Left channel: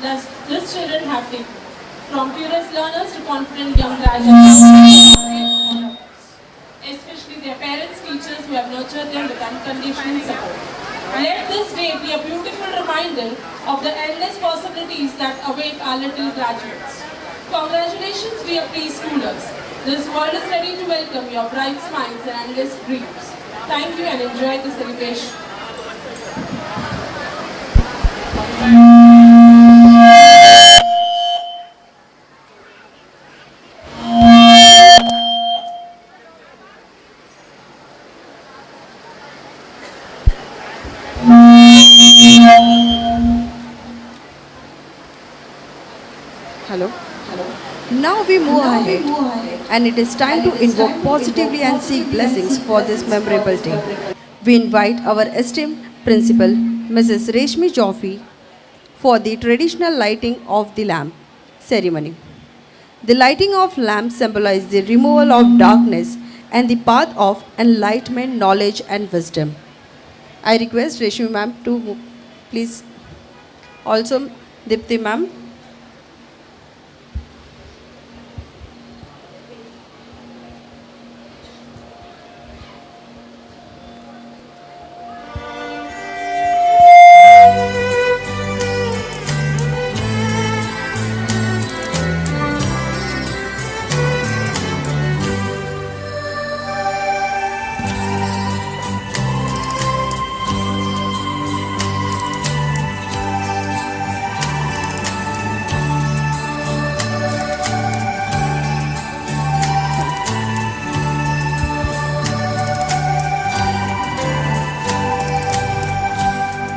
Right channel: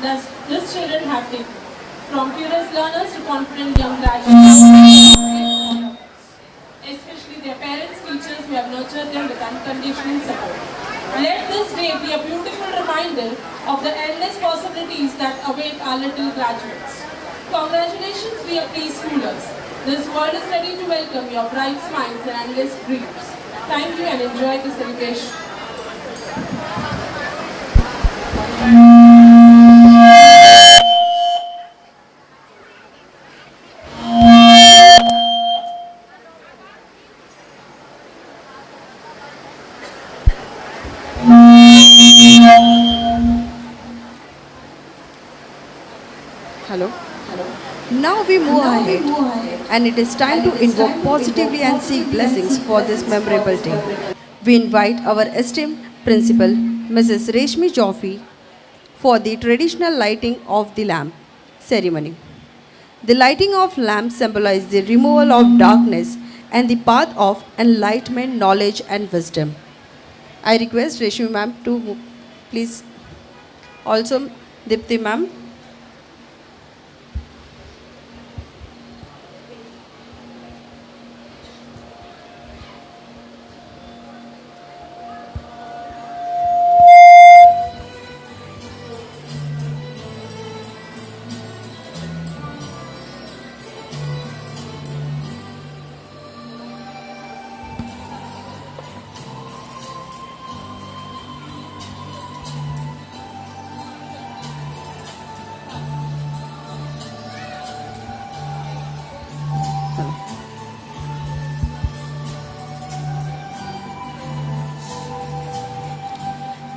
These children have taken, from curious learners to confident young graduates, especially their parents, teachers who have nurtured them with unconditional support. Let this day be a beautiful reminder of the endless possibilities that await our little graduates. Congratulations, dear preschoolers. This world is ready to welcome your bright smiles and endless dreams. Thank you and enjoy the celebration. Hello. Now we move ahead, and it is time to invoke positively and seek blessings for this memorable day. We invite our esteemed principal, Mrs. Reshmi Joffi, for the traditional lighting of the lamp ceremony. The lighting of lamps symbolizes the removal of darkness and the path of enlightenment, knowledge, and wisdom. I request Reshmi ma'am to please also Dipti ma'am.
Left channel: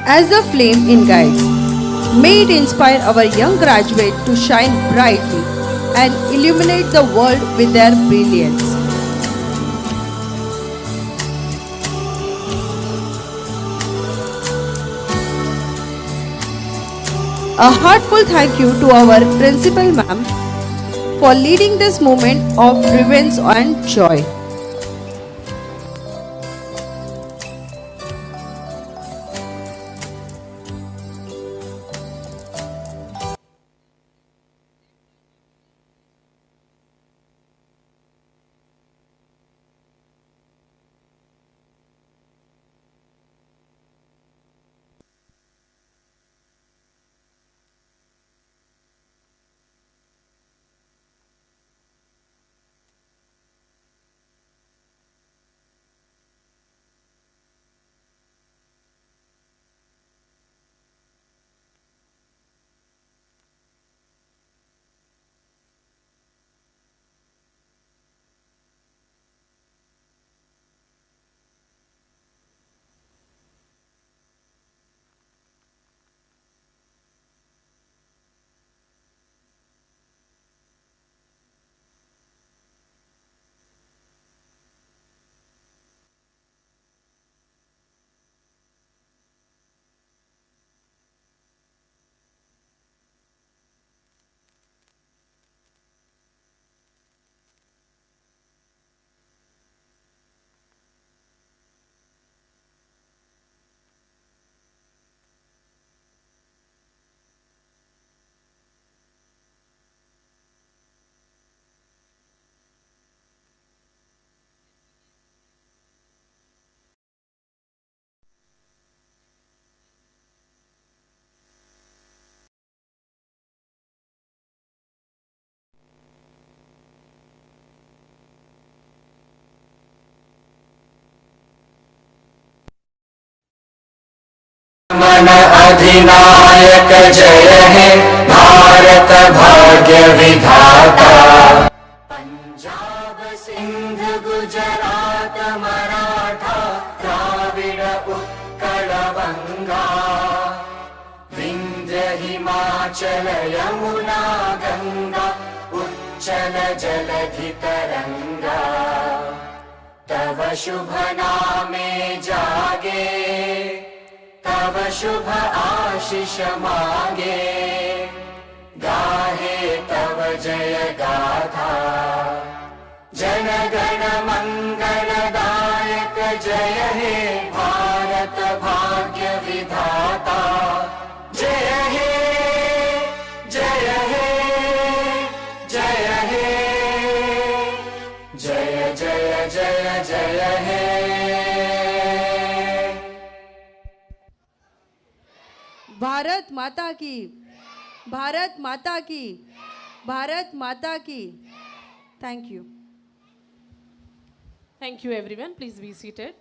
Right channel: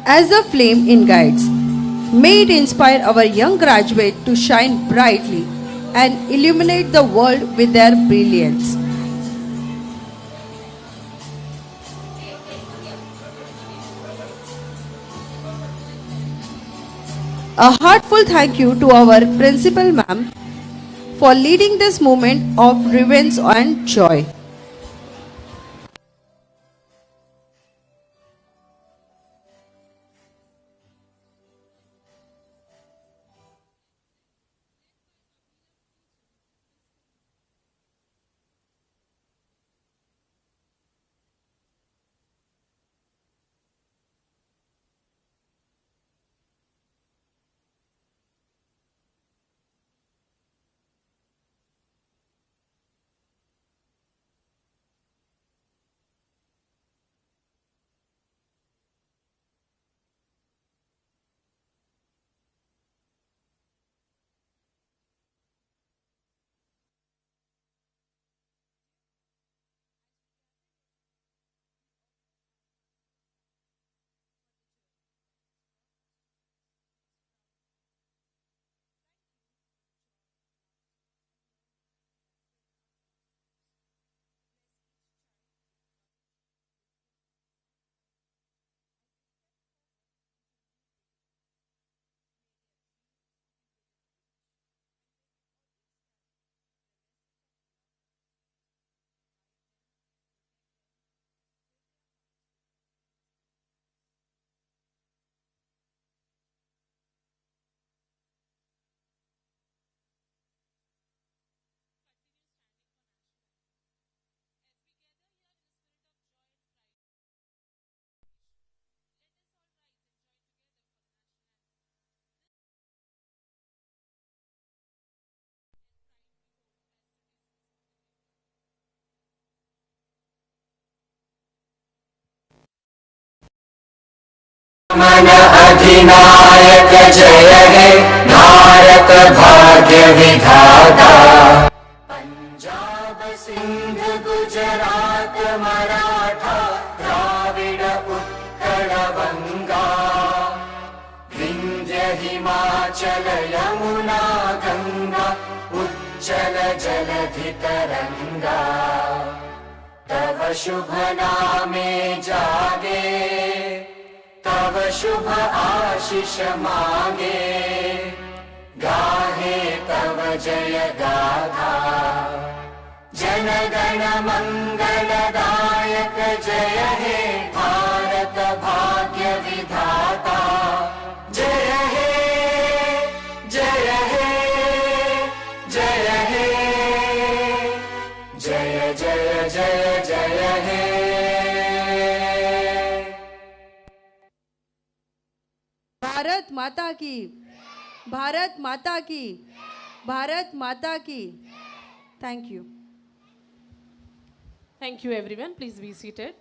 As a flame in guides, may it inspire our young graduate to shine brightly and illuminate the world with their brilliance. A heartfelt thank you to our principal ma'am for leading this moment of reverence and joy. मन अधिनायक जय हे भारत भाग्य विधाता। पंजाब सिंध गुजरात मराठा द्राविड उत्कल बंगा विंध्य हिमाचल यमुना गंगा उच्चल जलधि तरंगा। तव शुभ नामे जागे तव शुभ आशीष मांगे गाहे तव जय गाथा। जन गण मंगलदायक जय हे भारत भाग्य विधाता। जय हे माता की, भारत माता की, भारत माता की. Thank you. Thank you, everyone. Please be seated.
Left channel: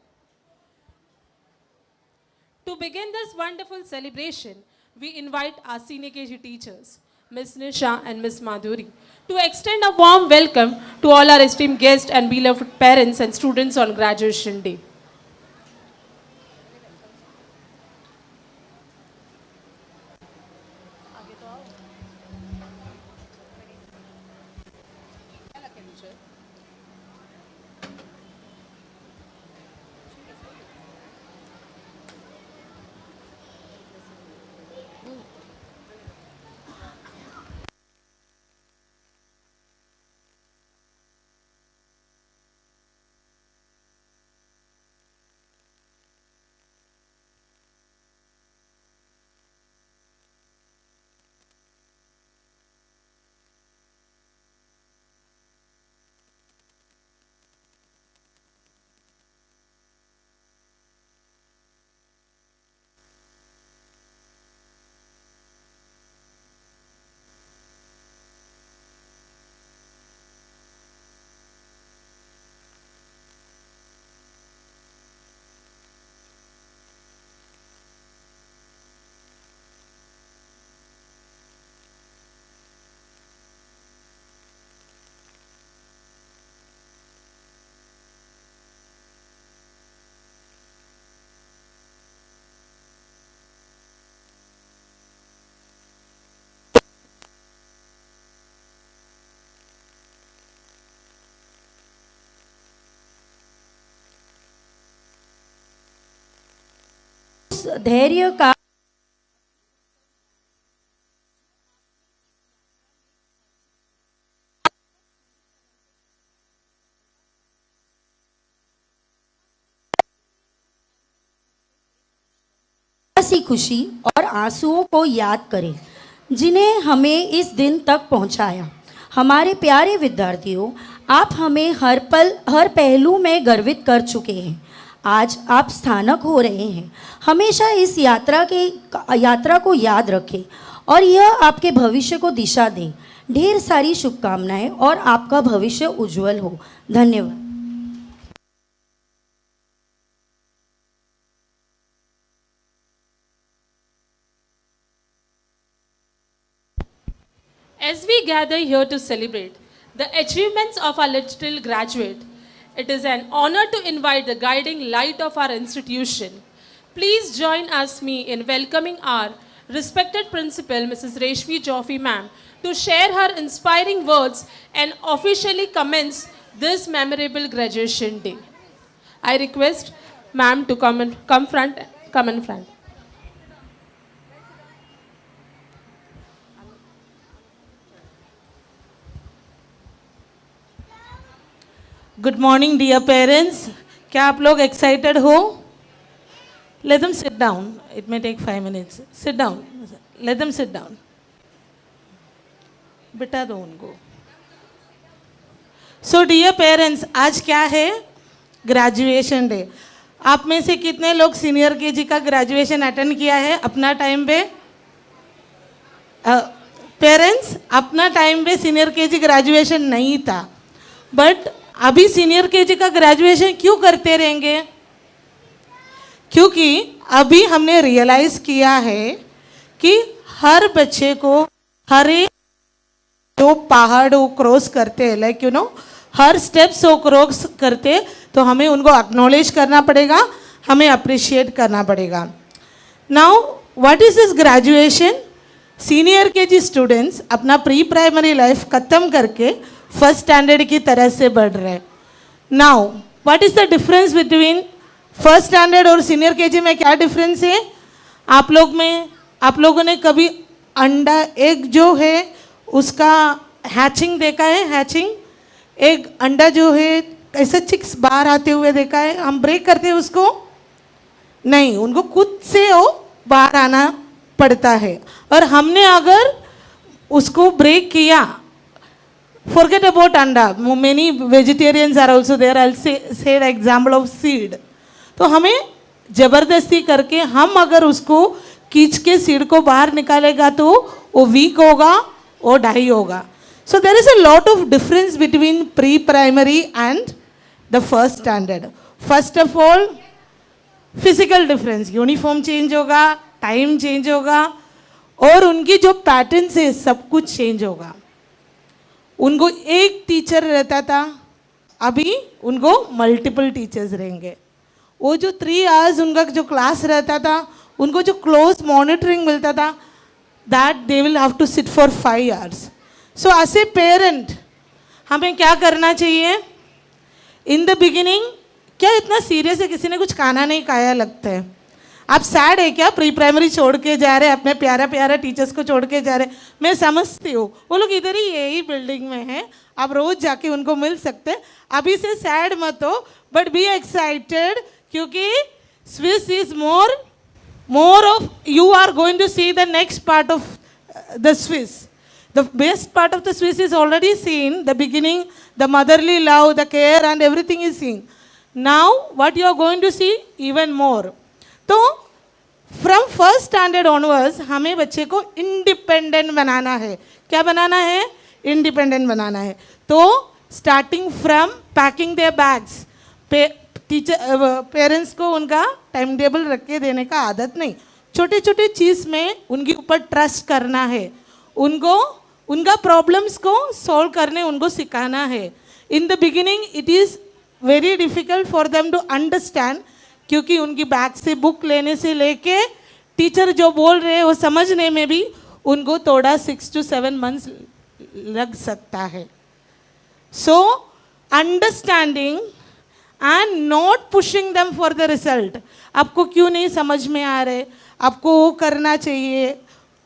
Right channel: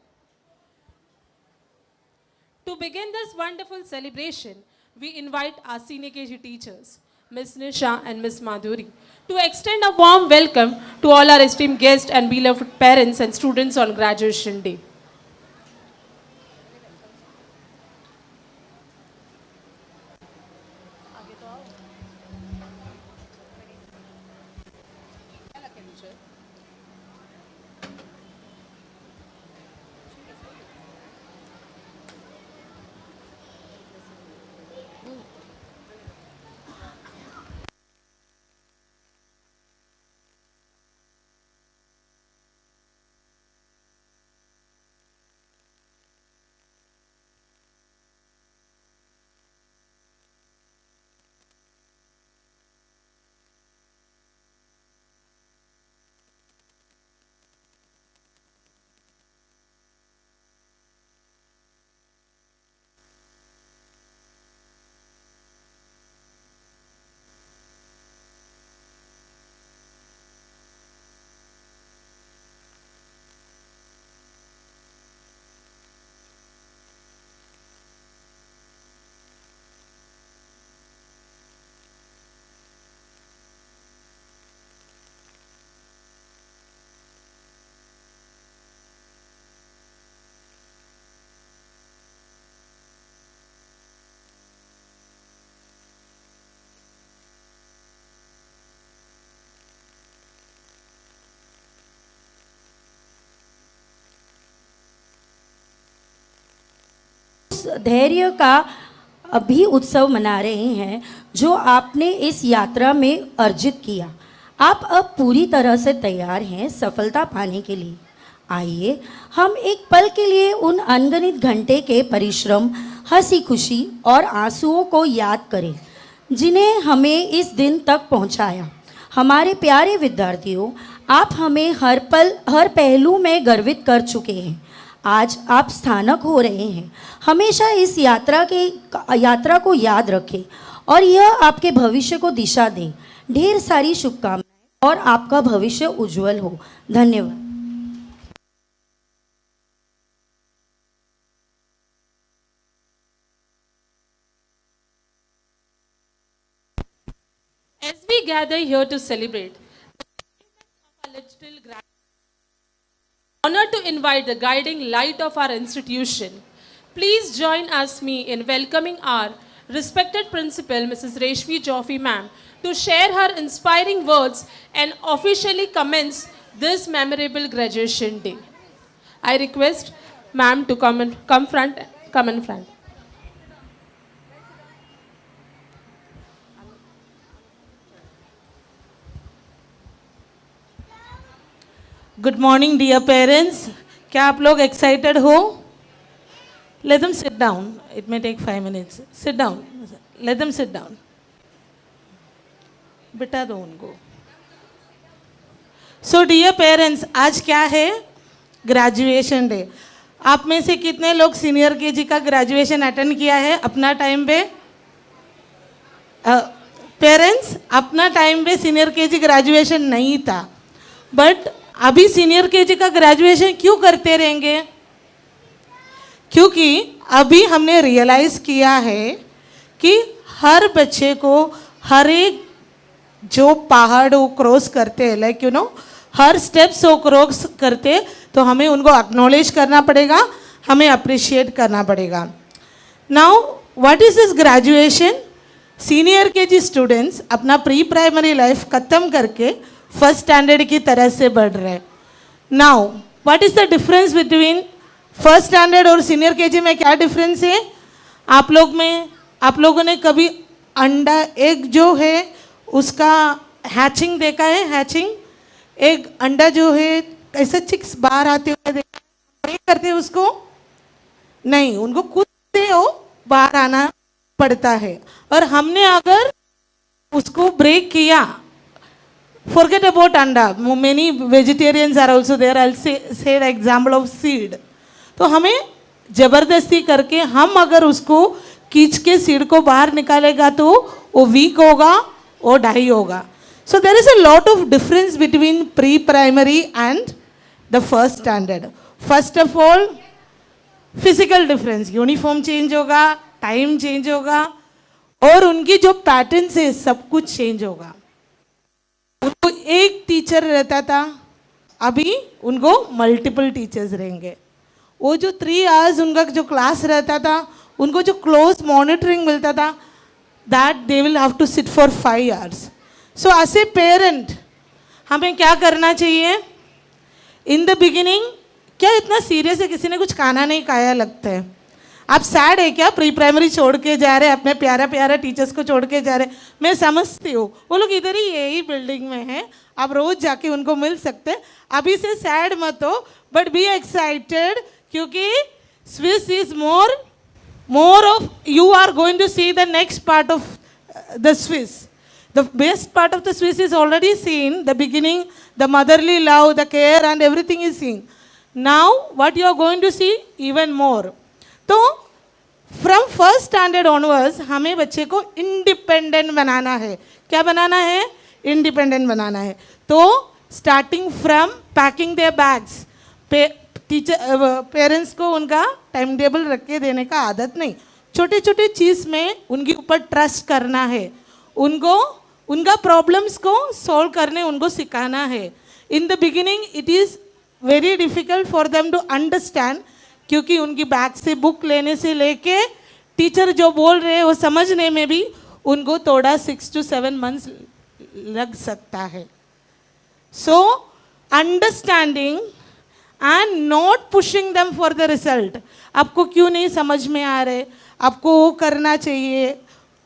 To begin this wonderful celebration, we invite our senior KG teachers, Ms. Nisha and Ms. Madhuri, to extend a warm welcome to all our esteemed guests and beloved parents and students on Graduation Day. धैर्य का अभी उत्सव मना रहे हैं जो आपने इस यात्रा में अर्जित किया. आप अब पूरी तरह से तैयार हैं सफलता पाने के लिए. आइए हम एक पल के लिए उन अनगिनत घंटे के परिश्रम, हंसी खुशी और आंसुओं को याद करें जिन्हें हमें इस दिन तक पहुंचाया. हमारे प्यारे विद्यार्थियों, आप हमें हर पल, हर पहलू में गर्वित कर चुके हैं. आज आप स्थानक हो रहे हैं. हमेशा इस यात्रा को याद रखें और यह आपके भविष्य को दिशा दे. ढेर सारी शुभकामनाएं और आपका भविष्य उज्जवल हो. धन्यवाद. As we gather here to celebrate the achievements of our little graduate, it is an honor to invite the guiding light of our institution. Please join me in welcoming our respected principal, Mrs. Reshmi Joffe ma'am, to share her inspiring words and officially commence this memorable graduation day. I request ma'am to come in front. Good morning, dear parents. क्या आप लोग excited हो? Let them sit down. It may take 5 minutes. Sit down. Let them sit down. बिठा दो उनको. So dear parents, आज क्या है? Graduation day. आप में से कितने लोग सीनियर केजी का ग्रेजुएशन अटेंड किया है अपना टाइम पे? पेरेंट्स, अपना टाइम पे सीनियर केजी ग्रेजुएशन नहीं था, बट अभी सीनियर केजी का ग्रेजुएशन क्यों करते रहेंगे? क्योंकि अभी हमने रियलाइज़ किया है कि हर बच्चे को हर एक जो पहाड़ वो क्रॉस करते हैं, लाइक हर स्टेप्स वो क्रॉस करते, तो हमें उनको एक्नॉलेज करना पड़ेगा, हमें अप्रिशिएट करना पड़ेगा. Now what is this graduation? Senior KG students अपना प्री प्राइमरी लाइफ ख़त्म करके फर्स्ट स्टैंडर्ड की तरह से बढ़ रहे. Now what is the difference between first standard और सीनियर केजी में? क्या डिफरेंस है? आप लोगों ने कभी अंडा एग जो है उसका हैचिंग देखा है? हैचिंग एक अंडा जो है ऐसे चिक्स बाहर आते हुए देखा है? हम ब्रेक करते हैं उसको? नहीं, उनको खुद से वो बाहर आना पड़ता है. और हमने अगर उसको ब्रेक किया, forget about anda, many vegetarians are also there, I'll say the example of seed. तो हमें ज़बरदस्ती करके हम अगर उसको खींच के सीड को बाहर निकालेगा तो वो वीक होगा, वो डाई होगा. So there is a lot of difference between pre-primary and the first standard. First of all, physical difference, uniform change होगा, time change होगा, और उनकी जो पैटर्न्स है सब कुछ चेंज होगा. उनको एक टीचर रहता था, अभी उनको मल्टीपल टीचर्स रहेंगे. वो जो 3 hours उनका जो क्लास रहता था, उनको जो क्लोज मॉनिटरिंग मिलता था, that they will have to sit for 5 hours. So as a parent हमें क्या करना चाहिए? इन द बिगिनिंग क्या इतना सीरियस है, किसी ने कुछ खाना नहीं खाया लगता है, आप सैड है क्या? प्री प्राइमरी छोड़ के जा रहे, अपने प्यारा प्यारा टीचर्स को छोड़ के जा रहे. मैं समझती हूँ, वो लोग इधर ही यही बिल्डिंग में हैं, आप रोज जाके उनको मिल सकते. अभी से सैड मत हो, बट बी एक्साइटेड, क्योंकि Swiss is more of, you are going to see the next part of the Swiss. The best part of the Swiss is already seen. The beginning, the motherly love, the care and everything is seen. Now, what you are going to see even more. तो from first standard onwards, हमें बच्चे को independent बनाना है. क्या बनाना है? Independent बनाना है. तो starting from packing their bags, parents को उनका टाइम टेबल रख के देने का आदत नहीं. छोटे छोटे चीज़ में उनके ऊपर ट्रस्ट करना है, उनको उनका प्रॉब्लम्स को सॉल्व करने उनको सिखाना है. In the beginning it is very difficult for them to understand, क्योंकि उनकी बैग से बुक लेने से लेके टीचर जो बोल रहे हैं वो समझने में भी उनको थोड़ा 6 to 7 months लग सकता है. So understanding and not pushing them for the result. आपको क्यों नहीं समझ में आ रहे, आपको वो करना चाहिए,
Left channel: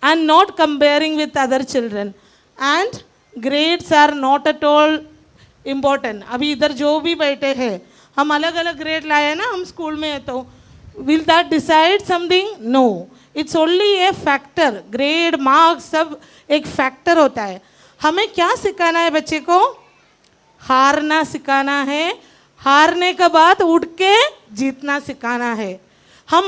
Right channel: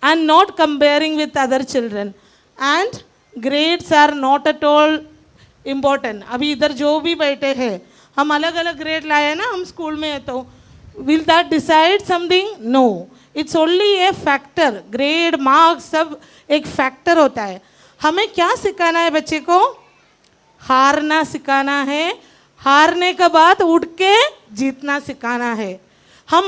and not comparing with other children. And grades are not at all important. अभी इधर जो भी बैठे हैं, हम अलग अलग ग्रेड लाए ना, हम स्कूल में, तो will that decide something? No, it's only a factor. Grade, marks सब एक फैक्टर होता है. हमें क्या सिखाना है बच्चे को? हारना सिखाना है. हारने के बाद उठ के जीतना सिखाना है. हम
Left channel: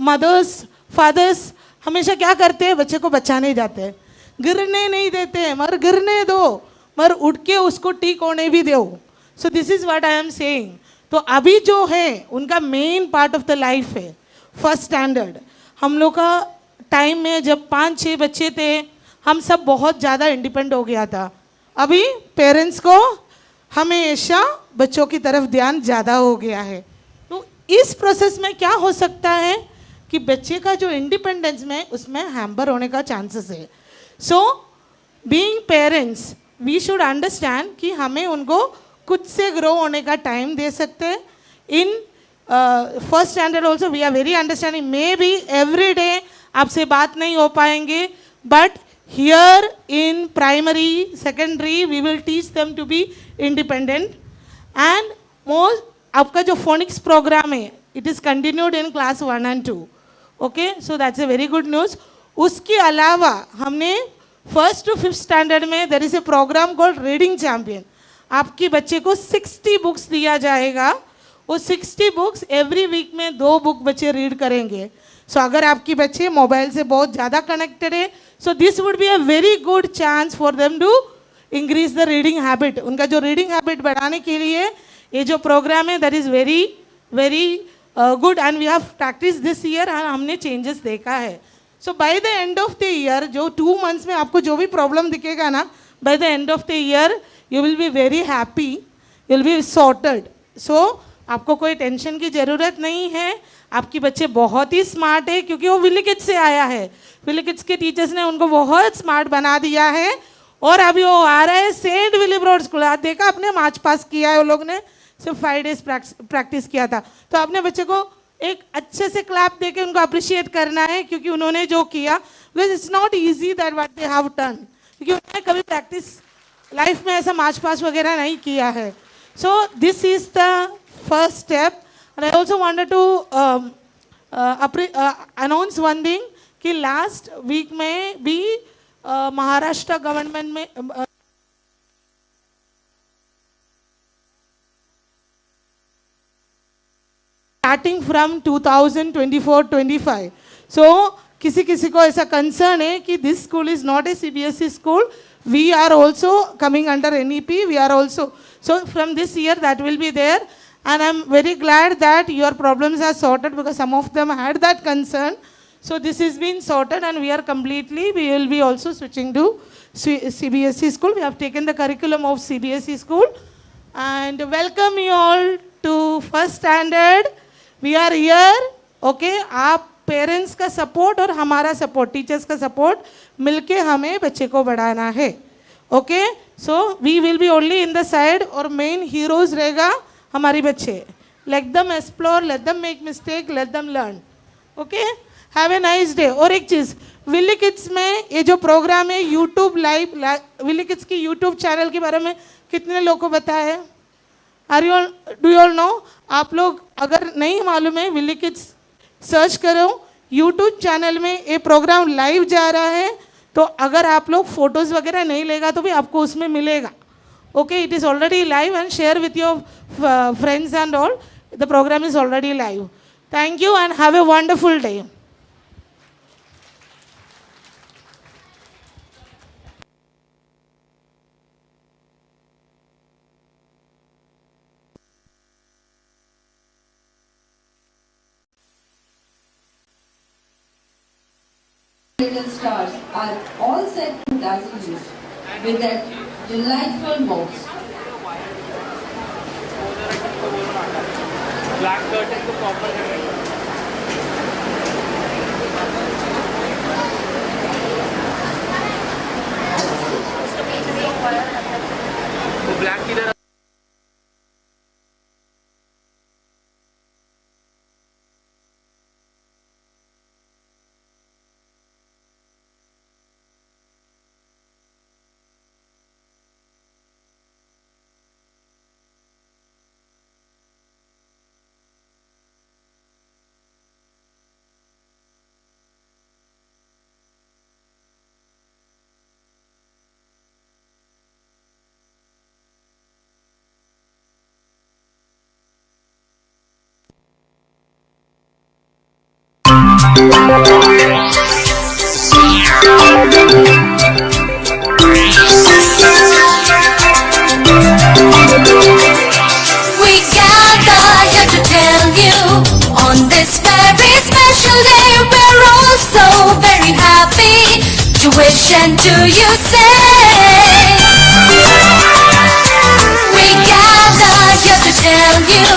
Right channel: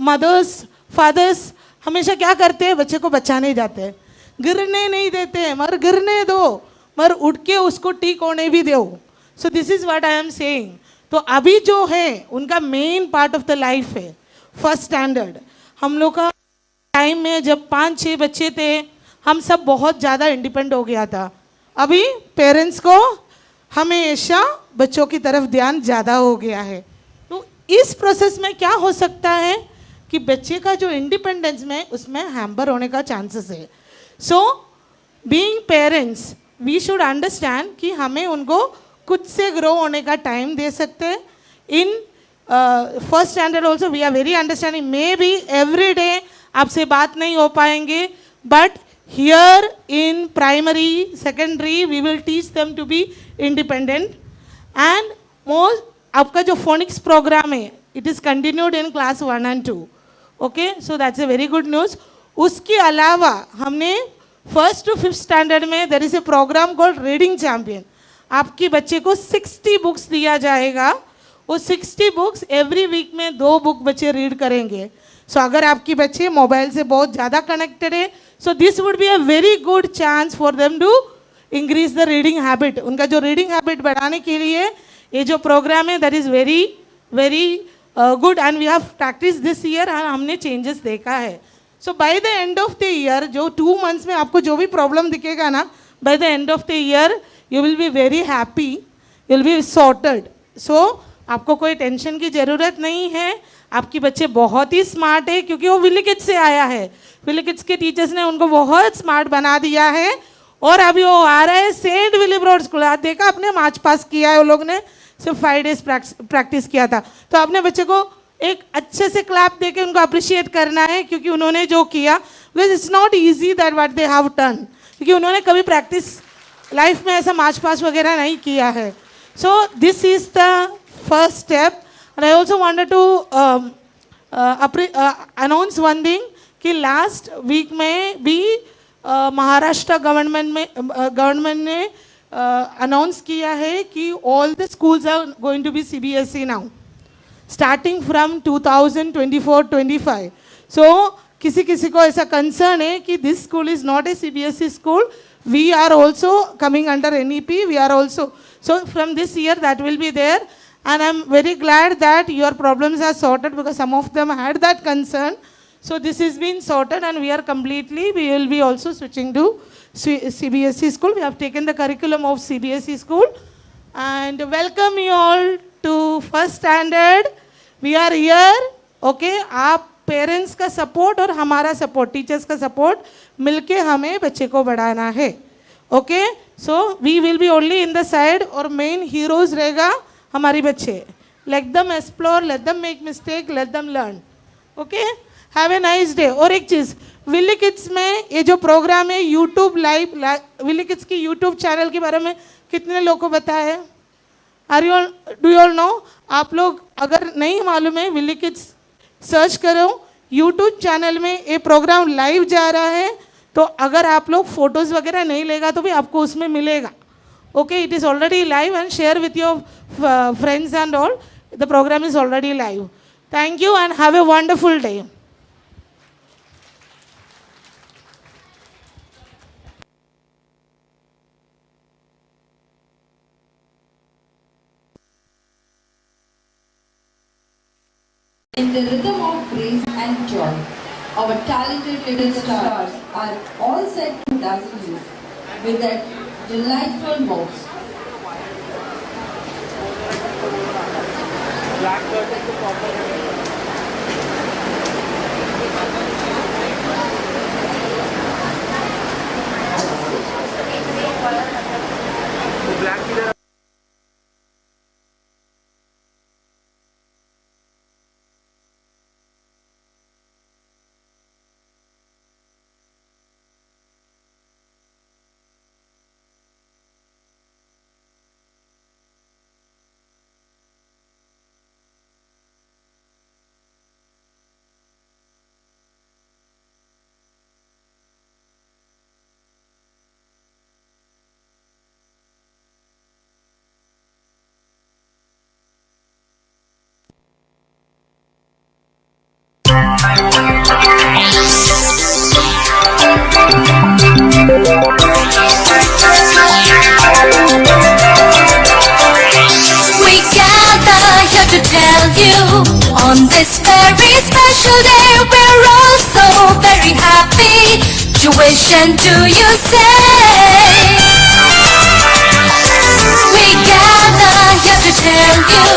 मदर्स फादर्स हमेशा क्या करते हैं? बच्चे को बचाने जाते हैं, गिरने नहीं देते हैं. मगर गिरने दो, मगर उठ के उसको ठीक होने भी दो. सो this is what I am saying. तो अभी जो है उनका main part of the life है फर्स्ट स्टैंडर्ड. हम लोग का टाइम में जब 5-6 बच्चे थे, हम सब बहुत ज़्यादा इंडिपेंडेंट हो गया था. अभी पेरेंट्स को हमेशा बच्चों की तरफ ध्यान ज़्यादा हो गया है. तो इस प्रोसेस में क्या हो सकता है कि बच्चे का जो इंडिपेंडेंस में उसमें हैम्पर होने का चांसेस है. So being parents we should understand कि हमें उनको खुद से ग्रो होने का टाइम दे सकते हैं. In first standard also we are very understanding. May be every day आपसे बात नहीं हो पाएंगे, but here in primary secondary we will teach them to be independent. And most आपका जो फोनिक्स प्रोग्राम है, it is continued in class 1 and 2. Okay, so that's a very good news. उसके अलावा हमने 1st to 5th स्टैंडर्ड में there is a programme called reading champion. आपके बच्चे को 60 बुक्स दिया जाएगा. वो 60 बुक्स एवरी वीक में 2 बुक बच्चे रीड करेंगे. सो अगर आपके बच्चे मोबाइल से बहुत ज़्यादा कनेक्टेड है, so this would be a very good chance for them to increase the reading habit. उनका जो रीडिंग हैबिट बढ़ाने के लिए ये जो प्रोग्राम है that is very very good, and we have practice this year. हमने चेंजेस देखा है. So by the end of the year, जो 2 months में आपको जो भी प्रॉब्लम दिखेगा ना, by the end of the year you will be very happy, you will be sorted. So आपको कोई टेंशन की ज़रूरत नहीं है. आपके बच्चे बहुत ही स्मार्ट है, क्योंकि वो विली किड्स से आया है. विली किड्स के टीचर्स ने उनको बहुत स्मार्ट बना दिया है. और अभी वो आ रहा है सेंट विलिब्रोड स्कूल. आप देखा, अपने मार्च पास किया है वो लोग ने, सिर्फ 5 days प्रैक्टिस किया था. तो अपने बच्चे को एक अच्छे से क्लैप दे के उनको अप्रिशिएट करना है, क्योंकि उन्होंने जो किया, because it's not easy that what they have done, क्योंकि उन्होंने कभी प्रैक्टिस लाइफ में ऐसा मार्च पास वगैरह नहीं किया है. So this is the first step. And I also wanted to announce one thing कि लास्ट वीक में भी महाराष्ट्र गवर्नमेंट ने अनाउंस किया है कि all the schools are going to be CBSE now, starting from 2024-25. So किसी किसी को ऐसा कंसर्न है कि this school is not a CBSE school, we are also coming under NEP, we are also, so from this year that will be there, and I'm very glad that your problems are sorted because some of them had that concern. So this is been sorted and we are completely, we will be also switching to CBSE school. We have taken the curriculum of CBSE school and welcome you all to first standard. We are here, okay? आप parents का support और हमारा support, teachers का support मिलके हमें बच्चे को बढ़ाना है, okay? So we will be only in the side और मेन हीरोज रहेगा हमारी बच्चे. Let them explore, let them make mistake, let them learn, okay? Have a nice day. और एक चीज़, विली किड्स में ये जो प्रोग्राम है यूट्यूब लाइव, विली किड्स की यूट्यूब चैनल के बारे में कितने लोगों को पता है? Are you all, do you all know? आप लोग अगर नहीं मालूम है, विली किड्स सर्च करो यूट्यूब चैनल में, ये प्रोग्राम लाइव जा रहा है. तो अगर आप लोग फोटोज़ वगैरह नहीं लेगा तो भी आपको उसमें मिलेगा, okay? It is already live and share with your friends and all. The program is already live. Thank you and have a wonderful day. In the rhythm of praise and joy, our talented little stars are all set to dazzle you with their delightful mouths. Black curtain to proper तो black की तरह We gather here to tell you on this very special day we're all so very happy to wish and do you say. We gather here to tell you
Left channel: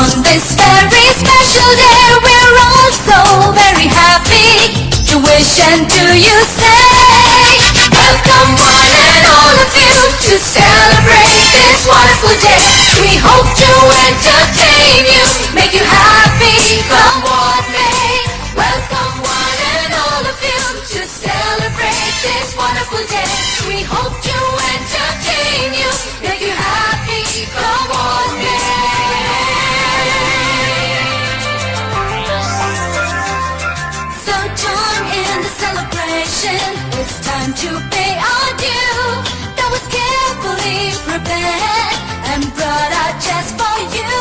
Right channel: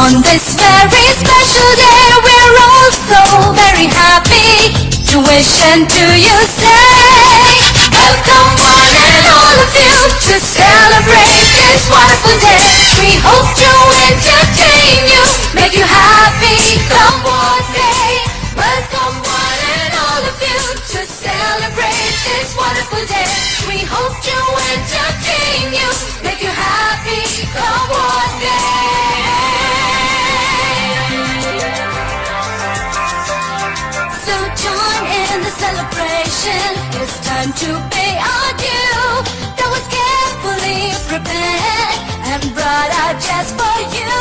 on this very special day we're all so very happy to wish and do you say. Welcome one and all of you to celebrate this wonderful day. We hope to entertain you, make you happy, come what may. Welcome one and all of you to celebrate this wonderful day. We hope to entertain you, make you happy, come what may. So join in the celebration, it's time to pay our due. That was carefully prepared and brought out just for you.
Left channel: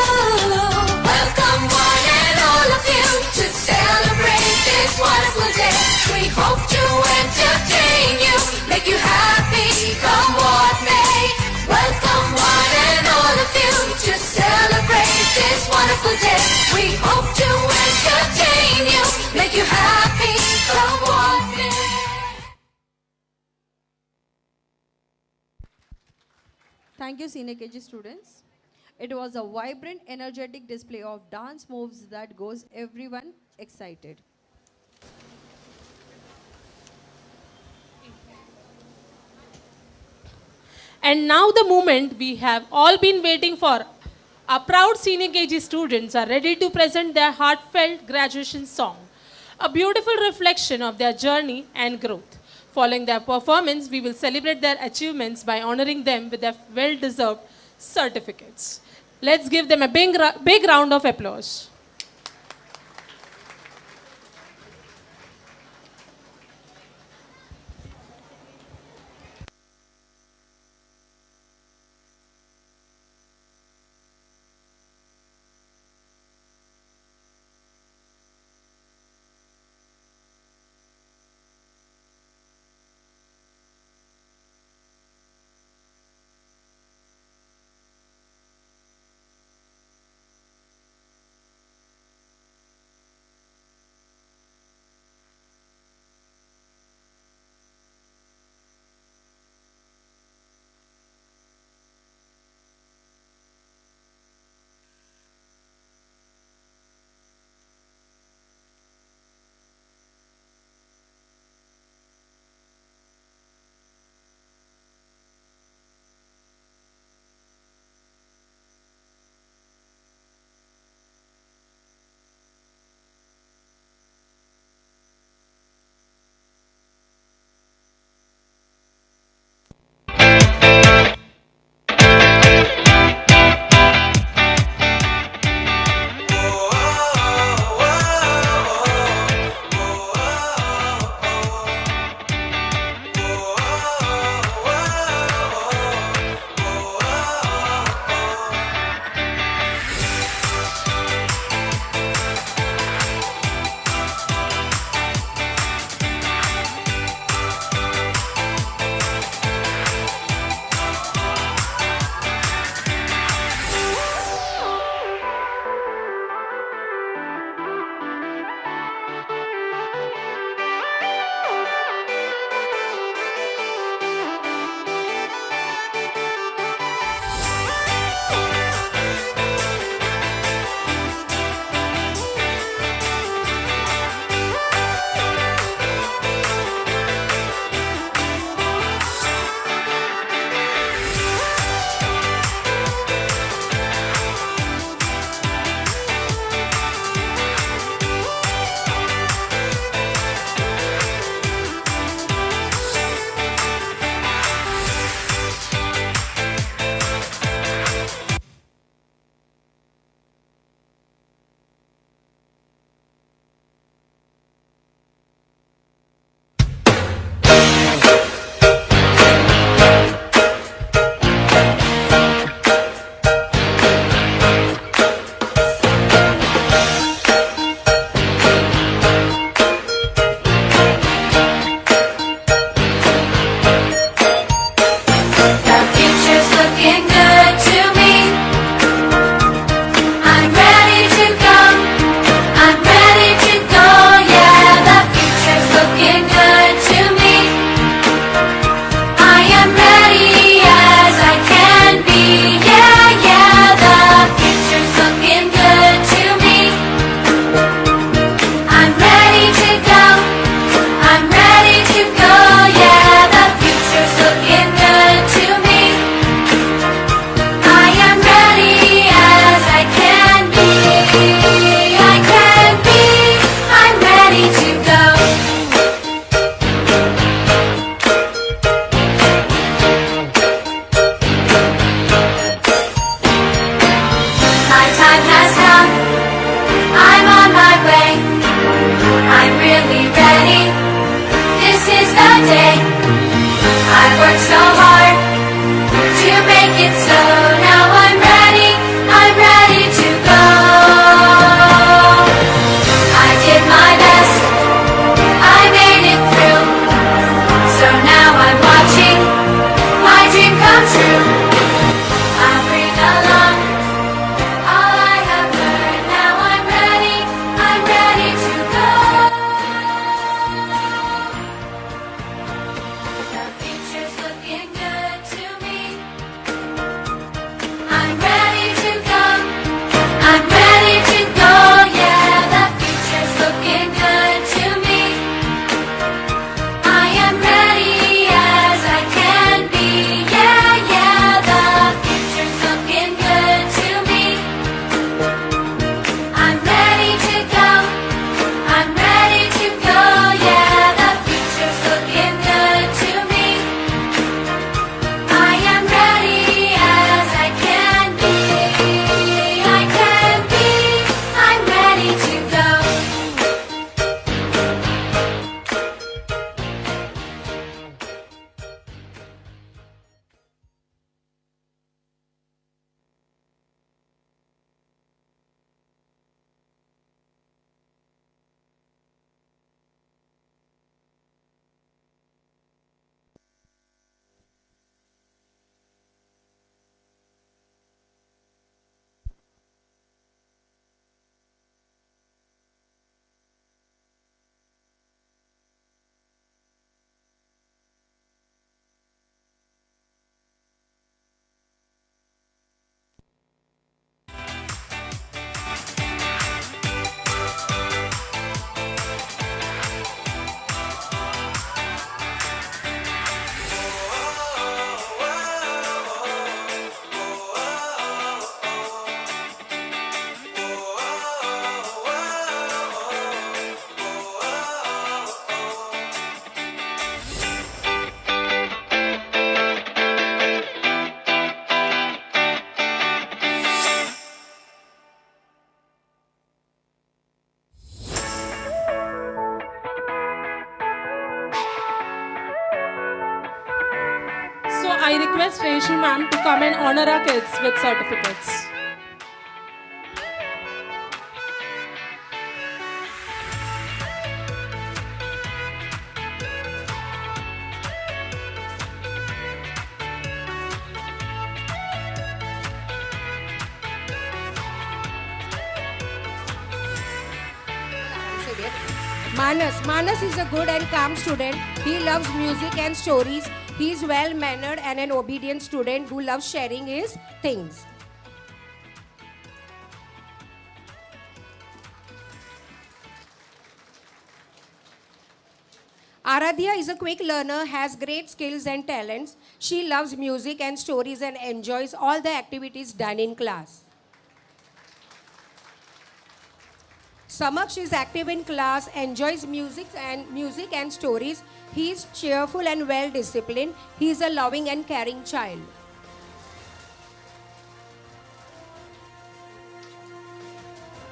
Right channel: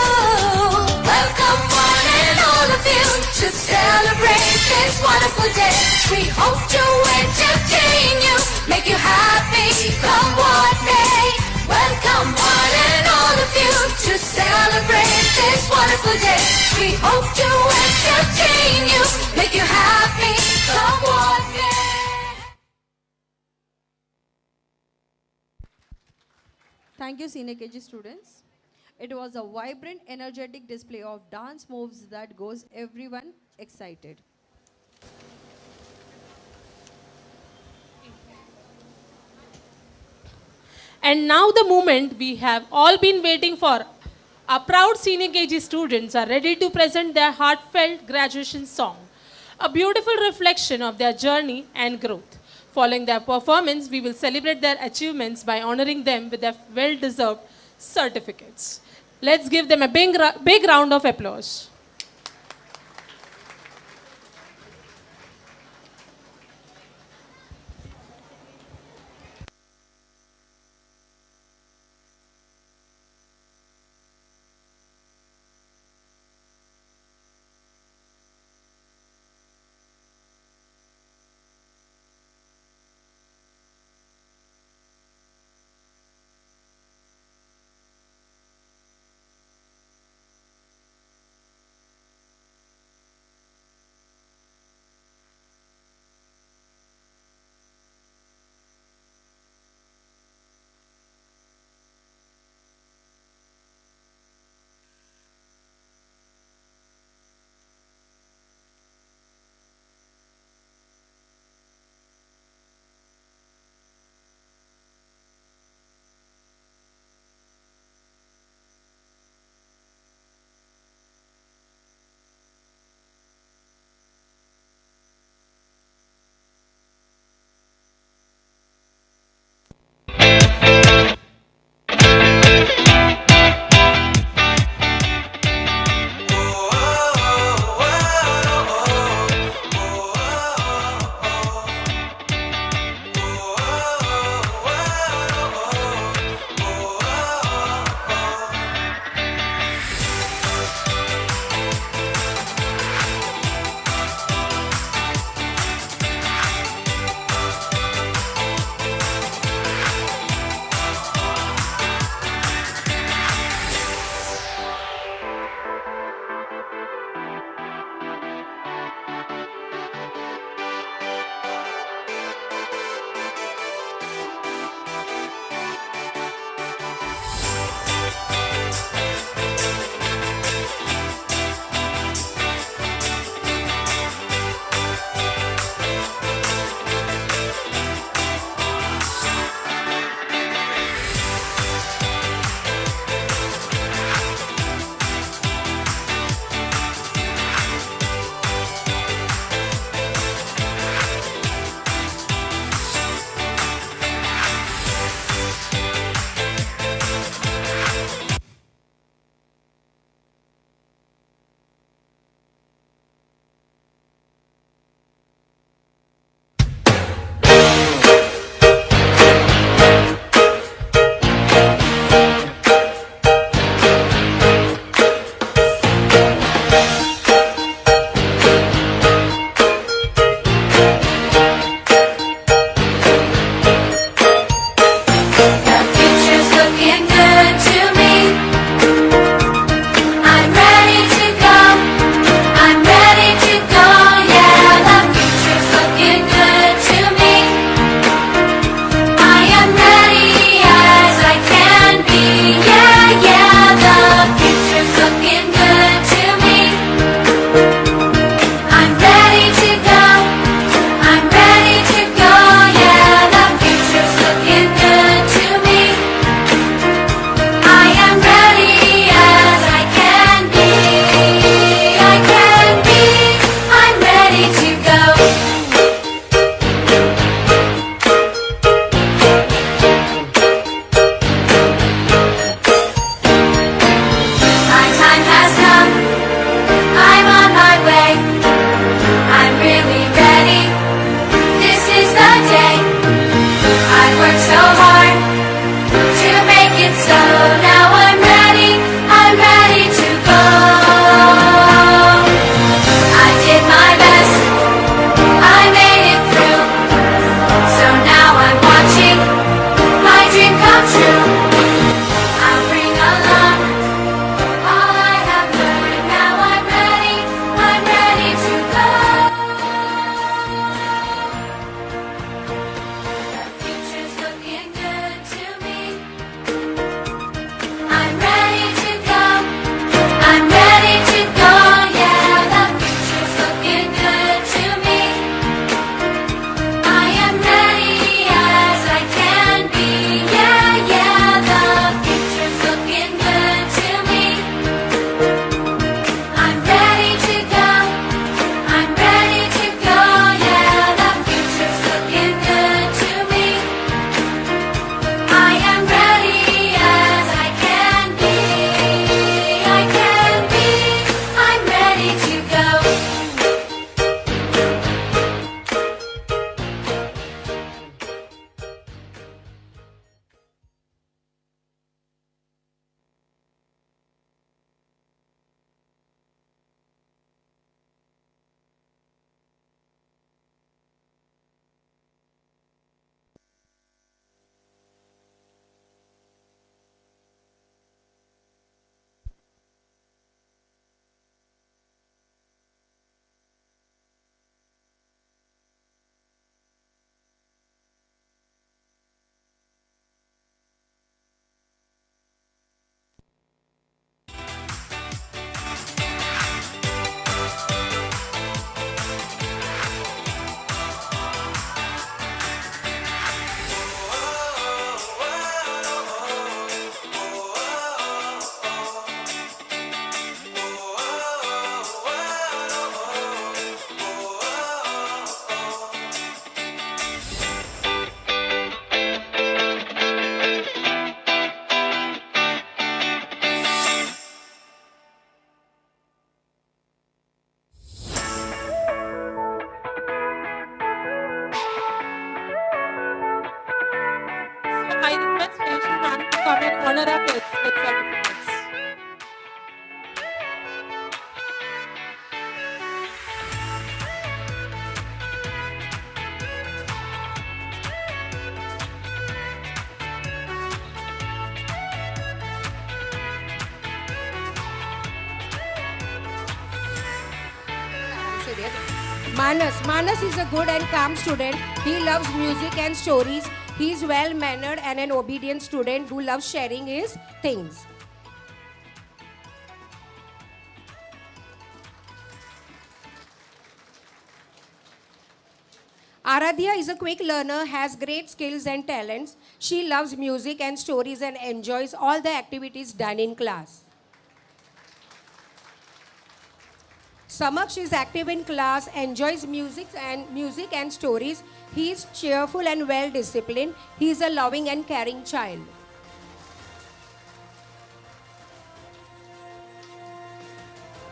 Welcome one and all of you to celebrate this wonderful day. We hope to entertain you, make you happy, come what may. Welcome one and all of you to celebrate this wonderful day. We hope to entertain you, make you happy, come what may. Thank you, Senior KG students. It was a vibrant, energetic display of dance moves that goes everyone excited. And now the moment we have all been waiting for. Our proud senior KG students are ready to present their heartfelt graduation song, a beautiful reflection of their journey and growth. Following their performance, we will celebrate their achievements by honoring them with their well-deserved certificates. Let's give them a big round of applause. so hard to make it so. Now I'm ready to go. I did my best, I made it through. So now I'm watching my dream come true. I'll bring along all I have learned. Now I'm ready to go. The future's looking good to me. I'm ready to go. I'm ready to go. Yeah, the future's looking good to me. I am ready as I can be. Yeah, yeah, the future's looking good to me. I'm ready to go. I'm ready to go. Yeah, the future's looking good to me. I am ready as I can be. I can be. I'm ready to go. So I request Rachel ma'am to come and honor our kids with certificates. Manas is a good and calm student. He loves music and stories. He is well mannered and an obedient student who loves sharing his things. Aradhya is a quick learner, has great skills and talents. She loves music and stories and enjoys all the activities done in class. Samaksh is active in class, enjoys music and stories. He is cheerful and well disciplined. He is a loving and caring child.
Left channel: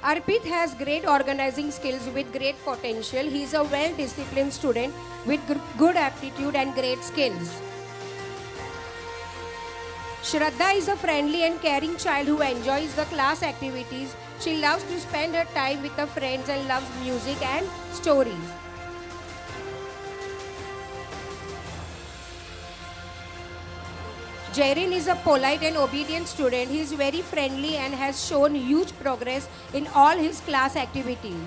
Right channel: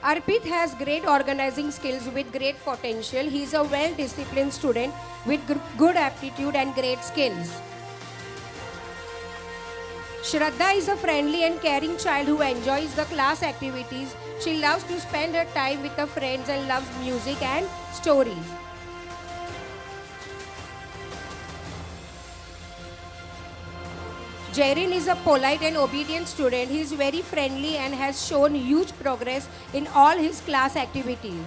Arpit has great organizing skills with great potential. He is a well disciplined student with good aptitude and great skills. Shraddha is a friendly and caring child who enjoys the class activities. She loves to spend her time with her friends and loves music and stories. Jairin is a polite and obedient student. He is very friendly and has shown huge progress in all his class activities.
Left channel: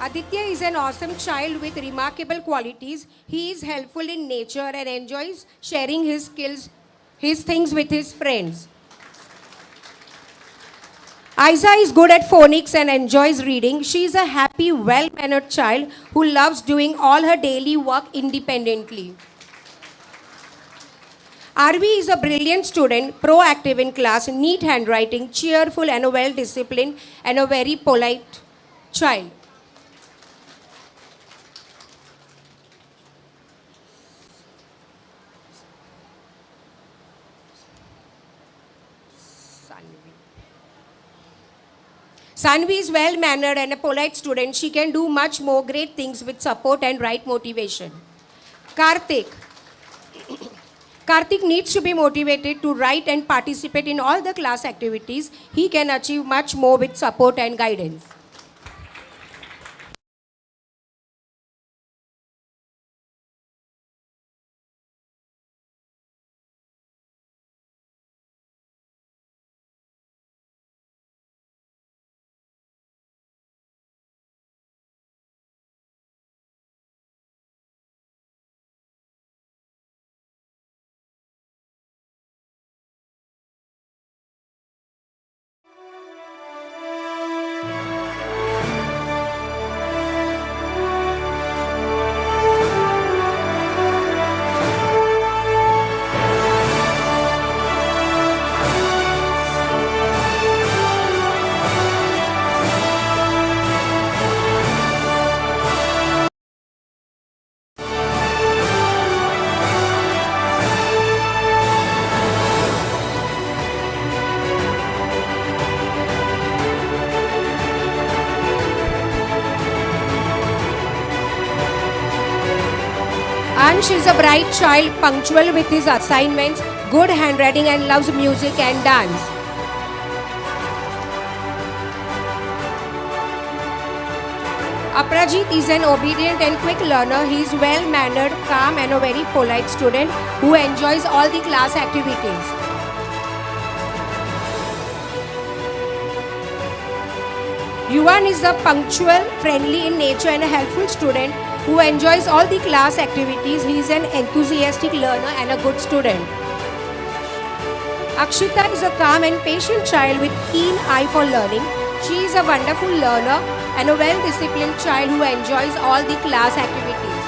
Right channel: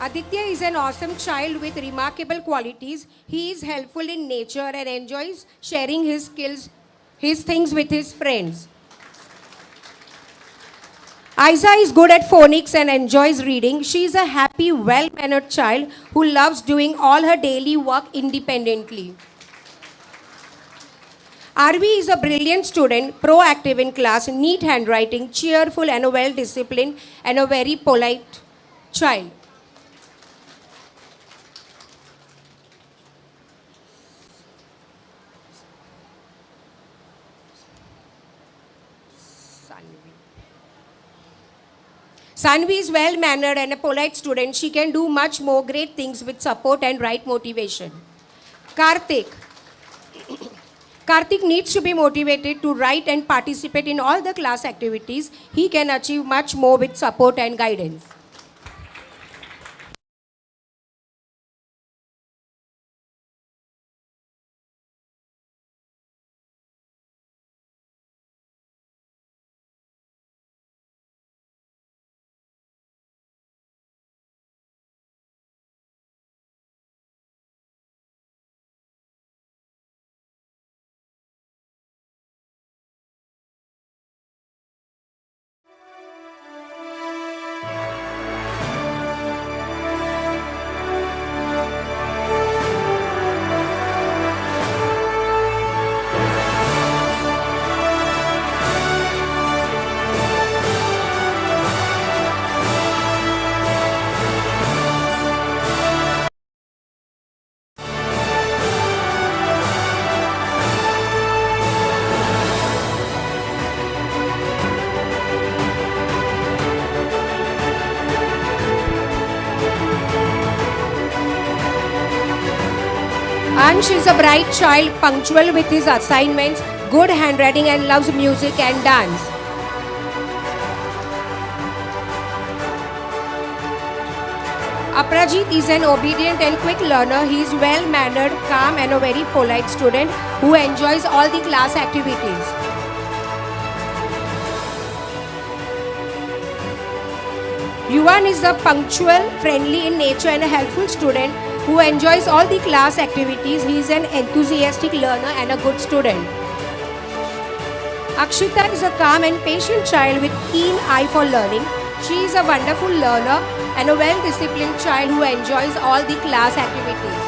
Aditya is an awesome child with remarkable qualities. He is helpful in nature and enjoys sharing his things with his friends. Aiza is good at phonics and enjoys reading. She is a happy, well-mannered child who loves doing all her daily work independently. Arvi is a brilliant student, proactive in class, neat handwriting, cheerful and well-disciplined, and a very polite child. Sanvi is well-mannered and a polite student. She can do much more great things with support and right motivation. Karthik. Karthik needs to be motivated to write and participate in all the class activities. He can achieve much more with support and guidance. Ansh is a bright child, punctual with his assignments, good handwriting and loves music and dance. Aprajit is an obedient and quick learner. He is well-mannered, calm and a very polite student who enjoys all the class activities. Yuvan is a punctual, friendly in nature and a helpful student who enjoys all the class activities. He is an enthusiastic learner and a good student. Akshita is a calm and patient child with keen eye for learning. She is a wonderful learner and a well-disciplined child who enjoys all the class activities.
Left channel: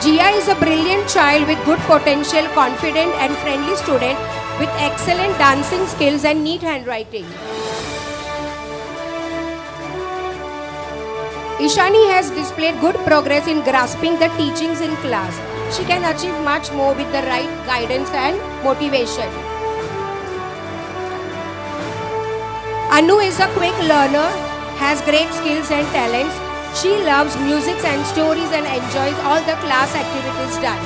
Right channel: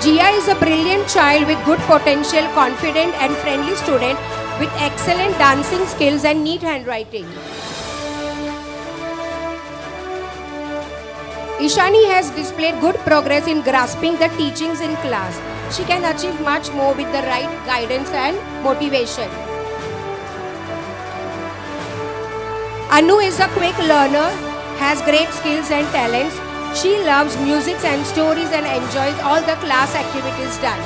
Jia is a brilliant child with good potential, confident and friendly student with excellent dancing skills and neat handwriting. Ishani has displayed good progress in grasping the teachings in class. She can achieve much more with the right guidance and motivation. Anu is a quick learner, has great skills and talents. She loves music and stories and enjoys all the class activities done.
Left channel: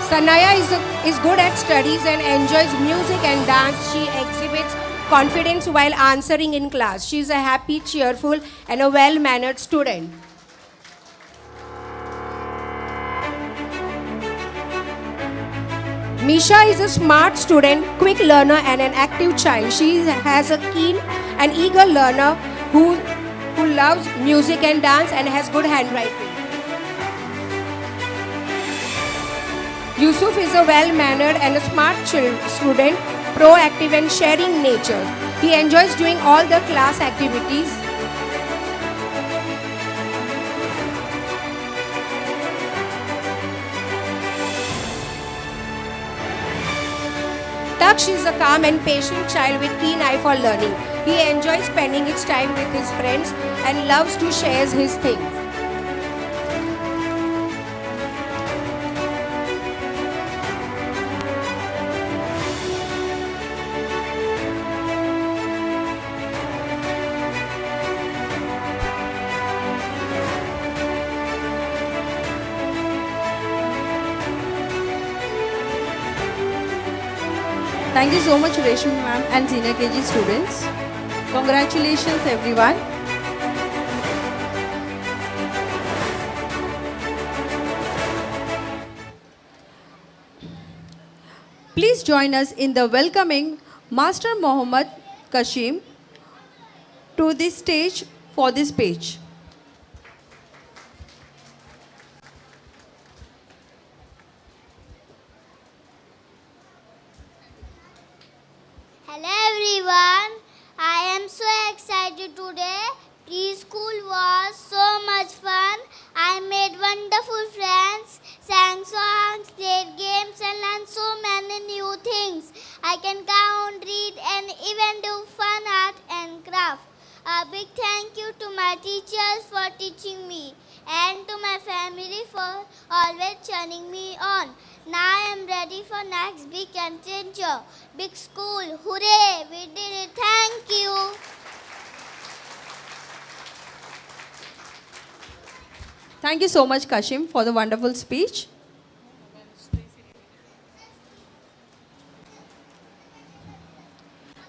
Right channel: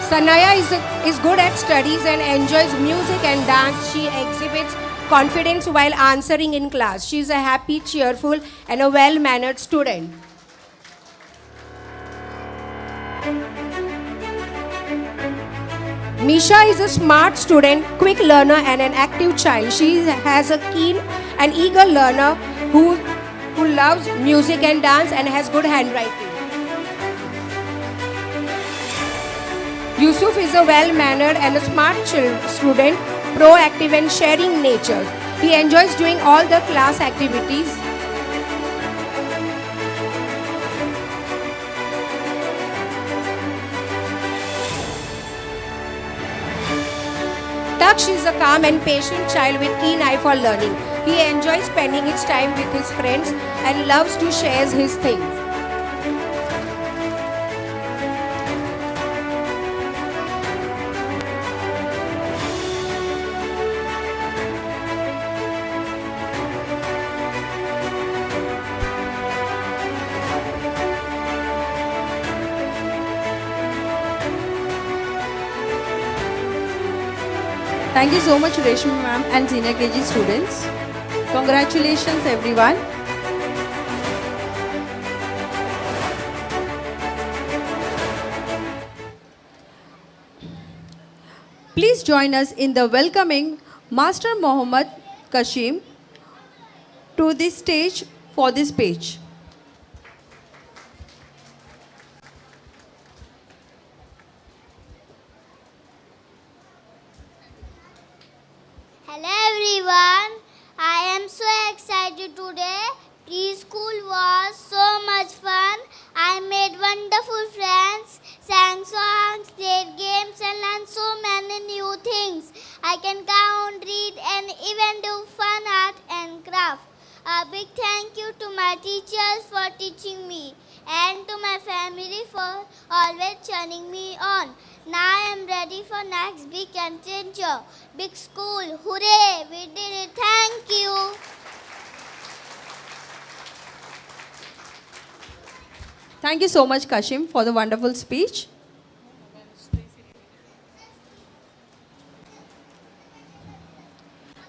Sanaya is good at studies and enjoys music and dance. She exhibits confidence while answering in class. She is a happy, cheerful and a well-mannered student. Misha is a smart student, quick learner and an active child. She has a keen and eager learner who loves music and dance and has good handwriting. Yusuf is a well-mannered and a smart student, proactive and sharing nature. He enjoys doing all the class activities. Daksh is a calm and patient child with keen eye for learning. He enjoys spending his time with his friends and loves to share his things. Thank you so much, Reshmi ma'am and senior KG students. Congratulations, everyone. Please join us in the welcoming Master Mohammad Kashim to the stage for this speech. Hello everyone, I am so excited today. Preschool was so much fun. I made wonderful friends, sang songs, played games and learned so many new things. I can count, read and even do fun art and craft. A big thank you to my teachers for teaching me and to my family for always cheering me on. Now I am ready for next big adventure. Big school. Hooray! We did it. Thank you. Thank you so much, Kashim, for the wonderful speech.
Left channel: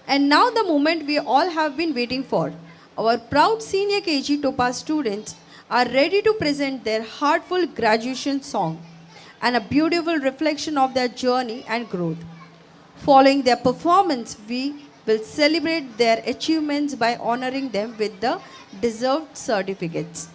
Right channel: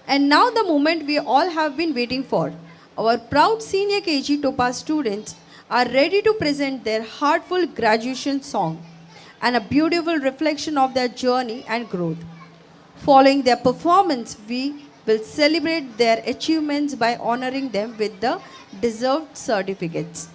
And now the moment we all have been waiting for. Our proud senior KG Topaz students are ready to present their heartful graduation song and a beautiful reflection of their journey and growth. Following their performance, we will celebrate their achievements by honoring them with the deserved certificates.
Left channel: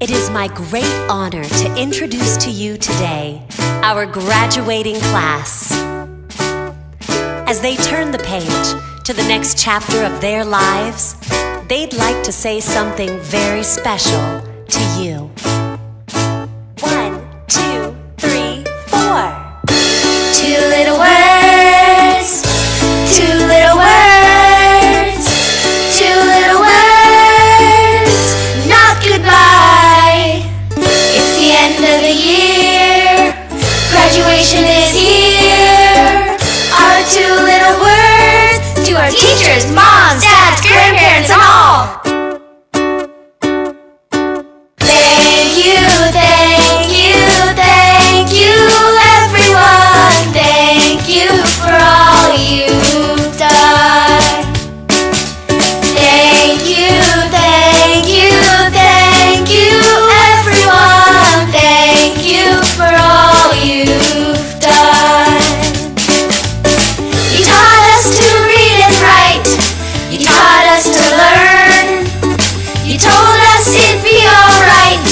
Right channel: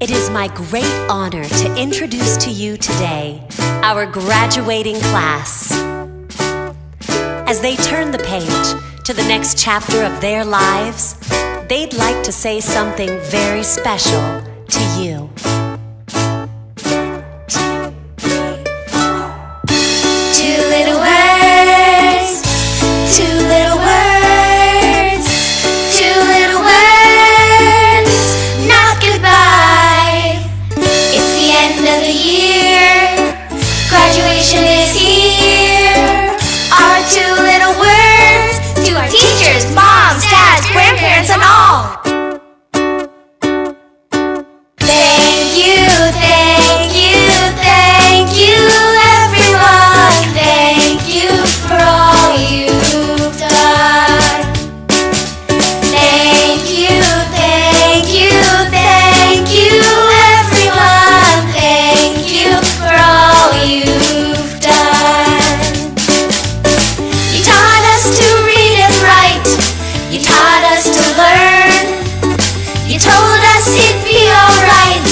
It is my great honor to introduce to you today our graduating class. As they turn the page to the next chapter of their lives, they'd like to say something very special to you. 1, 2, 3, 4. Two little words, two little words, two little words, not goodbye. It's the end of the year, graduation is here. Our two little words to our teachers, moms, dads, grandparents, and all. Thank you, thank you, thank you, everyone. Thank you for all you've done. Thank you, thank you, thank you, everyone. Thank you for all you've done. You taught us to read and write. You taught us to learn. You told us it'd be alright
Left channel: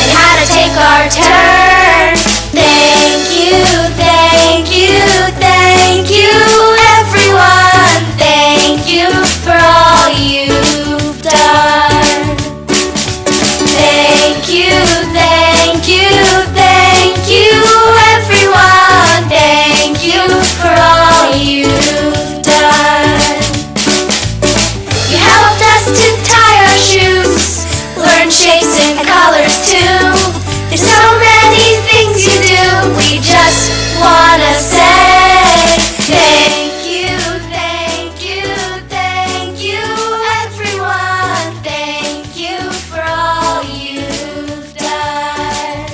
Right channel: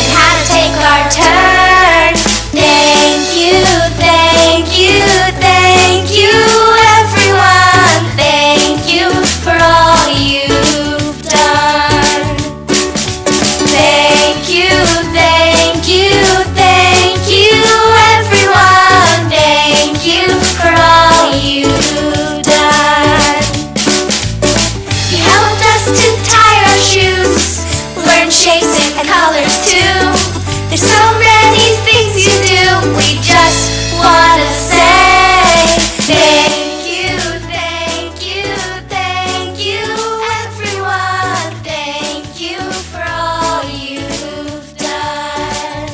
and how to take our turn. Thank you, thank you, thank you, everyone. Thank you for all you've done. Thank you, thank you, thank you, everyone. Thank you for all you've done. You helped us to tie our shoes, learn shapes and colors too. There's so many things you do, we just wanna say thank you, thank you, thank you, everyone. Thank you for all you've done.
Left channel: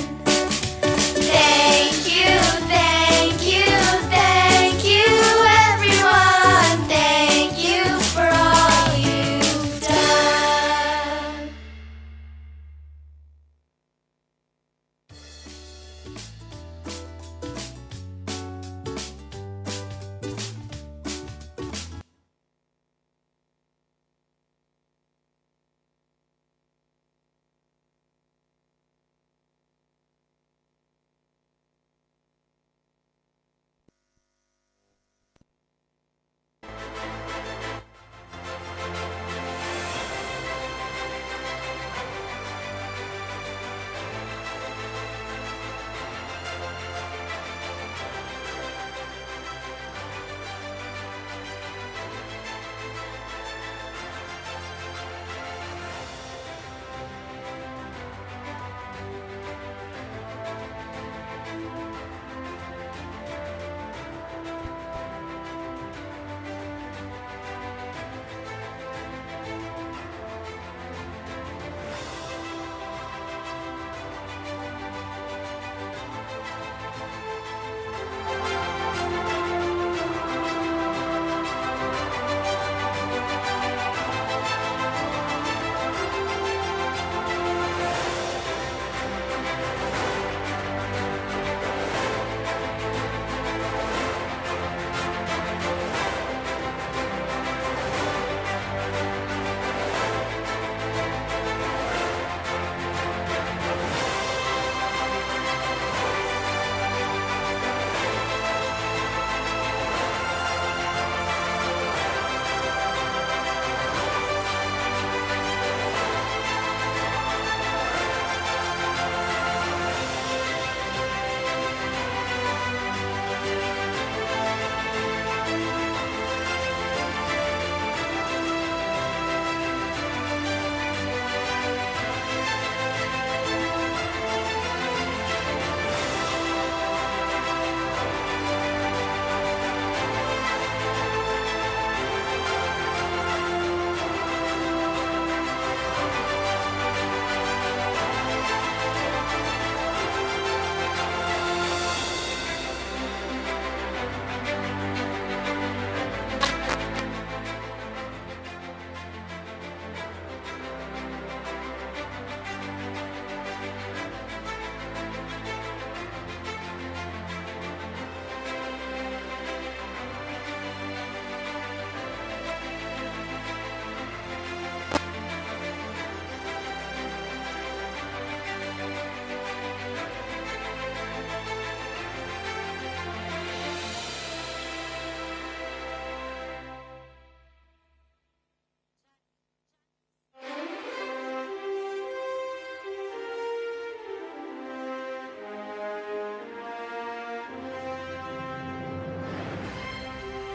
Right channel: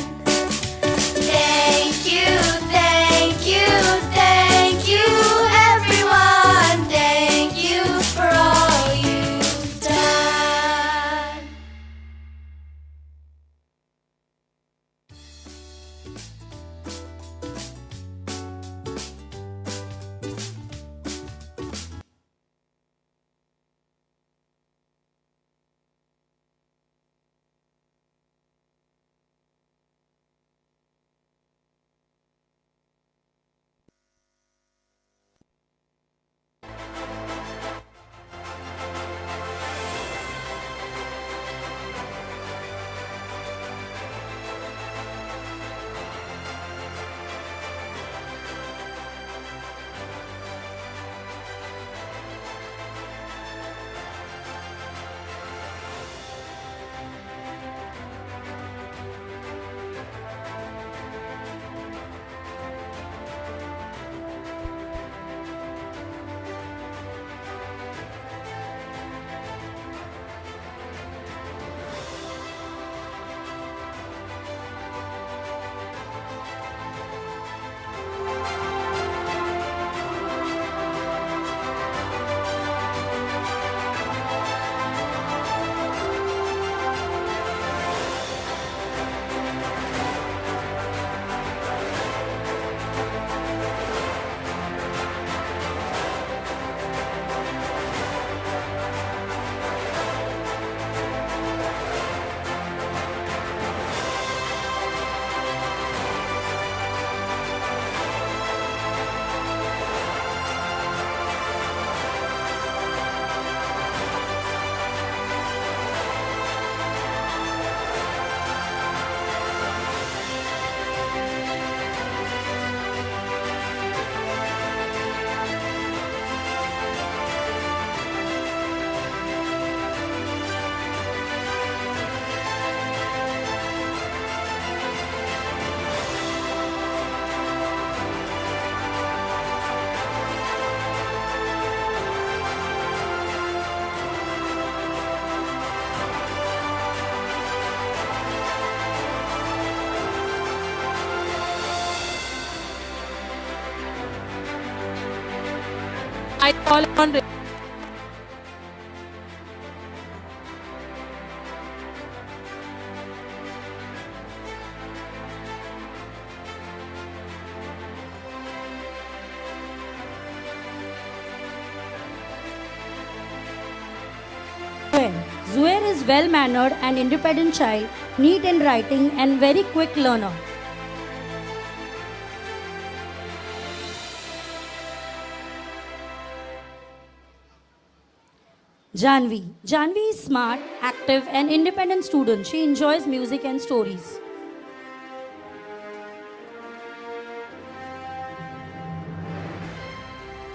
Thank you, thank you, thank you, everyone. Thank you for all you've done. I call on Zuhair is well-mannered and independent child, neat in writing and very quick learner. Janvi. Janvi is smart, active and independent student. She enjoys music and stories.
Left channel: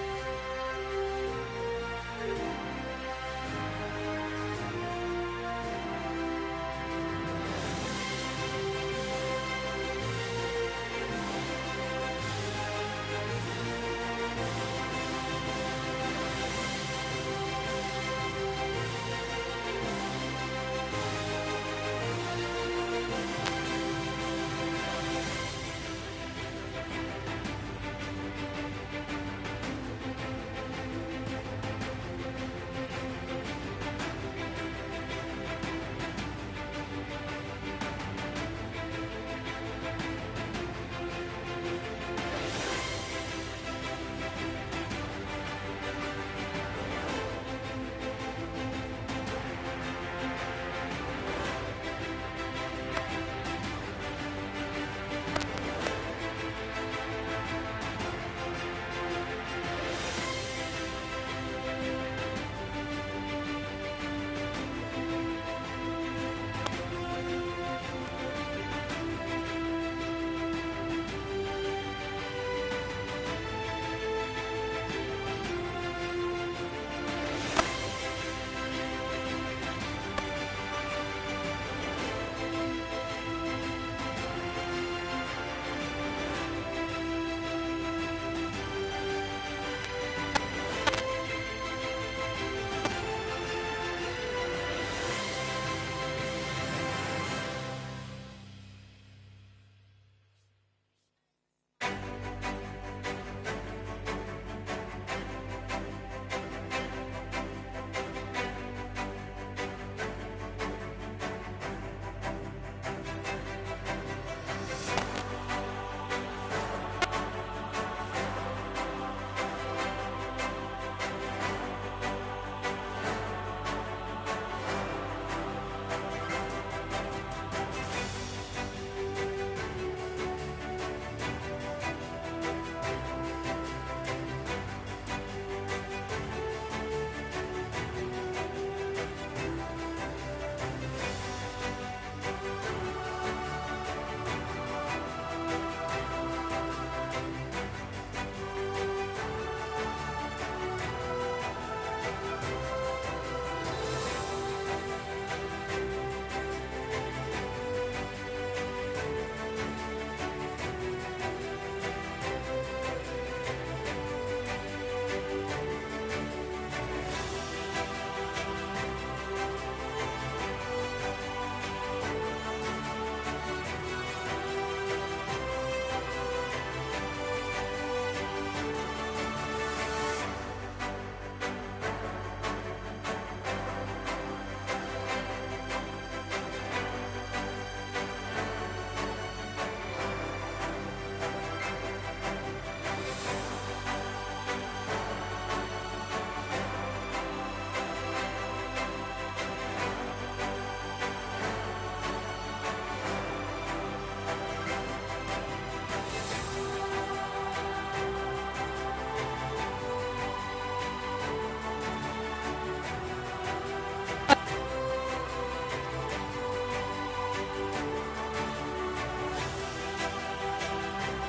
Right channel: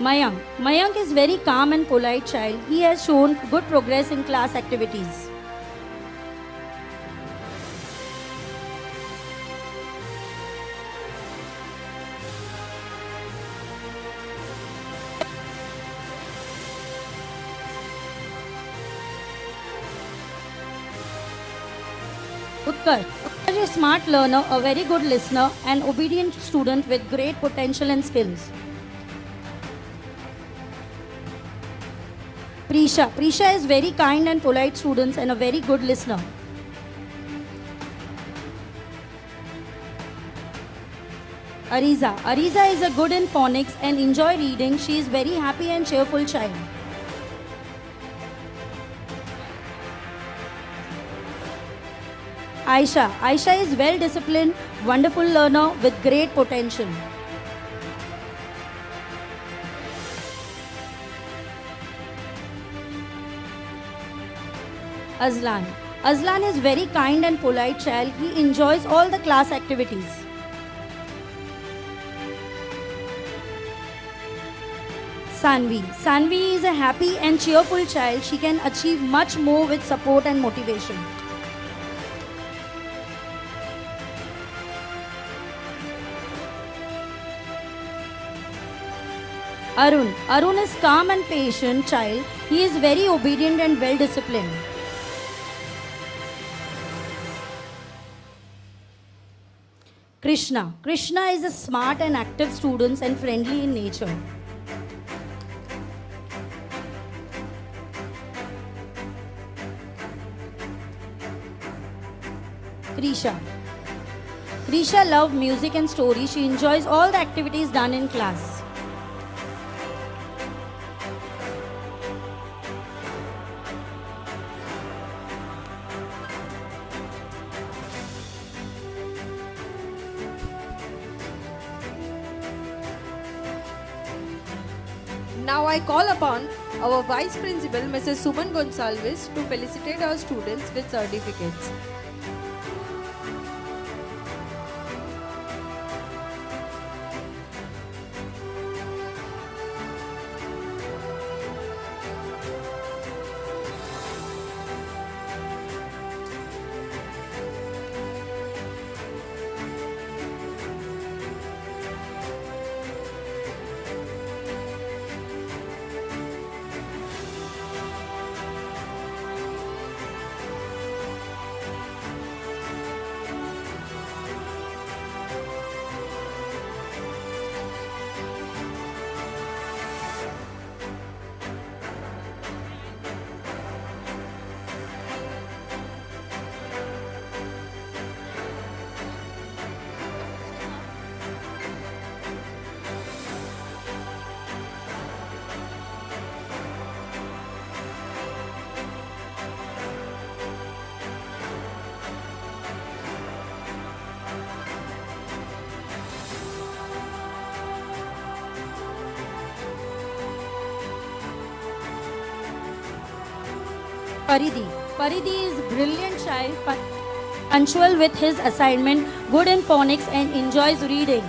Mayank. Mayank is very calm and polite child. He has shown good progress in class activities. Utkarsh. Utkarsh is a smart learner, a very good listener and obedient student with great potential and skills. Prisha. Prisha is very kind and polite student and a very good listener. Ariza. Ariza is a good in phonics and enjoy reading. She is very happy and cheerful child. Aisha. Aisha is well disciplined, wonderful learner with great potential. Azlan. Azlan is very kind and polite child. He enjoys all the class activities. Sanvi. Sanvi is a happy and cheerful child. She can achieve much more with support and motivation. Arun. Arun is calm and patient child. He is very obedient and well disciplined. Krishna. Krishna is a smart and active student and friendly in nature. Krisha. Krisha loves music and story. She enjoys all the activities done in class. Now I call upon our Vice Principal, Mrs. Suman Gonsalves, to felicitate our students with certificates. Paridhi. Paridhi is a brilliant child, punctual with his assignment, good in phonics and enjoys reading.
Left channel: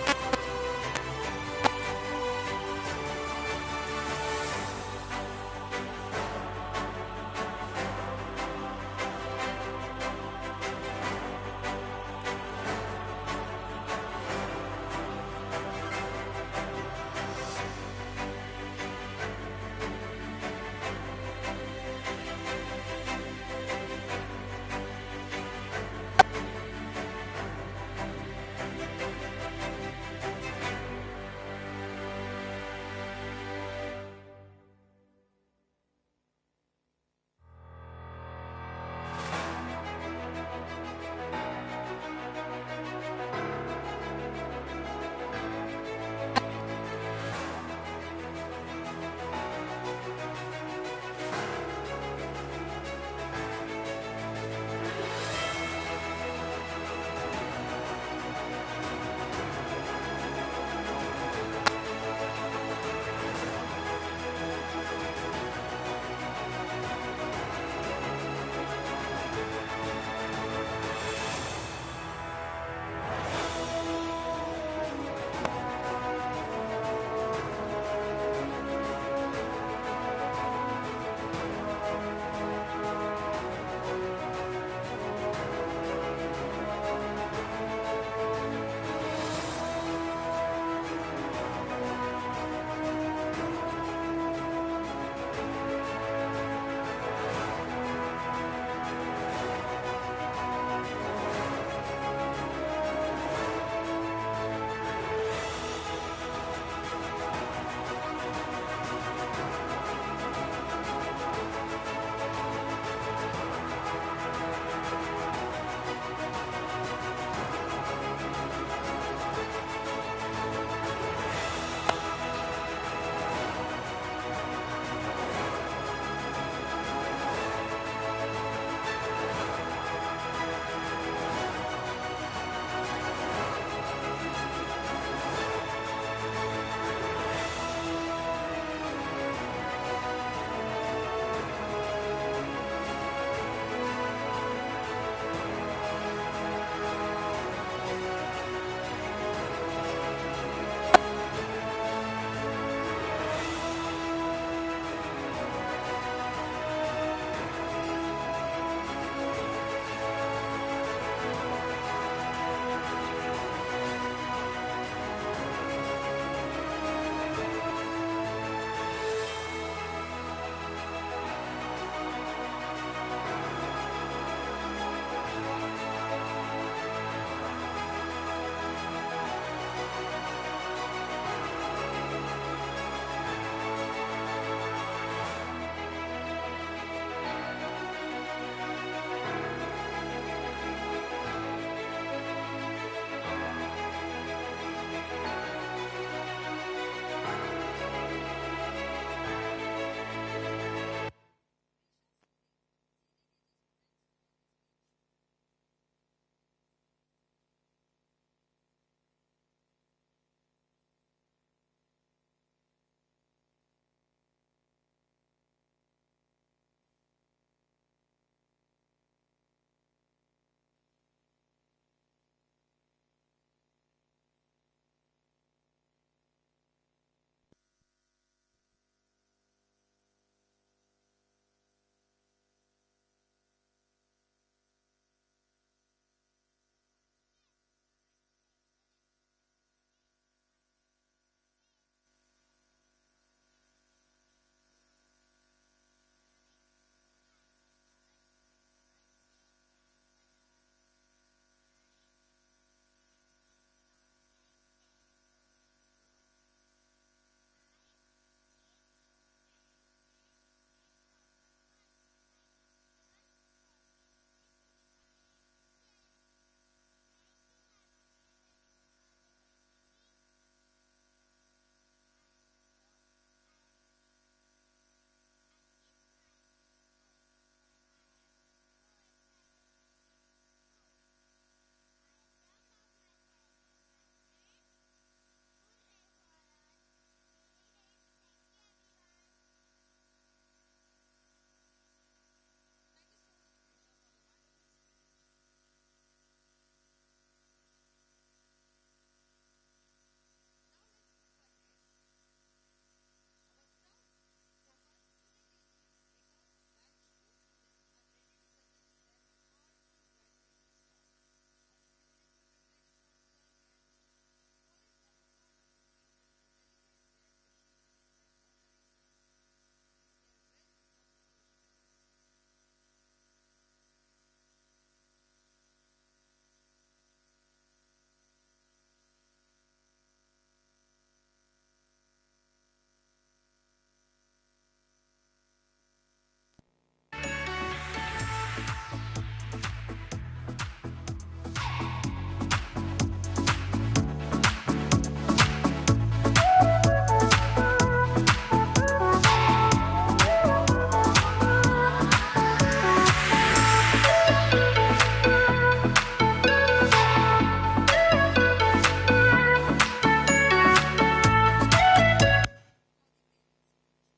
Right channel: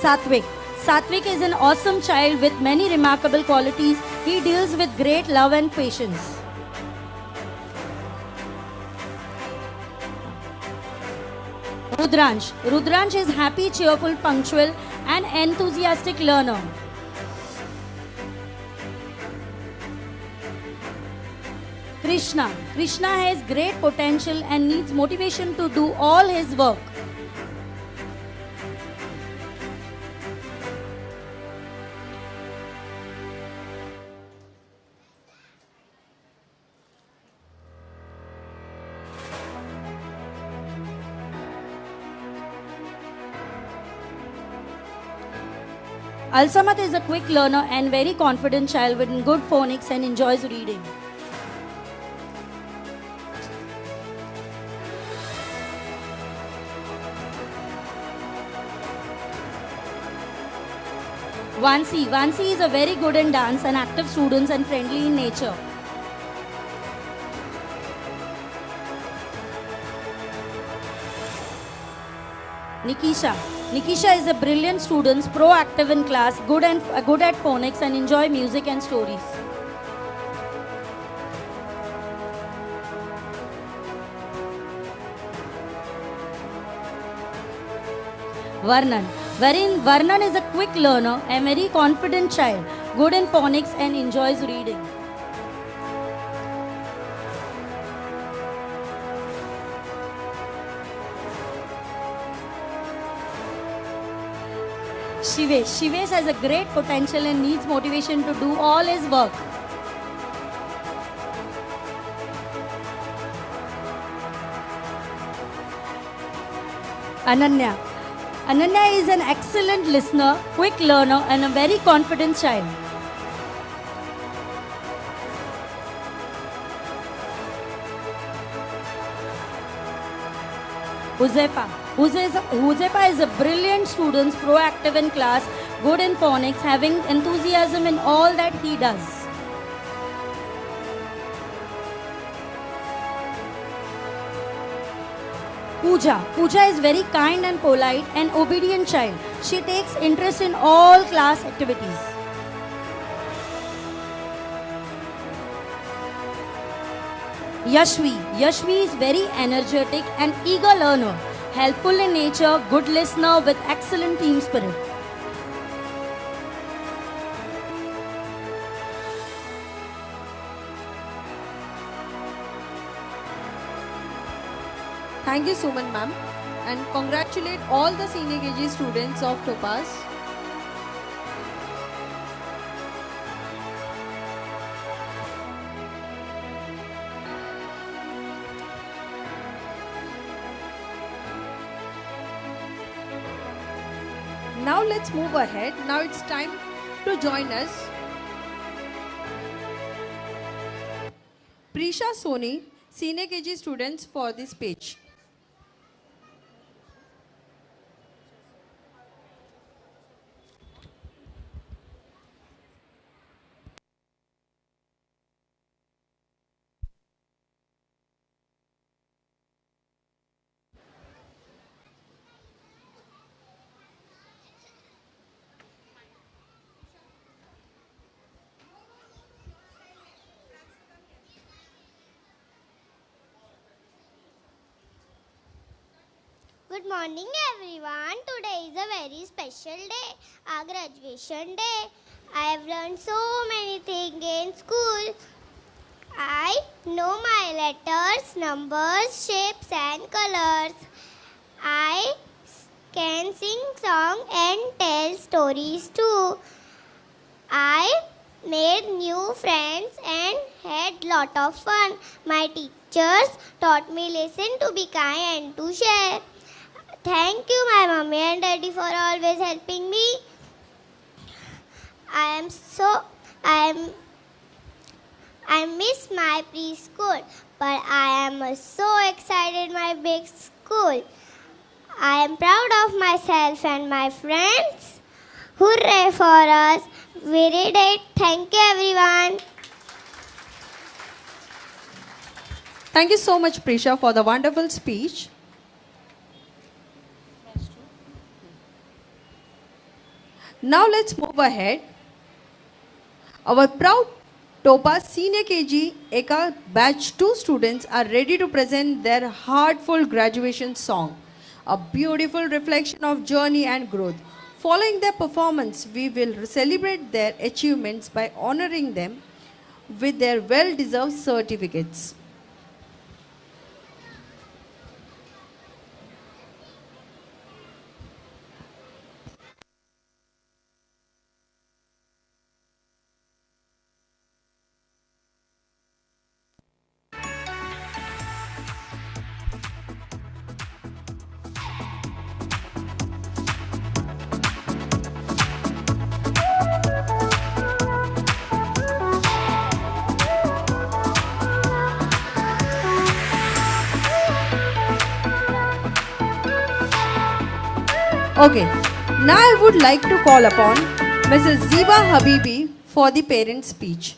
Satvik. Satvik is an awesome child with many remarkable qualities. He deals with great love and patience. Rudransh. Rudransh is happy, cheerful, punctual and enthusiastic learner. Krishna. Krishna has great potential and needs motivation to do all his work. Al-Samad is a quick learner and very confident child with good phonics and enjoys reading. Vansi is a very good in dance and active student and friendly in nature. Nikisha is a brilliant student, proactive in class, good at phonics and enjoy music and stories. Varnan is a quick learner, a very confident child, good in phonics and enjoys reading. Shivesh has a great potential and needs motivation to do all his work. Ananya is an excellent listener, quick learner and a very confident child. Huzefa is a brilliant student, proactive in class, good in phonics, having enthusiasm in all that he does. Pooja is very kind and polite and obedient child. She takes interest in all class activities. Yashvi is very energetic and eager learner, helpful in nature, good listener with excellent team spirit. Thank you, Suman ma'am, and congratulate all the senior KG students of Topaz. Now let's move ahead. Now it's time to join us. Prisha Soni, senior KG students for this page. Good morning everyone. Today is a very special day, our graduation day. I have learned so many things in school. I know my letters, numbers, shapes and colors. I can sing songs and tell stories too. I made new friends and had lot of fun. My teachers taught me lesson to be kind and to share. Thank you, my mommy and daddy, for always helping me. I miss my preschool, but I am so excited my big school. I am proud of myself and my friends. Hooray for us! We did it. Thank you, everyone. Thank you so much, Prisha, for the wonderful speech. Now let's move ahead. Our proud Topaz Senior KG Eka Batch 2 students are ready to present their heartful graduation song, a beautiful reflection of journey and growth. Following their performance, we will celebrate their achievements by honoring them with their well-deserved certificates. Okay, now I would like to call upon Mrs. Ziba Habibi for the parent speech.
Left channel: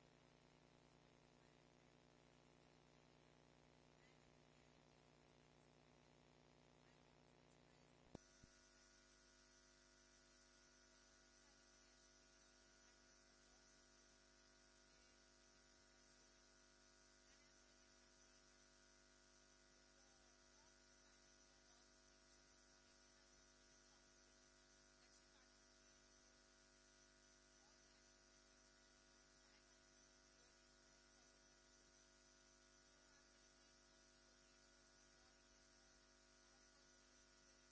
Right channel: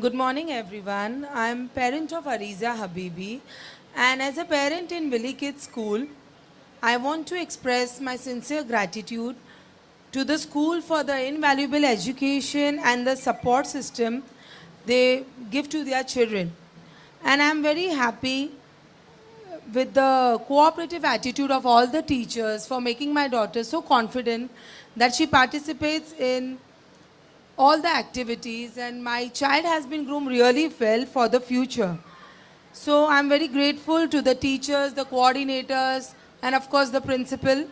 Good morning, everyone. I'm parent of Ariza Habibi, and as a parent in Willie Kids School, I want to express my sincere gratitude to the school for the invaluable education and the support system they give to their children. And I'm very happy with the cooperative attitude of all the teachers for making my daughter so confident that she participates in all the activities, and my child has been groomed really well for the future. So I'm very grateful to the teachers, the coordinators, and of course the principal.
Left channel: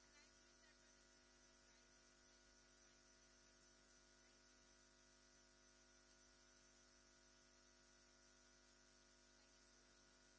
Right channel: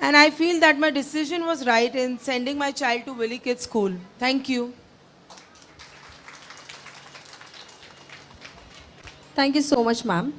And I feel that my decision was right in sending my child to Willie Kids School. Thank you. Thank you so much, ma'am.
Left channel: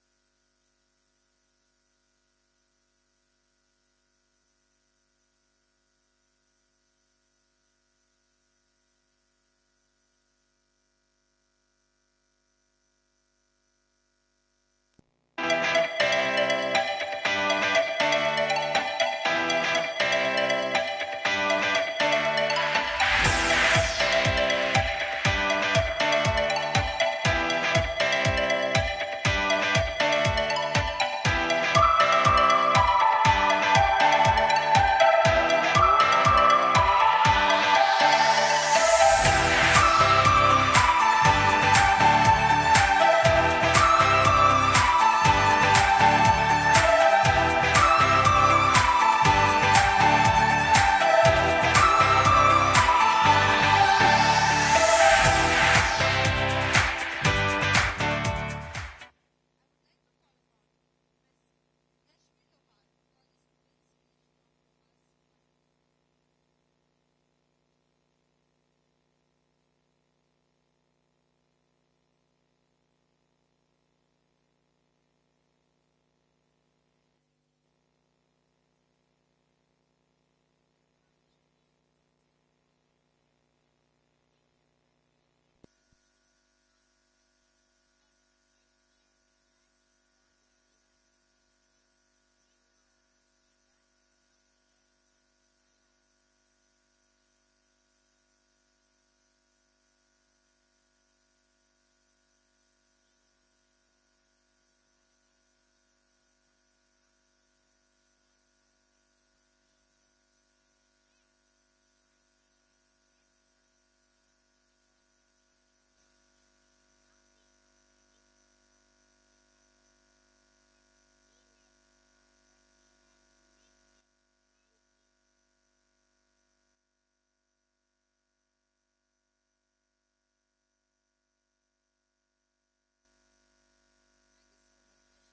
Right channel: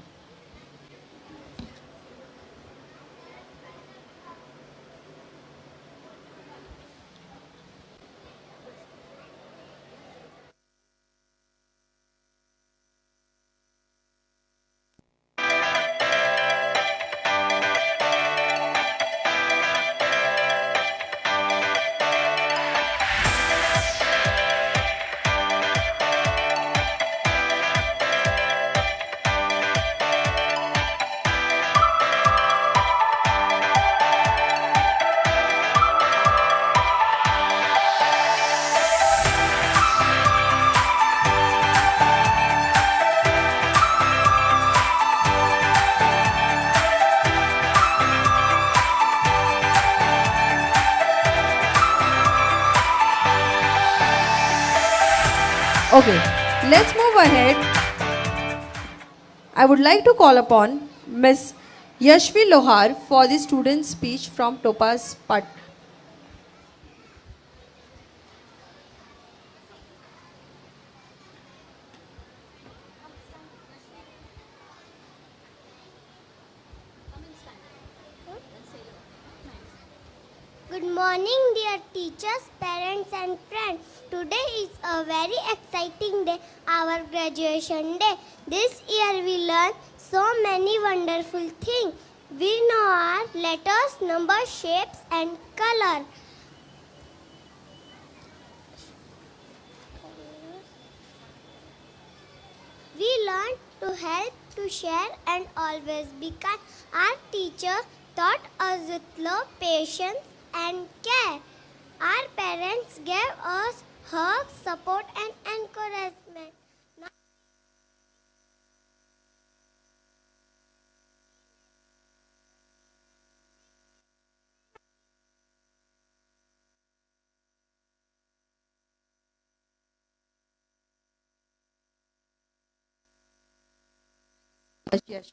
Okay, let's move ahead. I would like to call upon Miss Yashvi Lohar for the student speech from Topaz Pat. Good morning, dear teachers, parents, and friends. Today is a very exciting day, our graduation day. This year we learned so many wonderful things. We know our letters, numbers, shapes, and color. We learned to help, to share, and always be kind. Our teacher taught us with love, patience, and care. Our parents gave us hugs, support, and encouragement. Yes.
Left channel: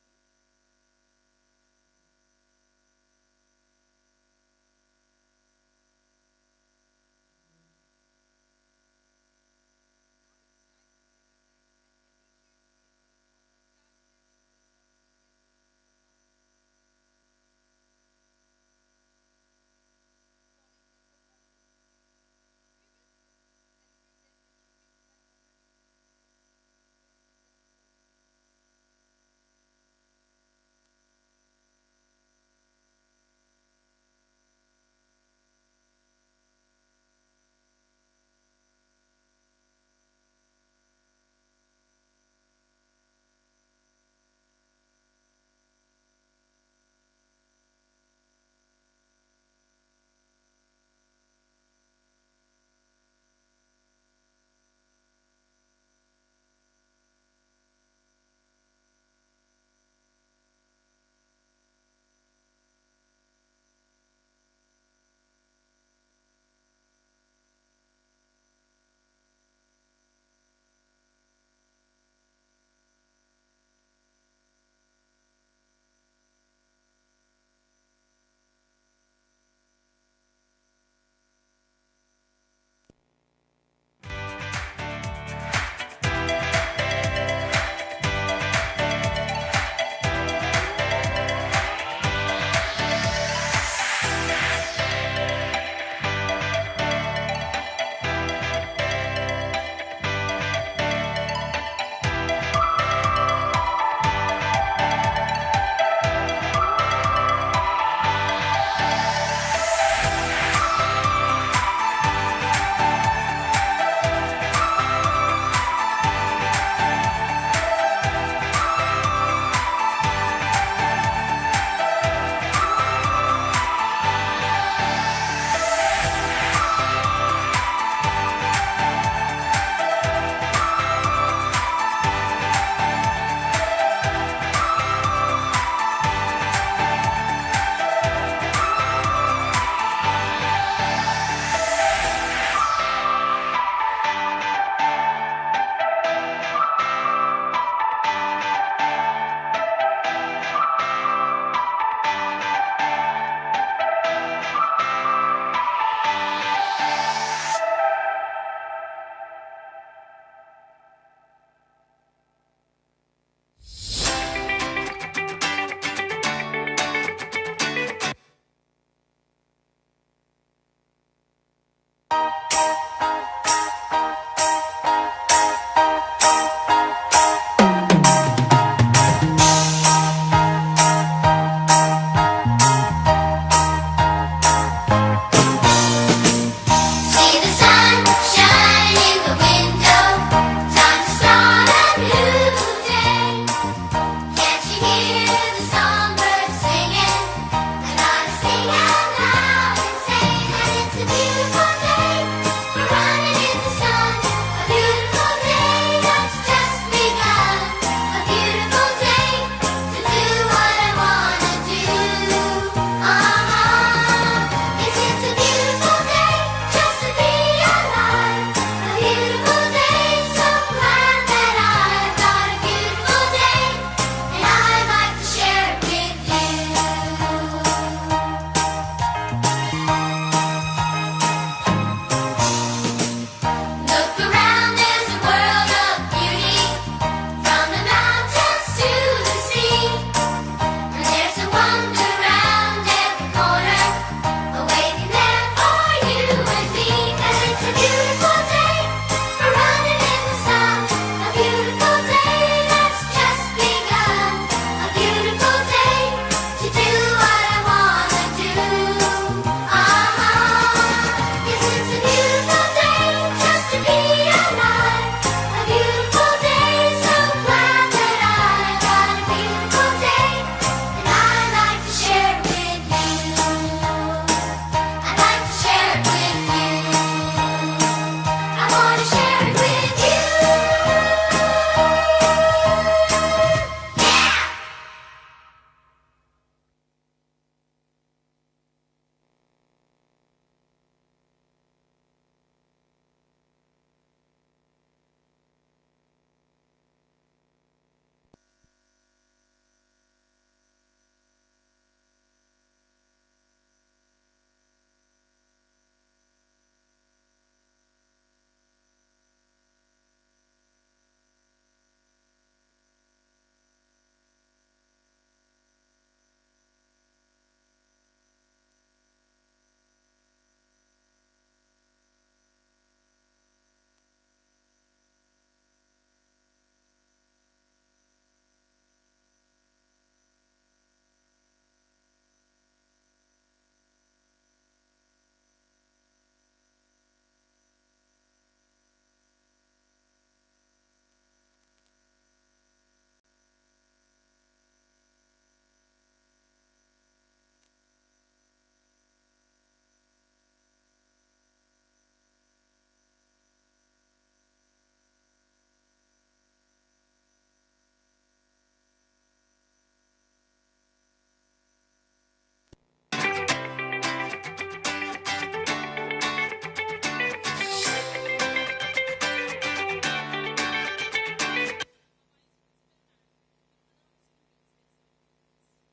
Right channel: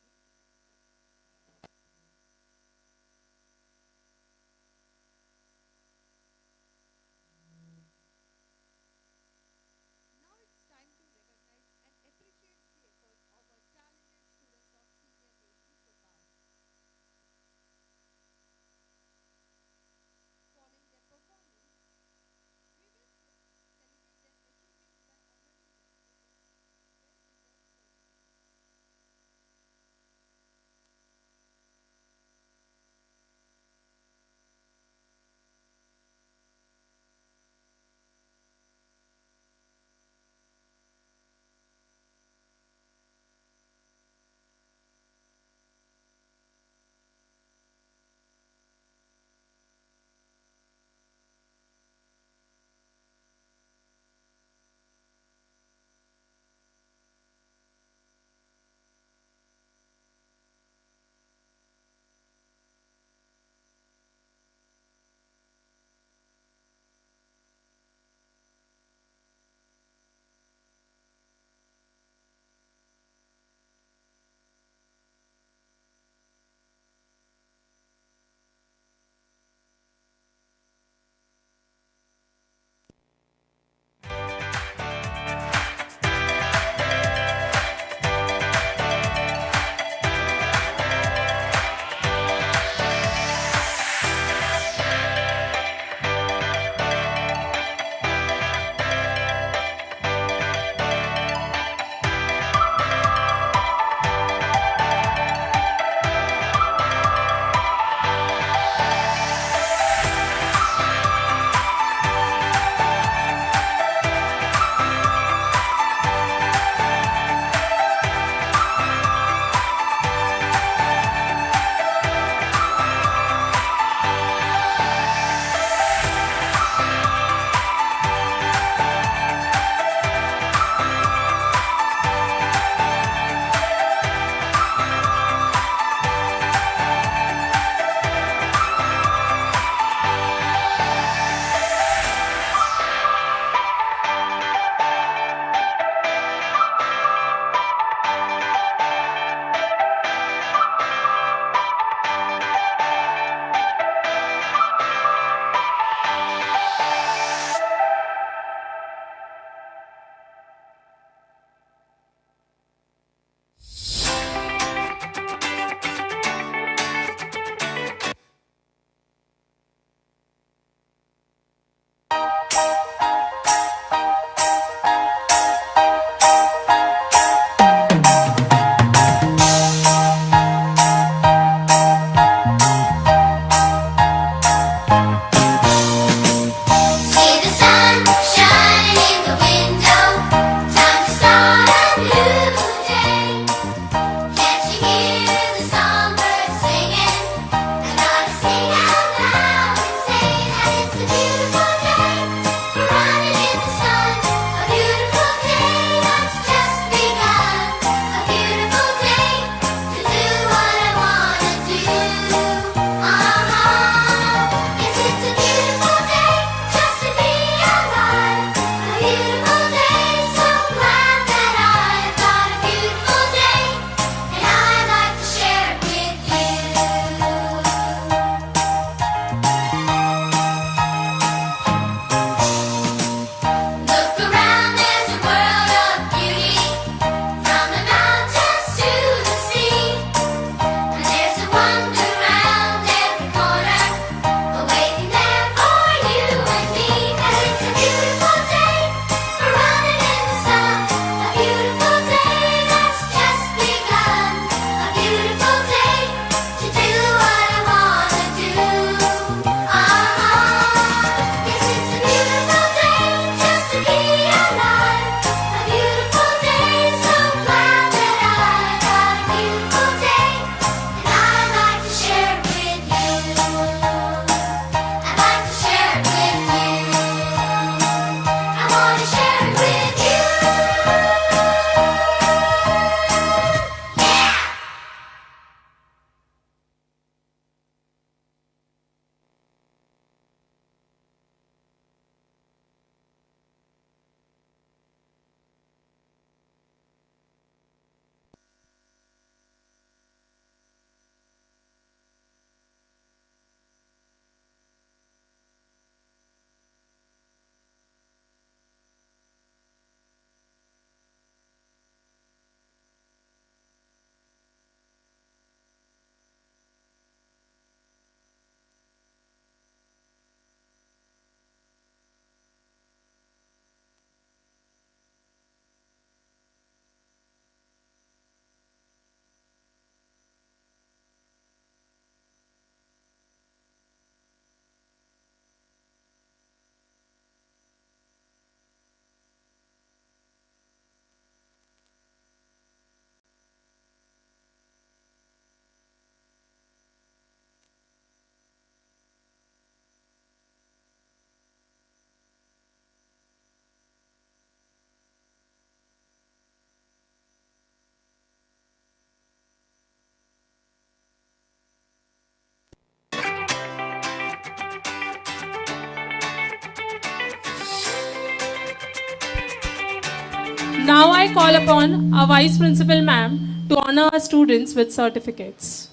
Now I call upon our Vice Principal Ma'am to honor our students with certificates.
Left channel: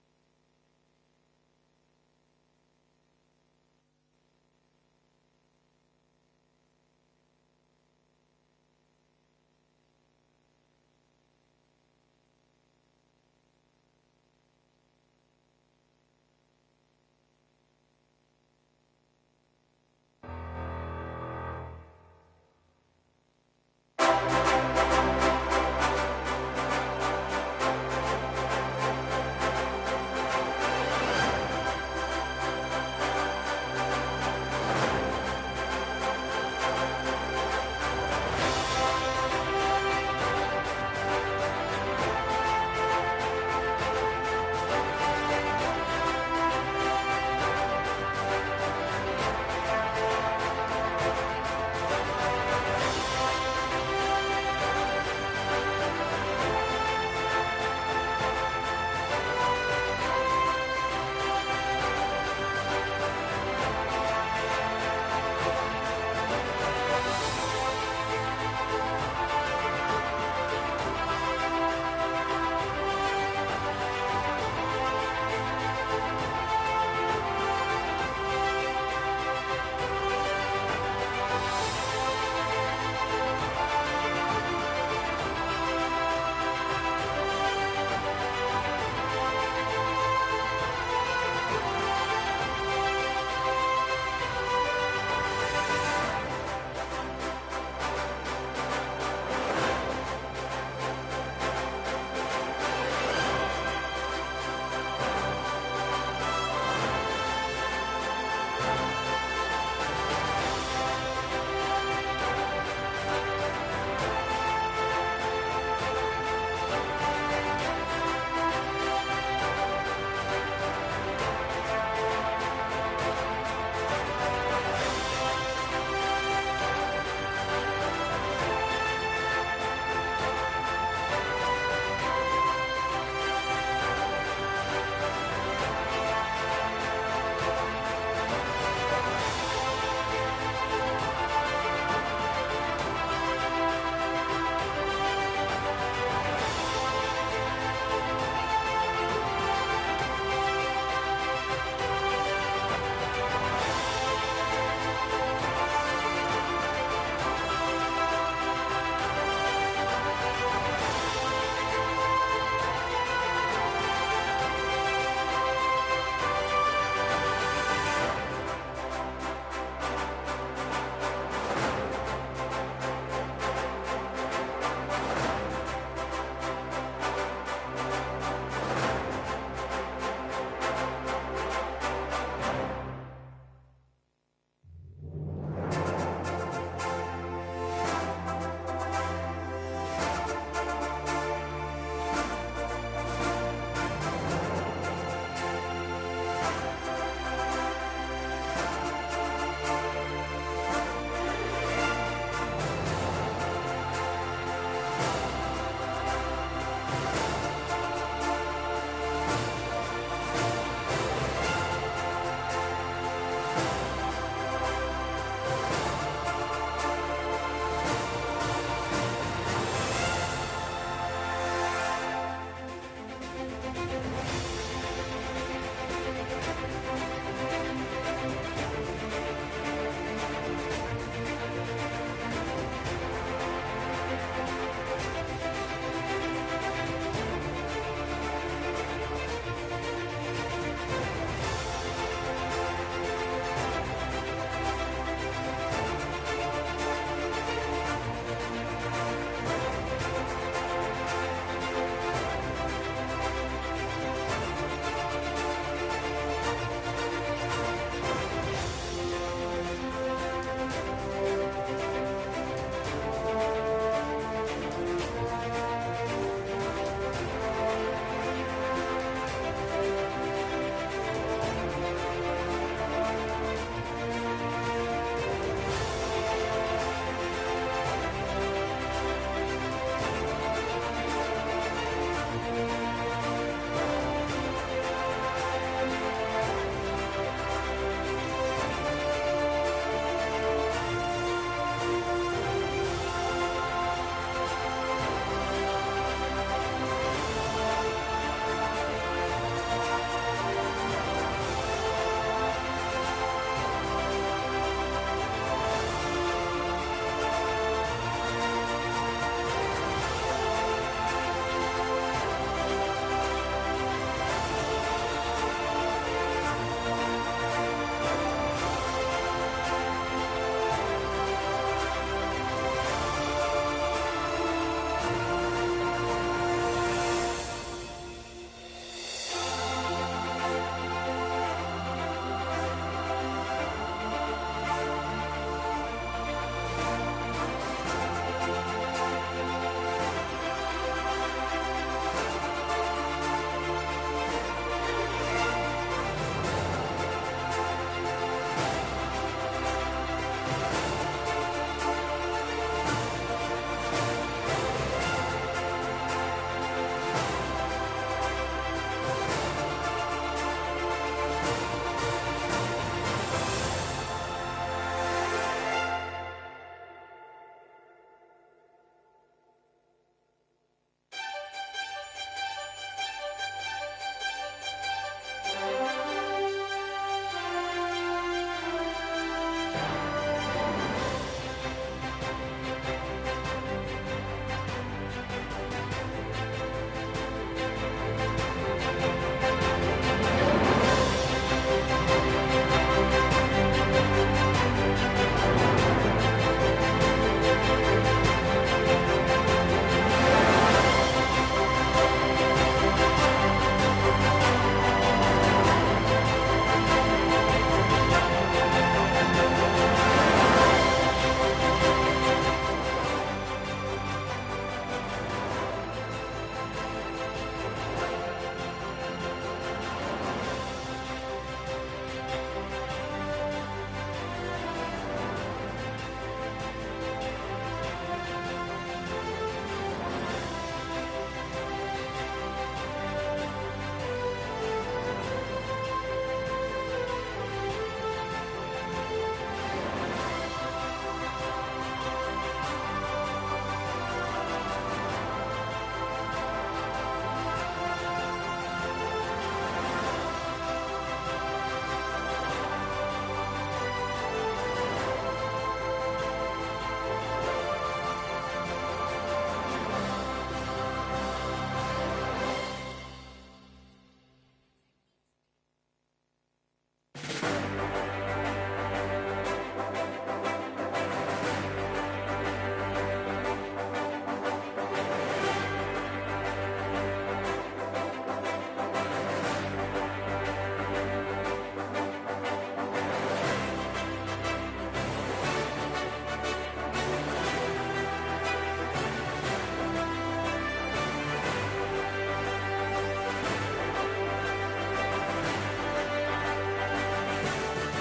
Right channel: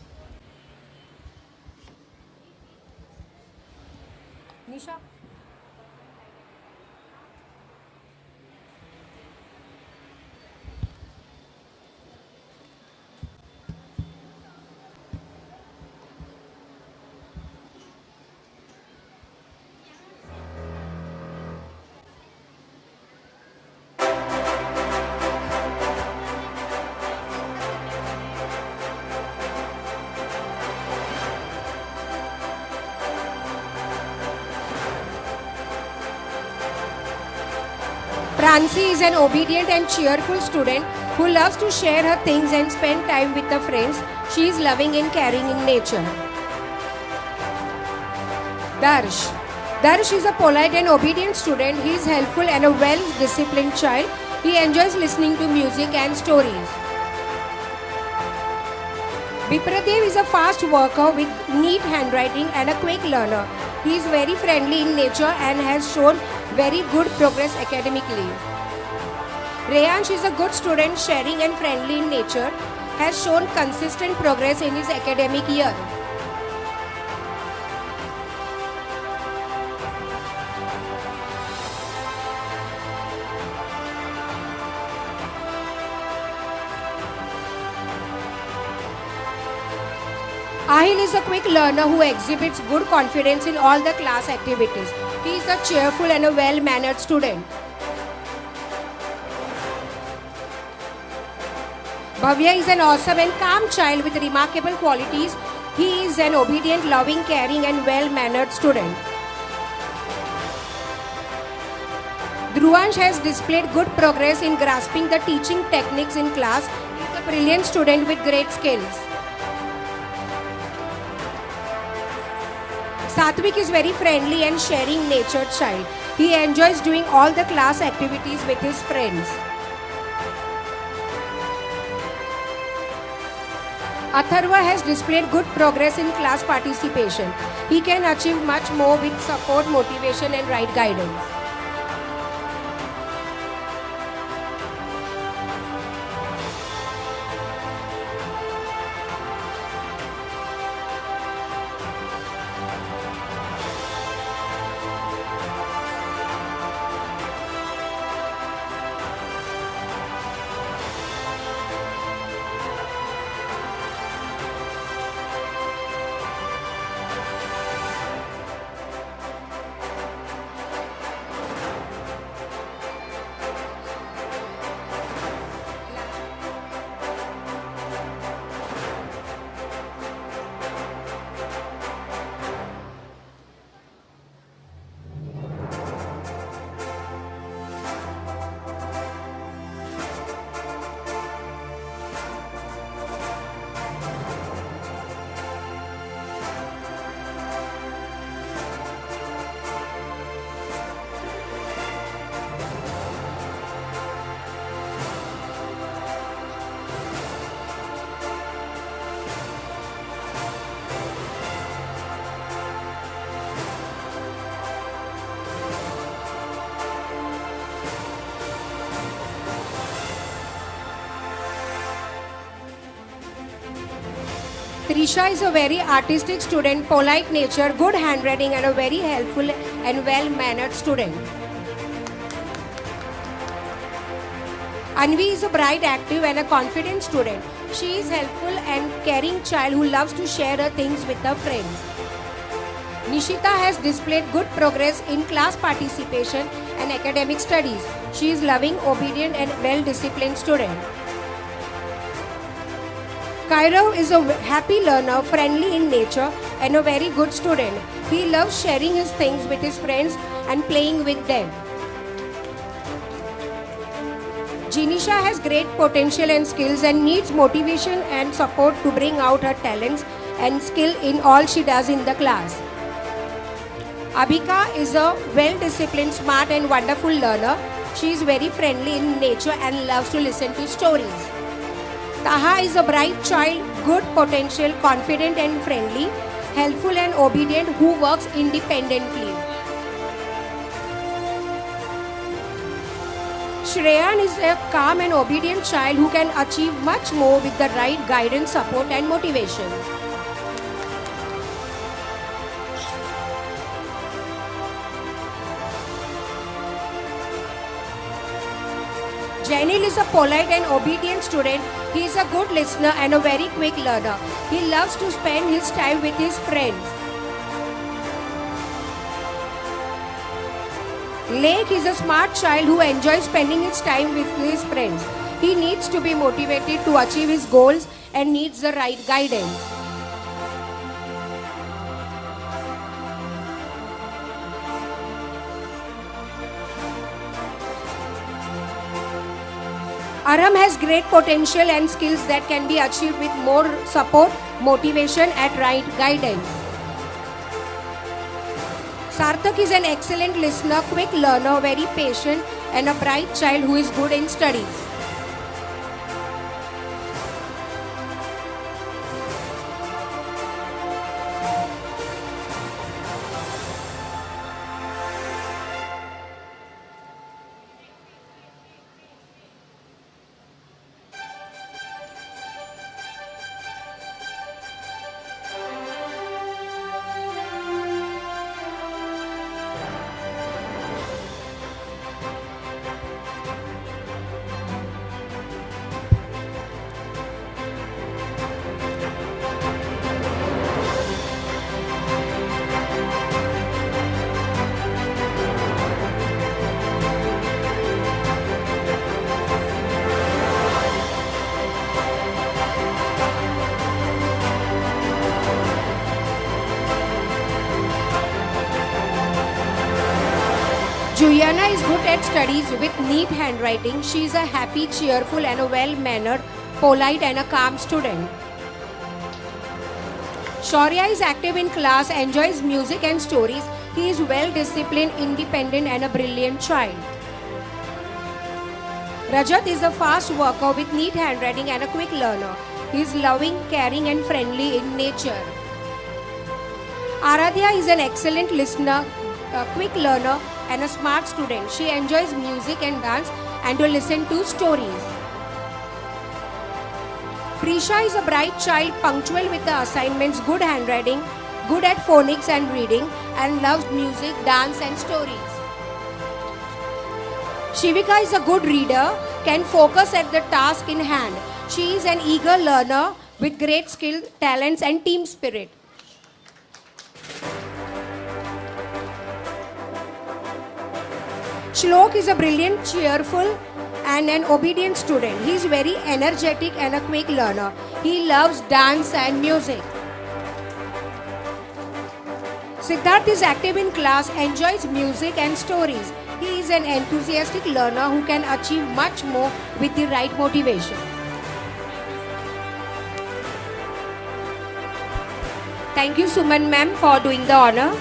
Nisha. Prancy is an obedient and cheerful student who loves to share her things and spend time with her friends. She is loving and caring in nature. Darsh. Darsh is a polite and obedient student. He is helpful and a well-disciplined child. He enjoys listening to music and stories. Vipradev is a fast worker with neat handwriting and a quick learner. He is very friendly in nature and has shown very good progress academically. Reyansh is a good student, sharing and friendly in nature, has shown consistent progress in his academic year. Ahil is a quick learner who exhibits good confidence in all the class activities. He is a cheerful and a well-mannered student. Bhavya is an awesome and calm child with remarkable qualities. He is an obedient, loving, caring and well-mannered student. Dhruvansh has displayed good progress in grasping the teaching techniques in class. He is a brilliant student with great skills. Satvik is very friendly and sharing natured child. He enjoys doing all the class activities with his friends. Atharva has displayed good progress in class participation. He can achieve much more with support, motivation and right guidance. Trisha is a very artistic student, polite nature, good handwriting and a very helpful and well-mannered student. Anvi is a bright, active and a confident student. She is helpful and caring child who loves to share her things with her friends. Nishita has displayed good progress in class participation and academic studies. She is loving, obedient and well-disciplined student. Kairav is a happy learner, friendly in nature and a very good student. He loves sharing his things with his friends and playing with them. Jinisha has great potential and skills and needs motivation and support to bring out her talents and skill in all she does in the class. Abhika is a well-disciplined, smart and wonderful learner. She is very friendly in nature and loves to listen to stories. Taha is a bright child, good potential, confident and friendly, helpful and obedient who works independently. Shreyan is a calm and obedient child who can achieve much more with the right guidance, support, and motivation. Janil is a polite and obedient student. He is a good listener and a very quick learner. He loves to spend his time with his friends. Lake is a smart child who enjoys spending his time with his friends. He needs to be motivated to achieve his goals and needs the right guidance. Aram has great potential and skills that can be achieved with more support, motivation, and right guidance. Sarthak is an excellent listener, quick learner, very patient, and a bright child who is good in studies. Juliana is good at studies with neat handwriting. She is a happy, cheerful, and a well-mannered, polite, and a calm student. Shaurya is active in class, enjoys music and stories. He is well-disciplined, independent, and a brilliant child. Rajat is a fast worker with neat handwriting and a quick learner. He is loving, caring, and friendly in nature. Aradhya is an excellent listener, a quick learner, and a smart student. She enjoys music and dance and to listen to stories. Prisha is a bright child, punctual with the assignments, good handwriting, good at phonics and reading, and loves music, dance, and stories. Shivika is a good reader, can focus at the task in hand. She is an eager learner with great skill, talents, and team spirit. Shlok is a brilliant, cheerful, and an obedient student. He is very energetic and a quick learner. He loves dance and music. Siddharth is active in class, enjoys music and stories. He is an enthusiastic learner who can achieve much more with the right motivation. Thank you, Suman ma'am, for doing the honor.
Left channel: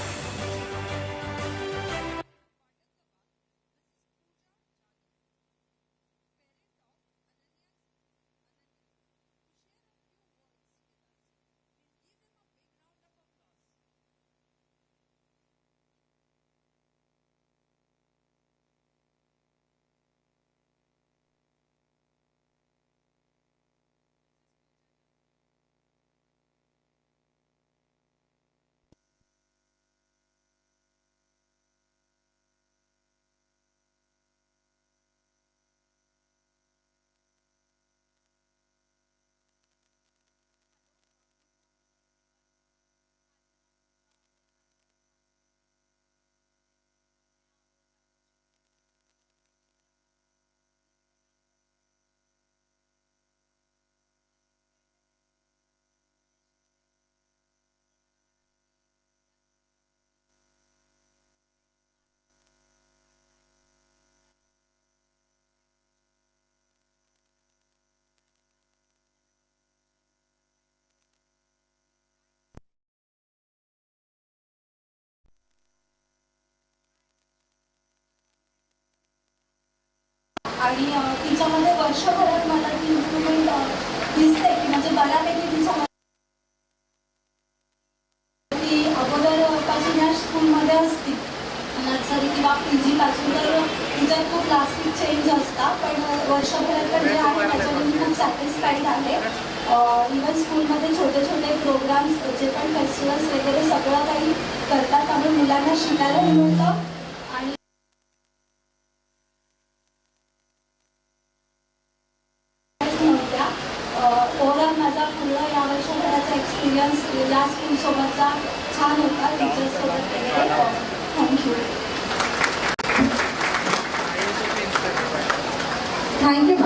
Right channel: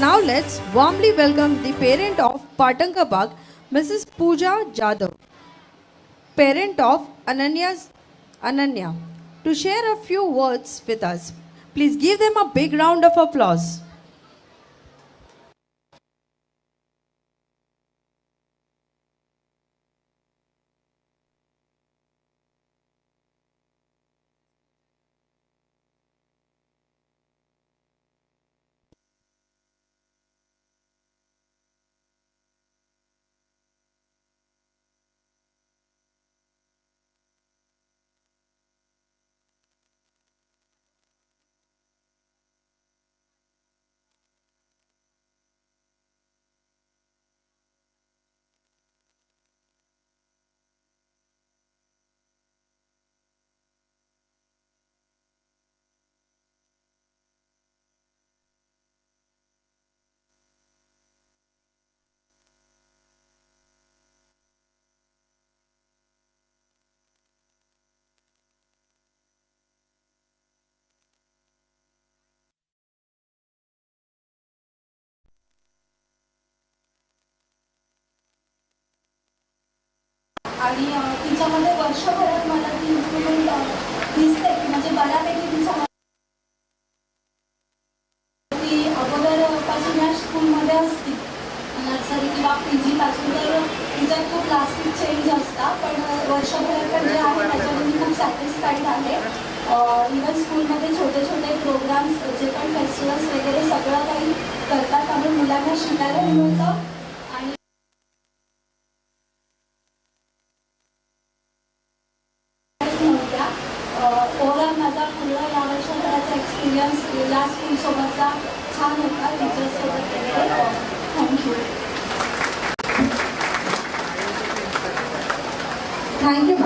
Now let's warmly welcome the parent of Patanka Bagh, Mrs. Pooja Jadhav, parent of Ananya, to share a few words with us. Please give them a big round of applause. आणि तिच्यामध्ये वर्षभरात मला ती improvement दिसते की म्हणजे बऱ्यापैकी तिच्यामध्ये ती अगोदरपासून या स्कूलमध्ये असते नर्सरी किंवा PG पासून तर तिच्यात खूप प्लास्टिक चेंज असतात पण वर्षभरात पण जे आहे त्याच्यावर मी खूप सॅटिस्फाईड आहे. इवन स्कूलमध्ये छोटे छोटे प्रोग्राम्स जे पण फेस्टिवल्स वगैरे सगळं काही करतात त्यामुळे मुलांना शिकायला मिळतं. आणि नव्हत्या ओव्हरऑल माझा पूर्ण या वर्षभराचा एक्सपिरियन्स या स्कूलसोबतचा छान होता टीचर्ससोबत वगैरे. Thank you. Thank you.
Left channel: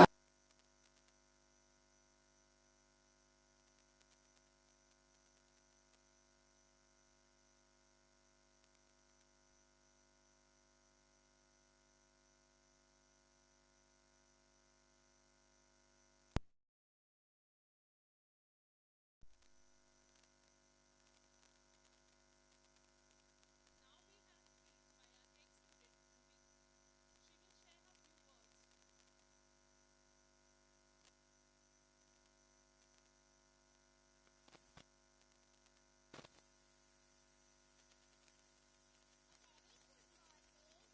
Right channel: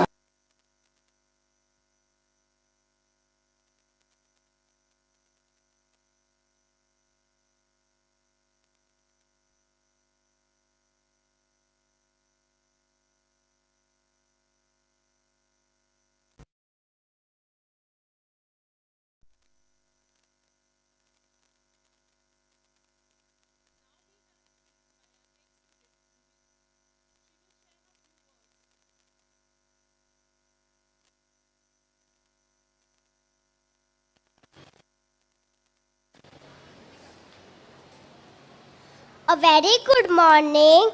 A very good morning,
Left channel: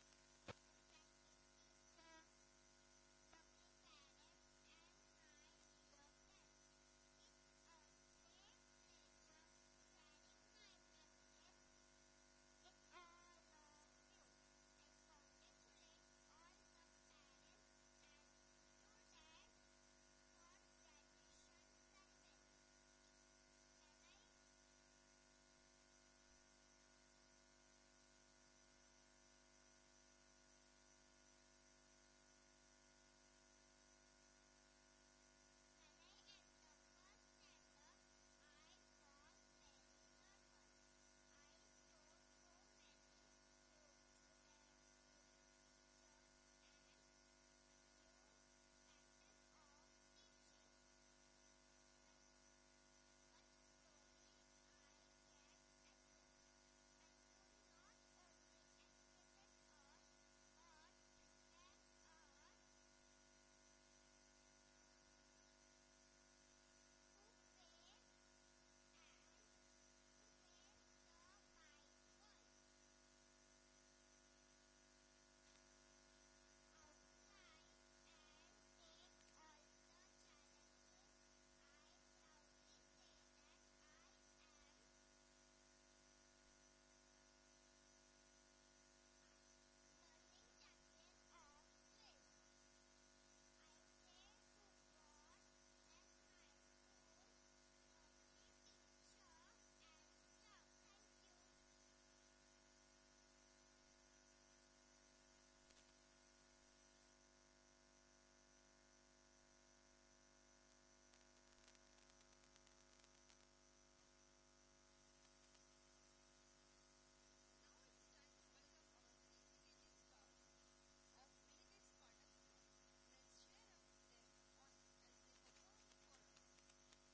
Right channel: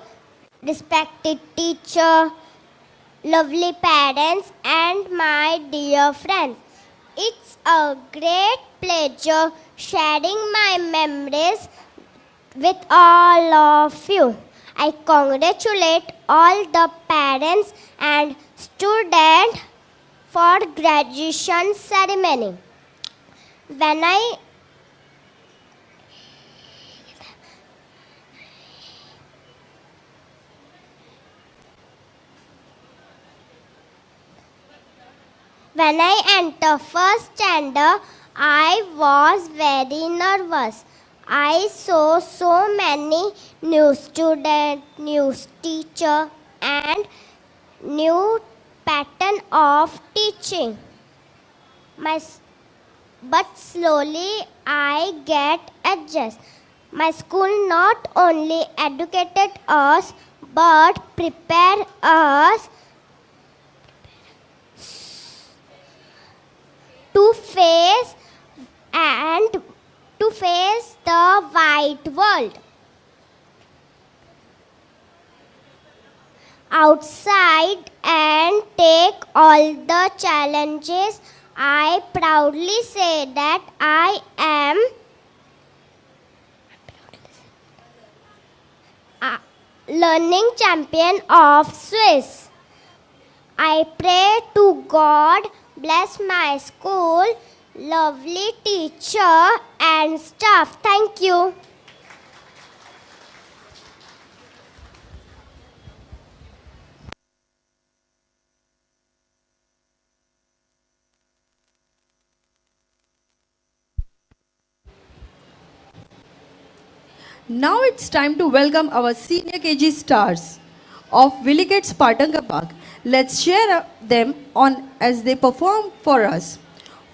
respected teacher, lovely parents, and my dear friends. It's a great pleasure sharing my memories with all of you. I congratulate all the parents and students for graduation ceremony. When I entered first standard, I was very nervous. I saw so many new students, new teacher, and new pattern of teaching. But slowly I get adjust. My school not only educated us but prepare us to face the wide world. Outside and take all the challenges, I proudly say that I am a learning champion of Swiss. I pray to God bless my school, lovely teacher and staff. Thank you. Now it's time to welcome our senior KG stars of Willigate Spartanka Park. Let's cheer them on as they perform for us,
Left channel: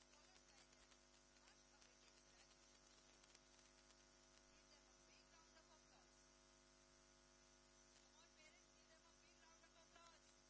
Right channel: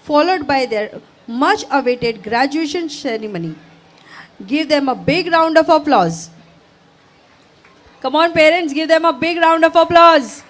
followed by their much awaited graduation ceremony. Give them a big round of applause. Come on parents, give them a big round of applause.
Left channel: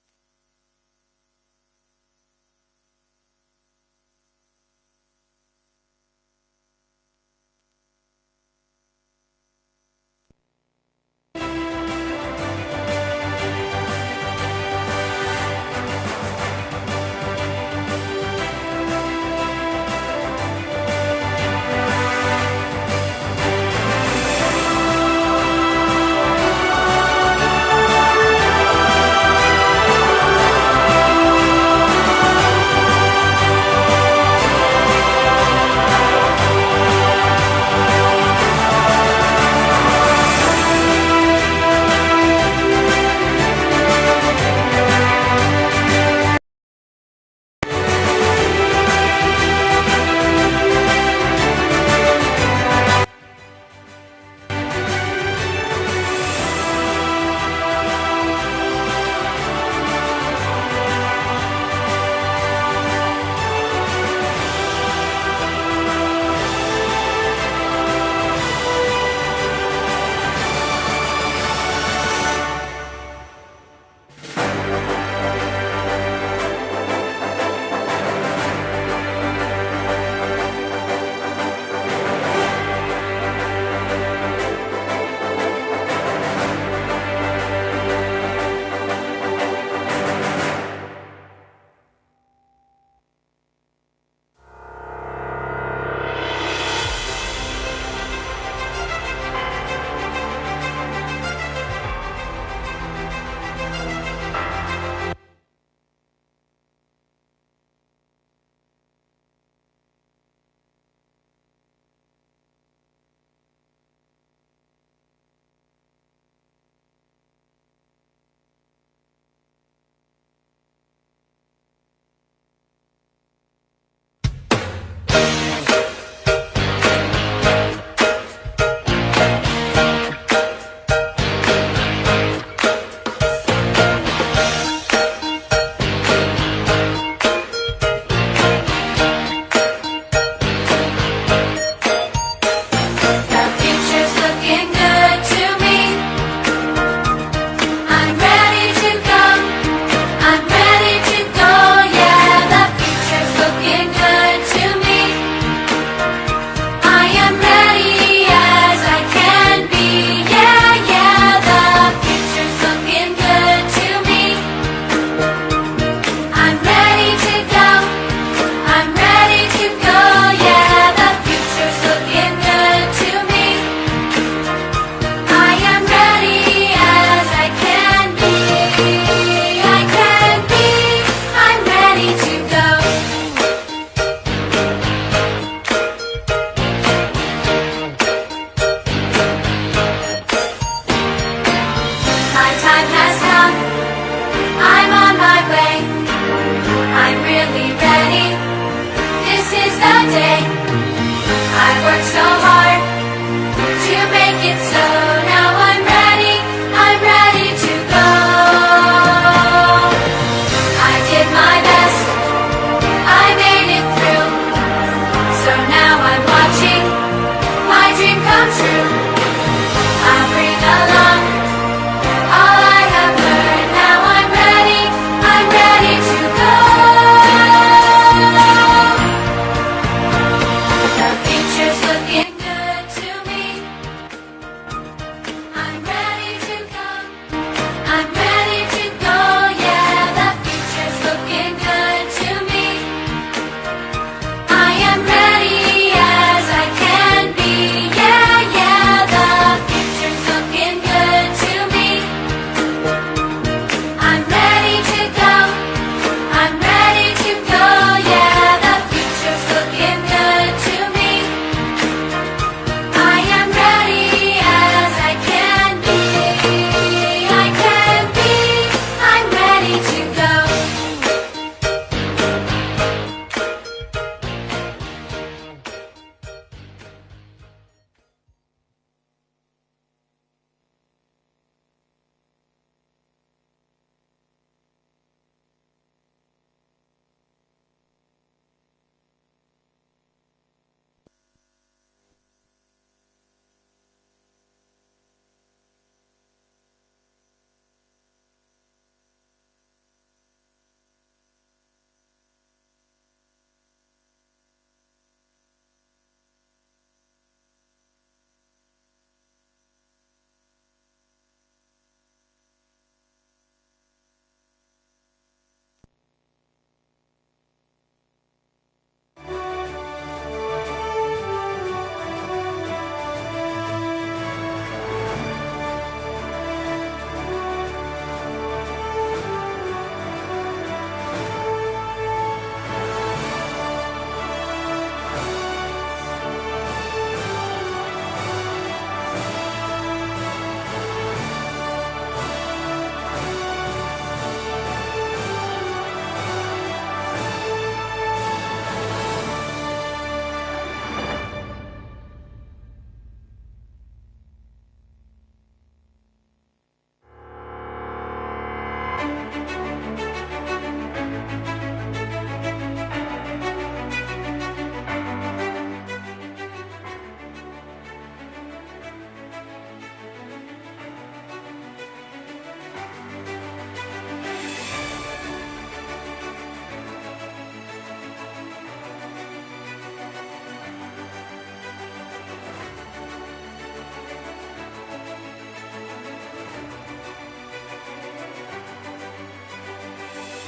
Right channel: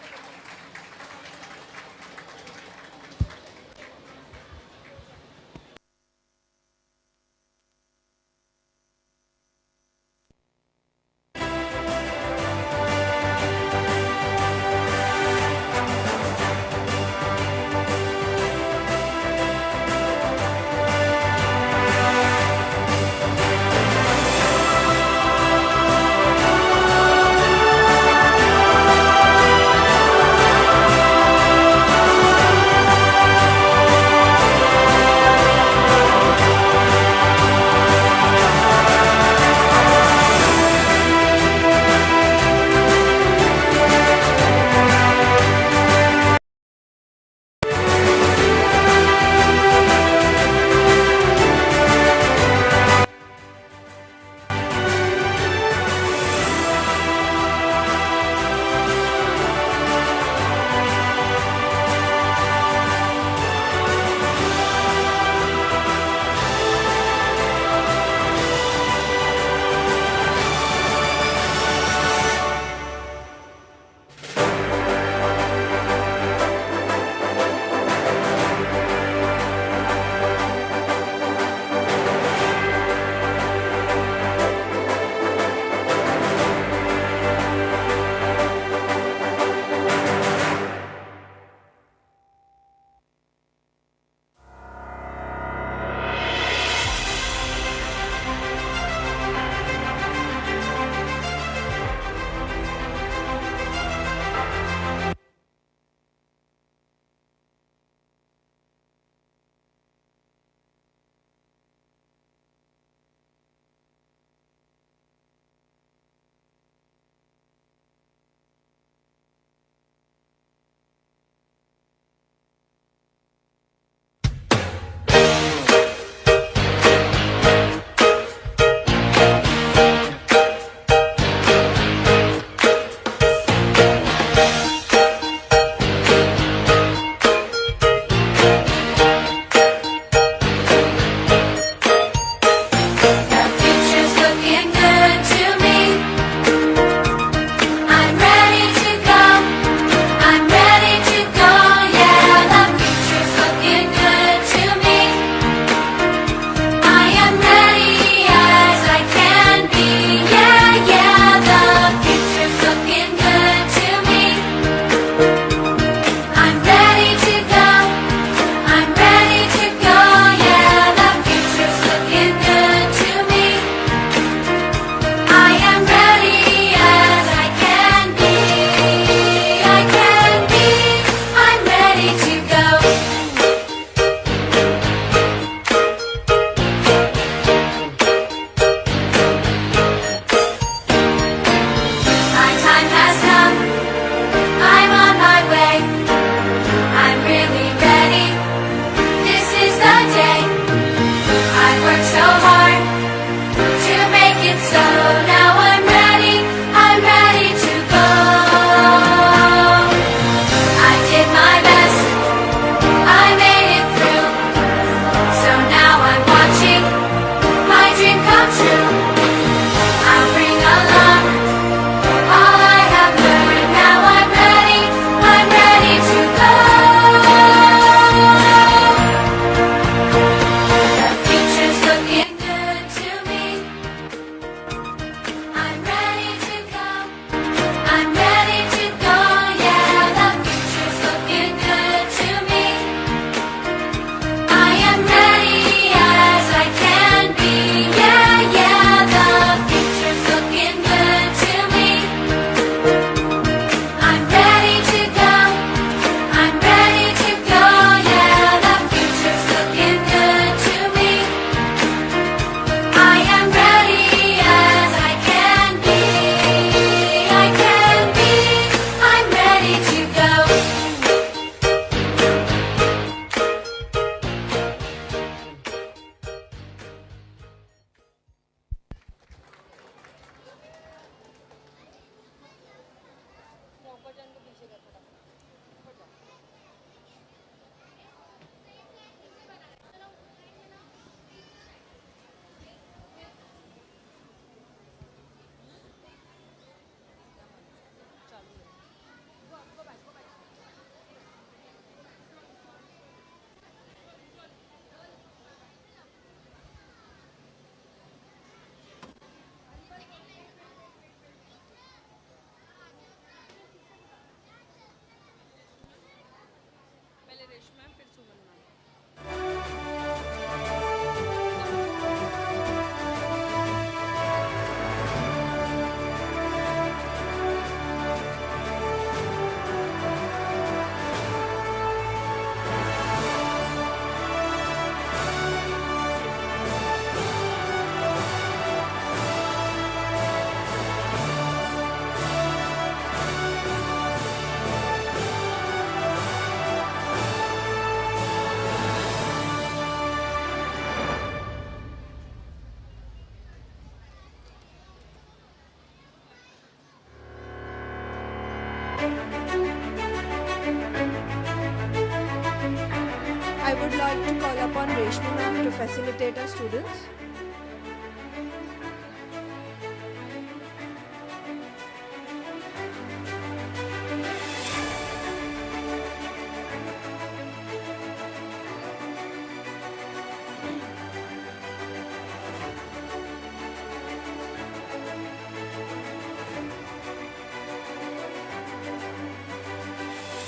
beta students.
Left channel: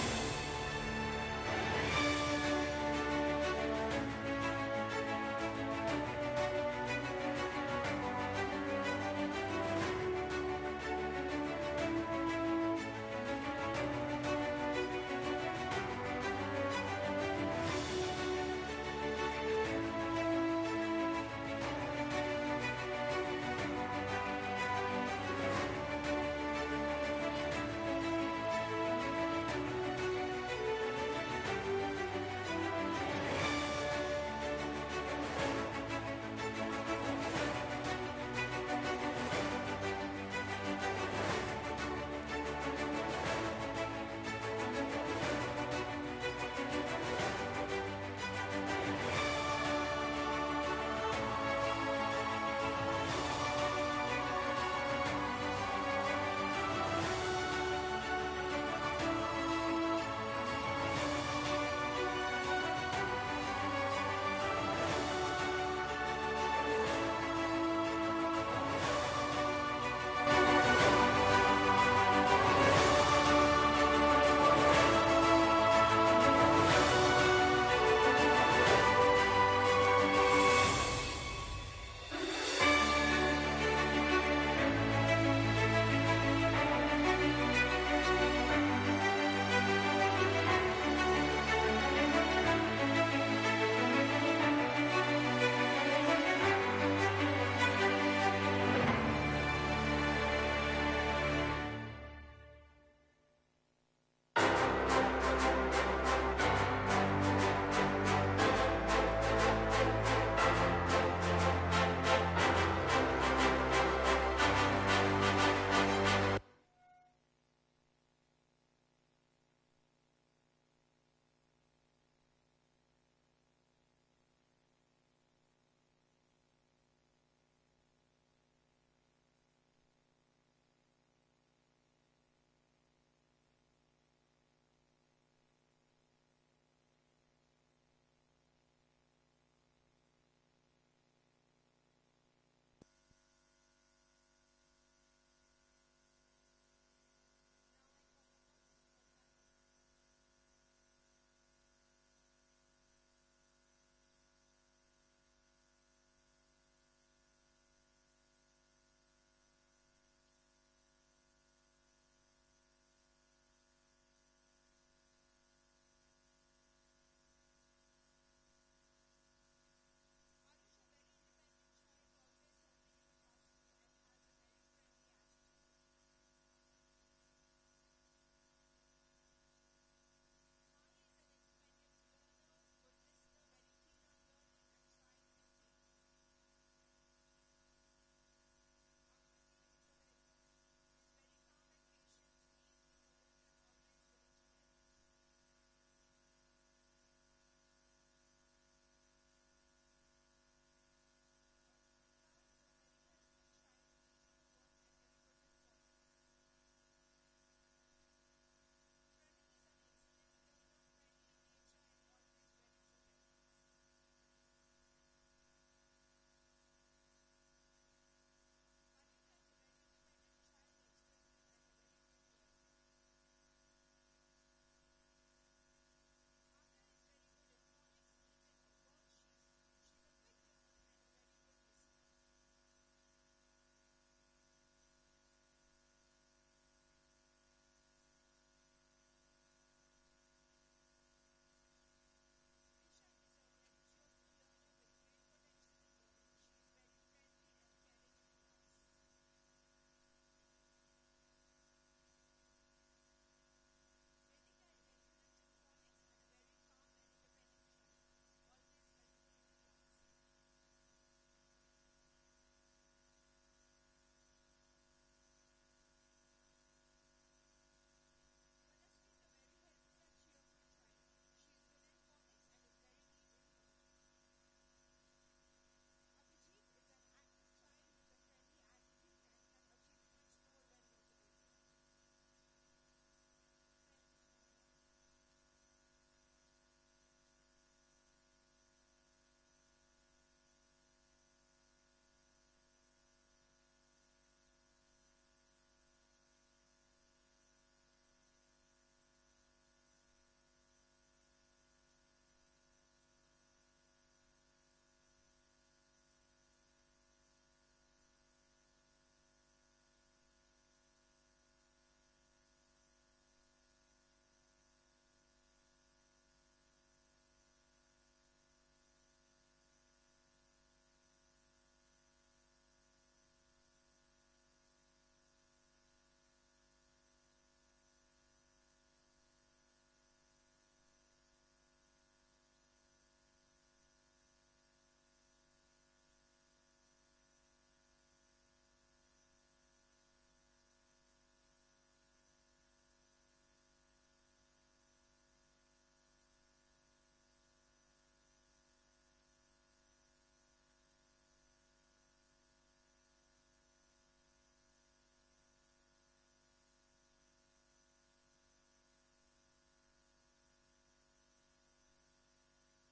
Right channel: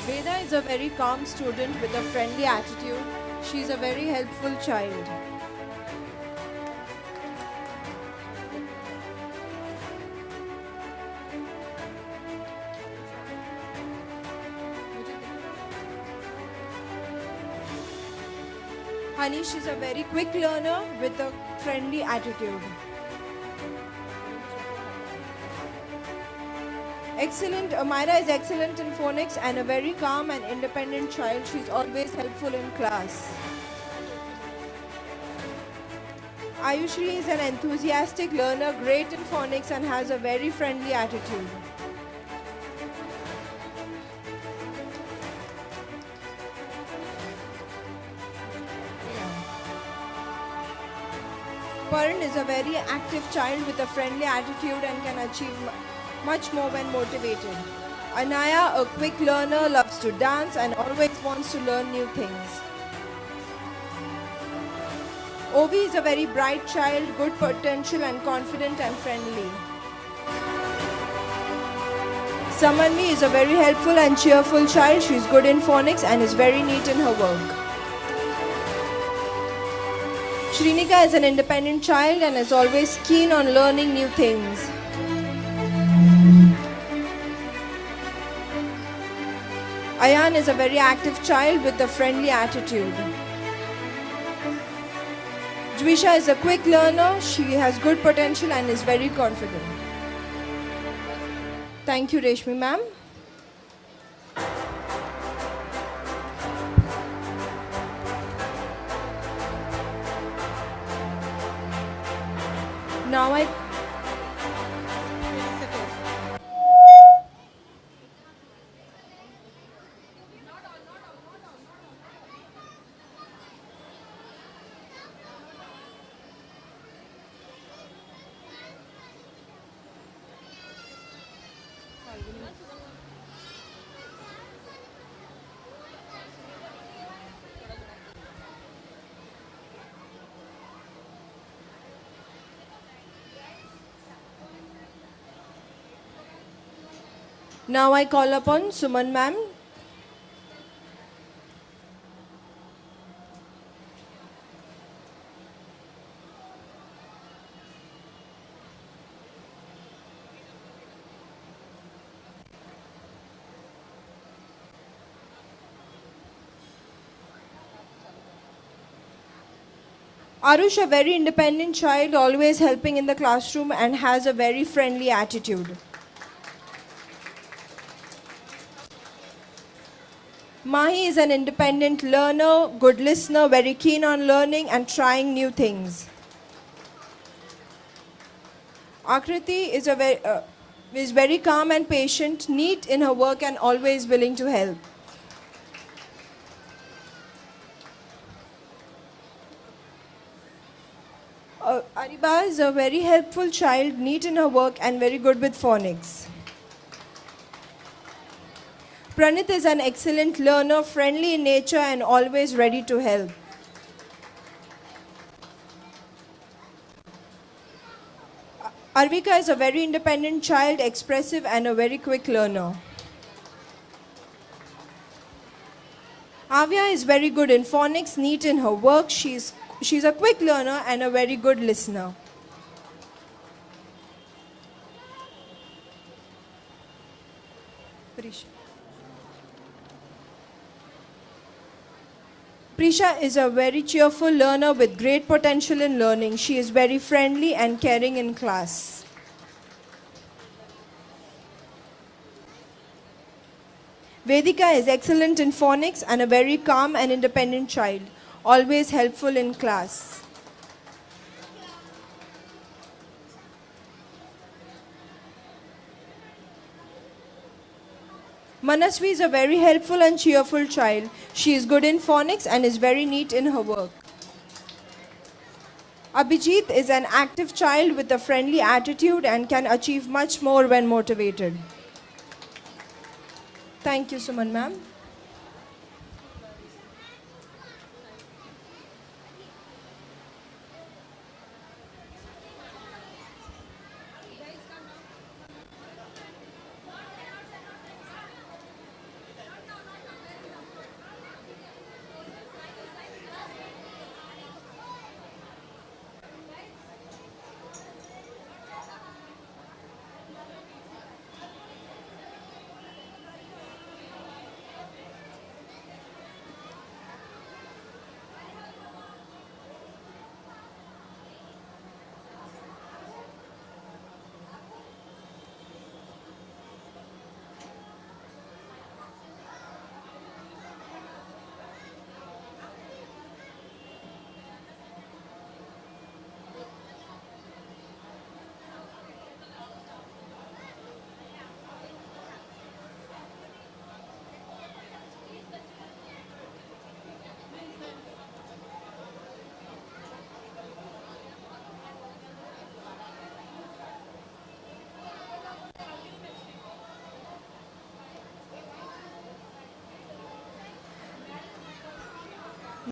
Veda is a very calm student with a friendly attitude. She is a very helpful child. Hanish is a very quick learner with a friendly attitude. Excellent. Amira is excellent in phonics and a very calm and independent child. She's always helpful in class. Ayushri is an enthusiastic learner, great in phonics and has a very friendly attitude. Paran is a very active child with a friendly attitude and can achieve much more when motivated. Anaya, a quick learner, loves to dance and always wants to learn new things. Ovi is a very bright child, good potential and confident and friendly. Samanvi is a very helpful and cheerful child. She is good in phonics and is very neat in her work. Shrinika is an independent child and is always keen on learning new things. Ayan is a very active child with a friendly attitude. Dvisha is a quick learner. She has good potential and is very confident. Thank you, Reshmi ma'am. Now I call upon Suman ma'am. Arush, a very independent child, always helping in the classroom and has a very friendly attitude. Mahi is an independent learner, good listener, very keen on learning and trying new things. Akriti is very calm and patient, neat in her work and always willing to help. Ariba is a very helpful child, neat in her work and very good with phonics. Pranit is an excellent learner, friendly in nature and always ready to help. Arvika is a very independent child, expressive and a very quick learner. Avya is very good in phonics, neat in her work. She's a quick learner and a very good listener. Prisha is a very cheerful learner with great potential in learning. She is very friendly and caring in class. Vedika is excellent in phonics and a very calm and independent child, always helpful in class. Manasvi is a very helpful and cheerful child. She is good in phonics and is very neat in her work. Abhijit is an active child with a friendly attitude and can achieve much more when motivated. Thank you, Suman ma'am.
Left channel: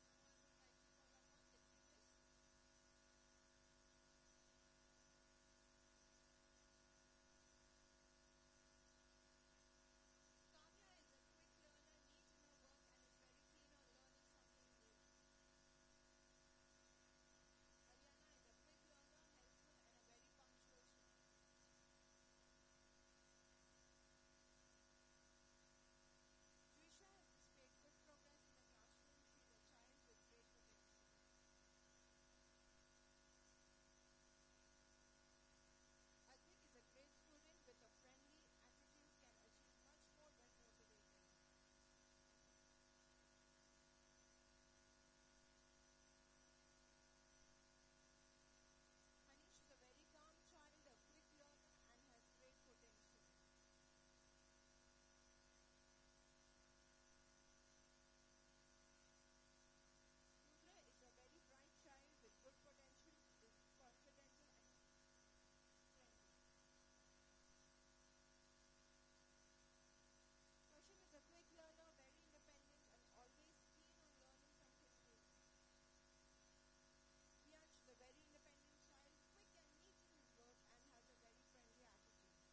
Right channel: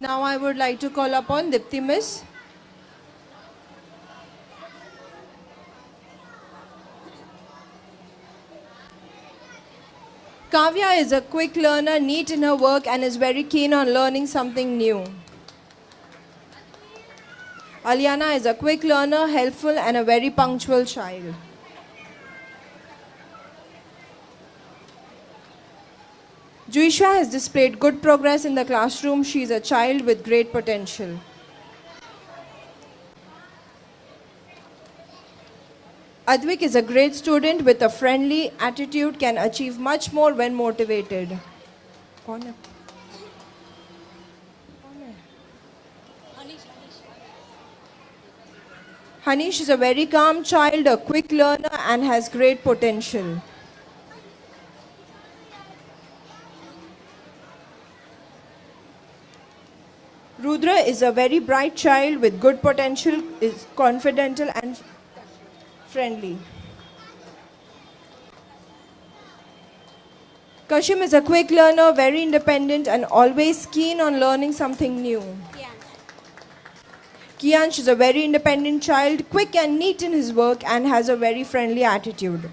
Now I would like to call upon Dipti Miss. Kavya is a quick learner, neat in her work, and is very keen on learning something new. Aliana is a quick learner, helpful, and a very punctual child. Juisha has displayed good progress in the classroom. She is a child with great potential. Advik is a great student with a friendly attitude, can achieve much more when motivated. Hanish is a very calm child, a quick learner, and has great potential. Rudra is a very bright child with good potential, is confident and friendly. Kashim is a quick learner, very independent, and always keen on learning something new. Kiansh is a very independent child, quick and neat in his work, and has a very friendly attitude.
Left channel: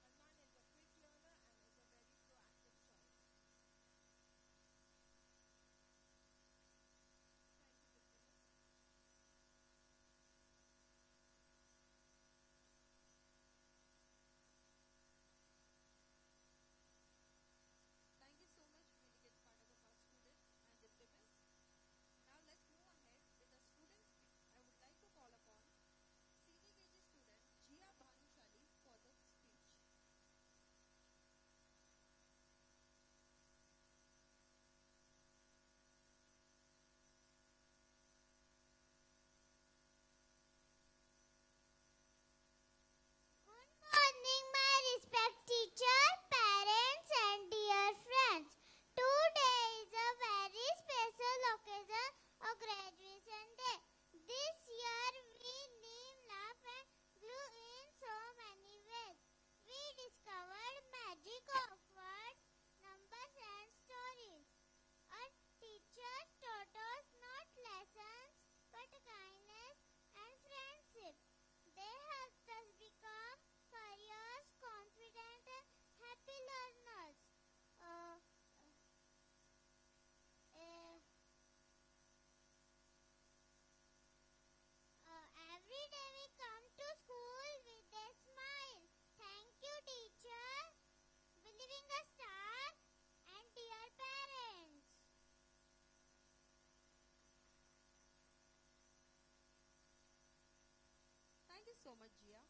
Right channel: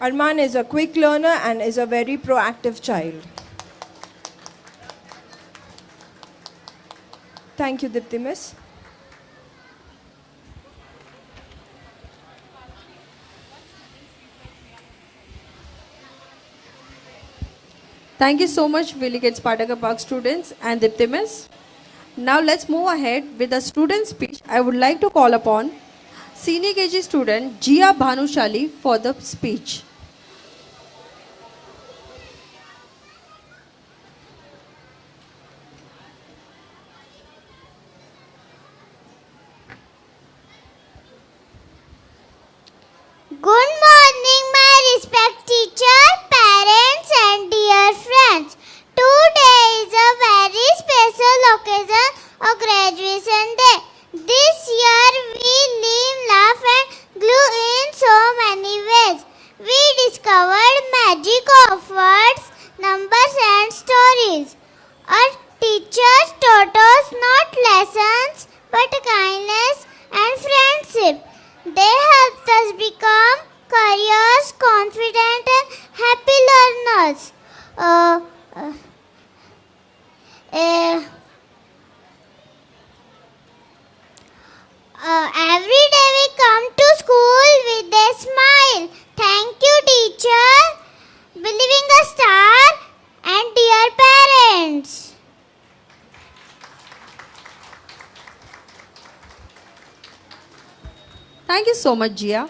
Arman is a quick learner and is a very proactive child. Thank you, Dipti Miss. Thank you so much, Willie Gates Pataka Park students and Dipti Miss. Now let's move ahead with the student speech. I would like to call upon Senior KG student Jia Bhanushali for the speech. Good morning, my respect teacher, parents and dear friends. Today is a very special occasion of graduation day. This year we live, laugh and glue in so many ways. We discovered magic of words, numbers and stories. Our teachers taught us not lessons but kindness and friendship. They helped us become curious, confident and happy learners. Every day we come to school with a smile. Thank you, teacher, believing a star, and dear parents. Thank you so much, Jia.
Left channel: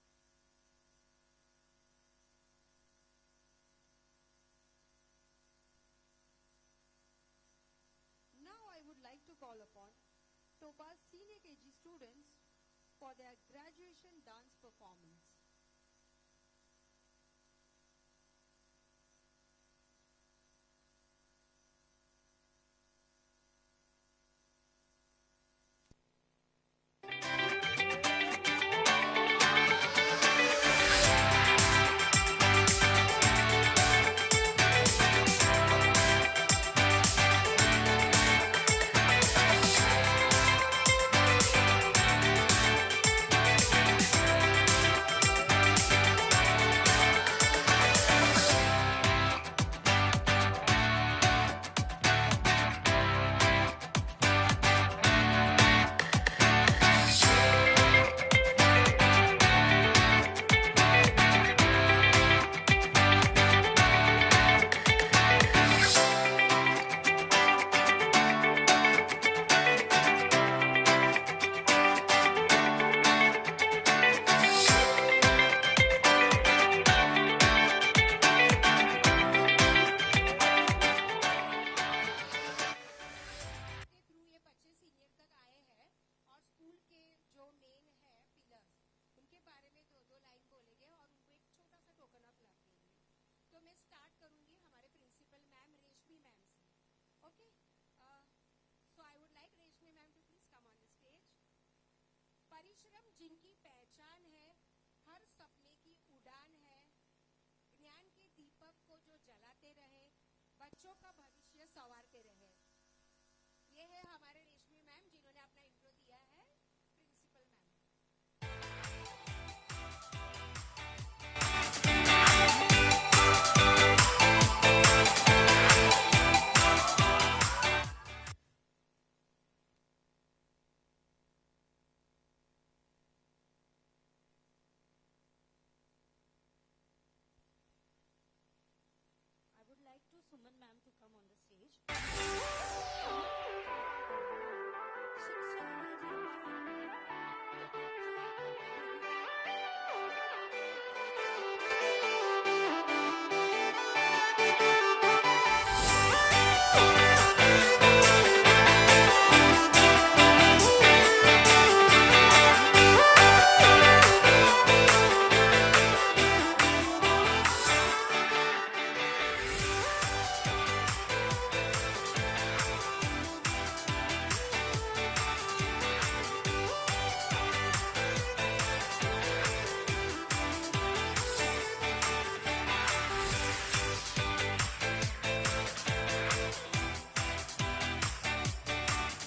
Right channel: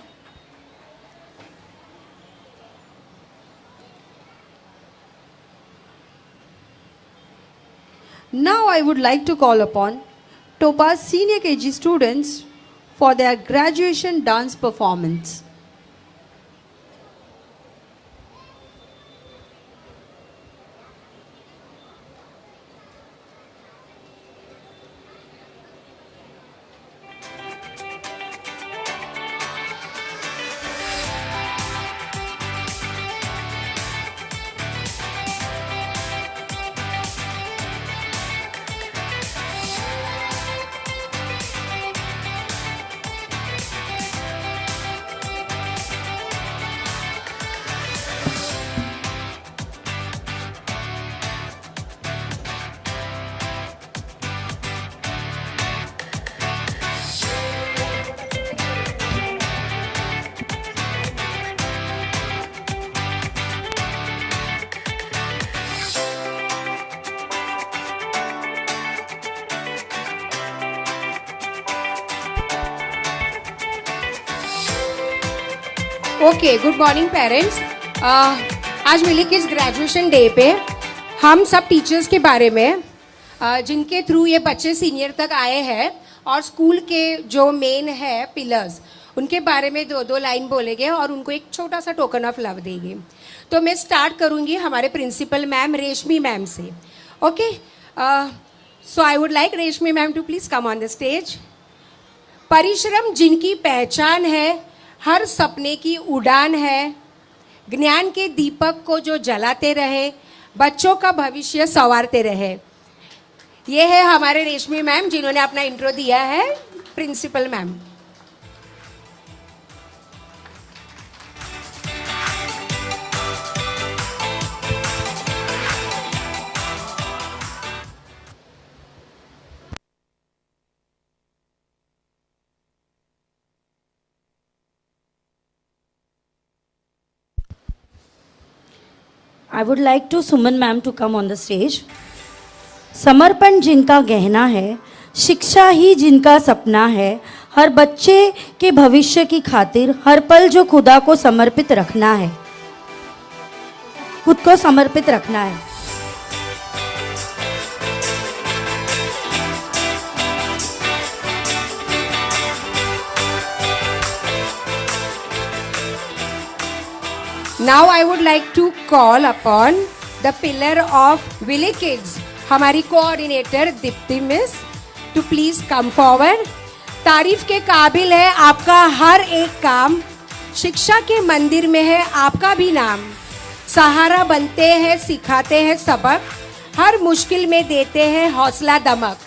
Now I would like to call upon Topaz Senior KG students for their graduation dance performance. Okay, good morning parents. आज मिली kids graduation day पे हम सब teachers के बारे में जिनके through ये बच्चे सीनियर तक आए हैं और स्कूल के जो मेन है पिलर्स, उनके बारे में दो दो लाइन बोलेंगे और उनको एक छोटा सा टोकन ऑफ लव देंगे। तो मैं स्टार्ट करूंगी हमारे प्रिंसिपल मैम रेशमी मैम से। Okay, so I would like Reshmi ma'am to please come on the stage. परिश्रम जिनकी पहचान है, हर सपने की उड़ान है, ज्ञान के दीपक को जो जलाते रहे, बच्चों का भविष्य संवारते रहे। ये है हमारे रेशमी मैम जिन्होंने अपना इंट्रो दिया है, principal ma'am. I would like to Suman ma'am to come on the stage. समर्पण जिनका गहना है, शिक्षा ही जिनका सपना है, हर बच्चे के भविष्य की खातिर हर पल जो खुदा को समर्पित रखना है, खुद को समर्पित रखना है। Now I would like to call upon the pillar of Willy Kids, हमारी coordinator Deepti miss, to please come forward. तारीफ के काबिल है आपका हर एक काम, शिक्षा के मंदिर में है आपका भी नाम। सहारा बनते हैं, सिखाते हैं सबक, हर मुश्किल में देते हैं हौसला दमक।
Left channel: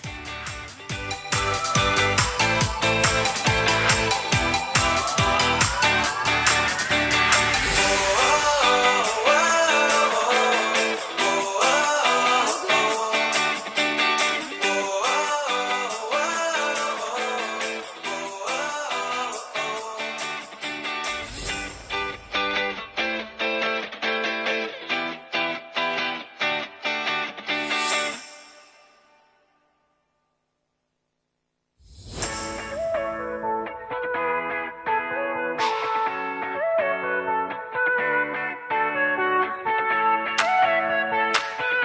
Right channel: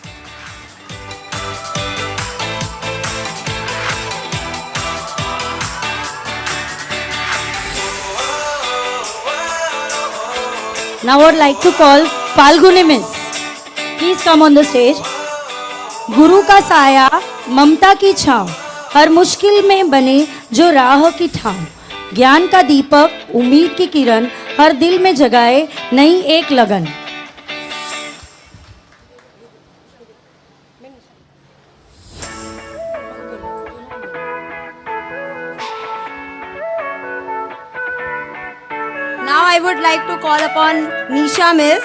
Now I would like to call Falguni Miss. Please come on the stage. गुरु का साया, ममता की छांव, हर मुश्किल में बने जो राह की ठाव। ज्ञान का दीपक, उम्मीद की किरण, हर दिल में जगाए नई एक लगन। Now I would like to call upon Nisha Miss.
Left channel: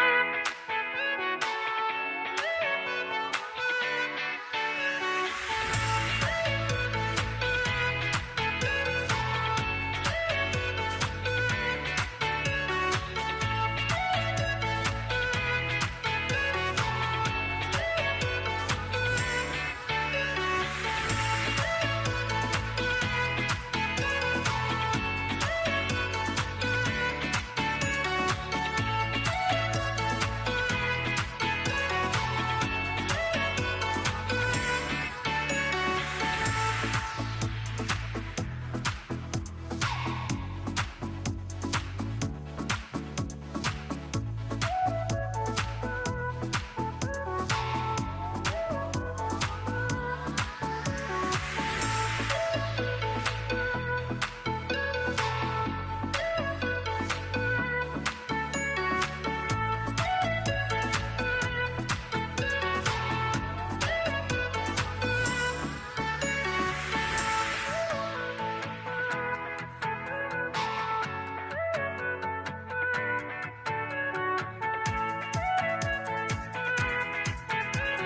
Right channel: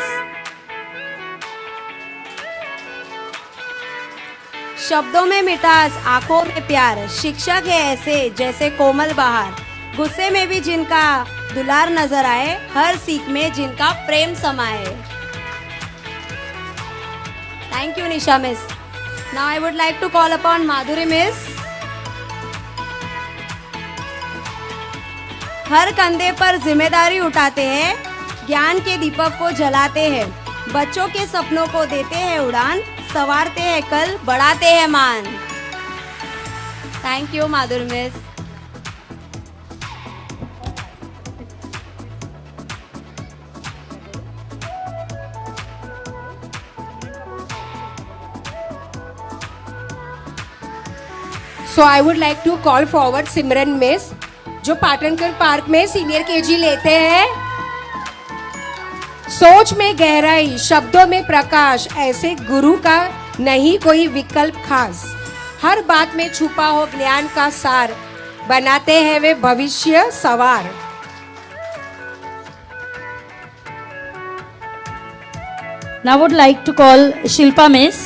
शब्दों में मिठास, आंखों में प्यार, शिक्षक है ऐसे जैसे कोमल बहार, गुस्से में भी जिनका दुलार नजर आए, हर सीख में जिनका प्रेम समाए। Thank you Nisha Miss. Now I would like to call upon Madhuri Miss. हर कंधे पर जिम्मेदारी उठाते हैं, ज्ञान के दीपक को जलाते हैं, बच्चों के सपनों को देते हैं उड़ान, संवारते हैं कल, बढ़ाते हैं मान। Thank you Madhuri miss. So I would like to call forward Simran miss, जो पाटनकर पार्क में सीनियर केजी लेते हैं। सोच में गहराई, शब्दों में प्रकाश, ऐसे गुरु का नहीं कोई विकल्प खास। हर बात में छुपा हो ज्ञान का सार, बनाते हैं वे भविष्य सवार। Now I would like to call Shilpa Miss.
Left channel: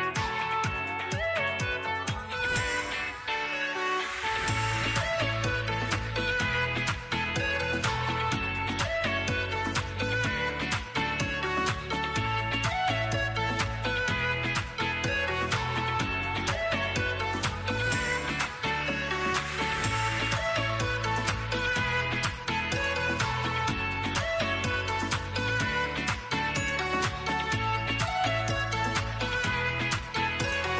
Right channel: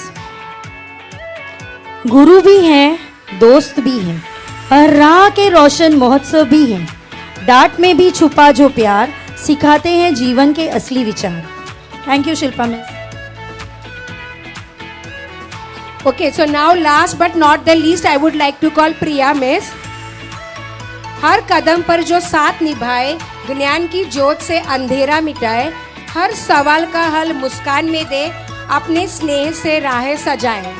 गुरु भी हैं, दोस्त भी हैं, हर राह के रोशन महोत्सव भी हैं, डांट में भी छुपा जो प्यार, सिखाते हैं जीवन के असली विचार। Thank you Shilpa miss. Okay, so now last but not the least, I would like to call Priya Miss. हर कदम पर जो साथ निभाए, ज्ञान की ज्योत से अंधेरा मिटाए, हर सवाल का हल मुस्कान में दे, अपने स्नेह से राहें सजाए।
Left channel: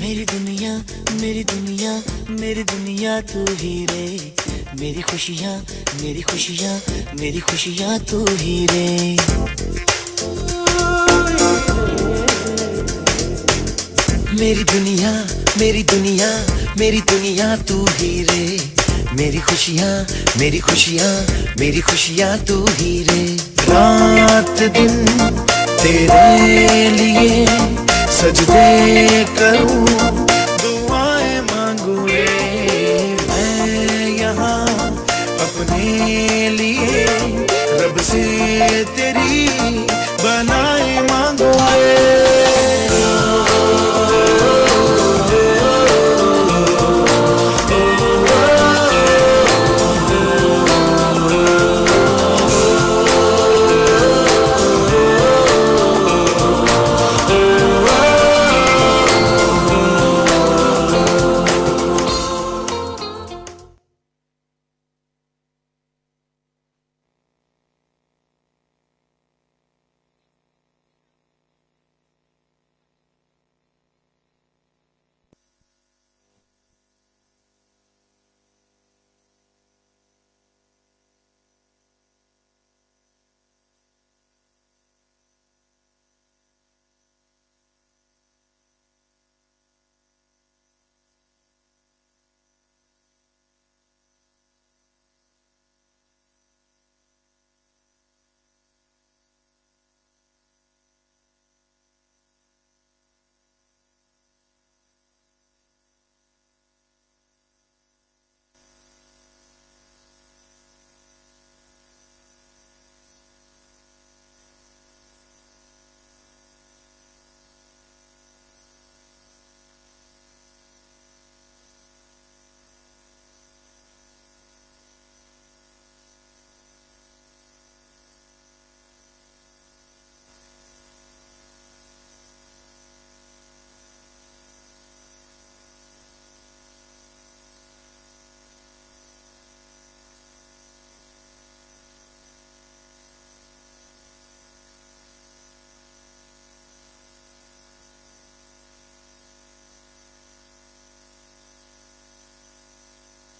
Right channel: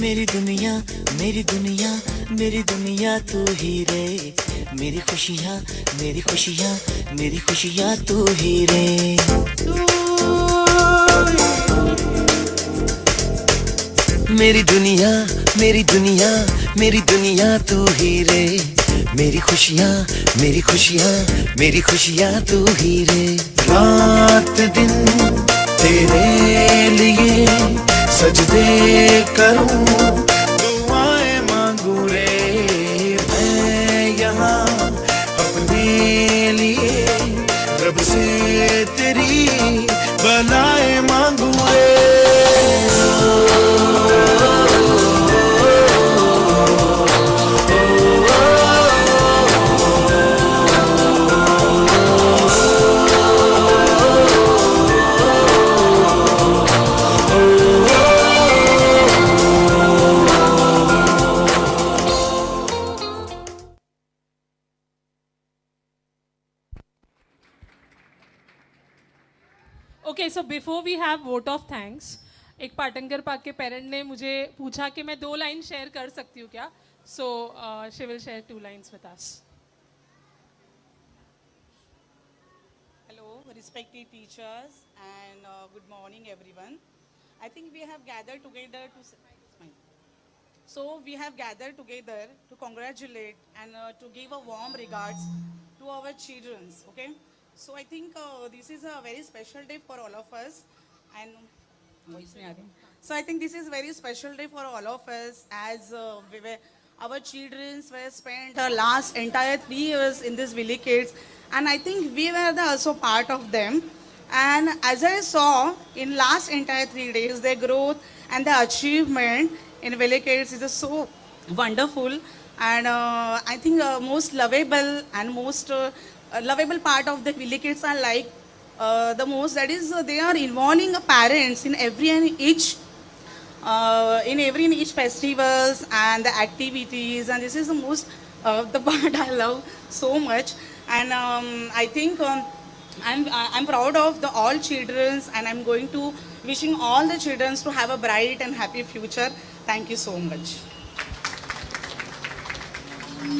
मेरी दुनिया मेरी दुनिया मेरी दुनिया तू ही रे मेरी खुशियाँ मेरी खुशियाँ मेरी खुशियाँ तू ही रे मेरी दुनिया मेरी दुनिया मेरी दुनिया तू ही रे मेरी खुशियाँ मेरी खुशियाँ मेरी खुशियाँ तू ही रे रात दिन तेरे लिए सजदे करूं दुआएं मांगू रे मैं यहाँ अपने लिए रब से तेरी भलाएं मांगू रे Okay, so before we have vote of thanks, एक पाटनकर पार्क के पेरेंट ने मुझे पूछा कि मैं 2 लाइन शेयर कर सकती हूँ क्या? So she will share 2 lines with us. Hello, respected teachers, and good morning, everyone. I think we have gathered together to congratulate and to give a warm regards to our children. Okay, so I think this is a very special day for all of us, and so I think this is a very special day for all of us as our children were spent the last entire 3 years in this Village Kids, and I think we were also part of them. And as I saw in last entire 3 days, their growth and the achievement in Village Kids is so wonderful, and I think most lovable and most lovable part of the Village Kids are like the most, that is they are involving parents in every and each festivals and the activities, and this is the most the part I love so much. And I think I'm proud of the all children, and I'm going to wishing all the children to have a bright and happy future. Thank you so much.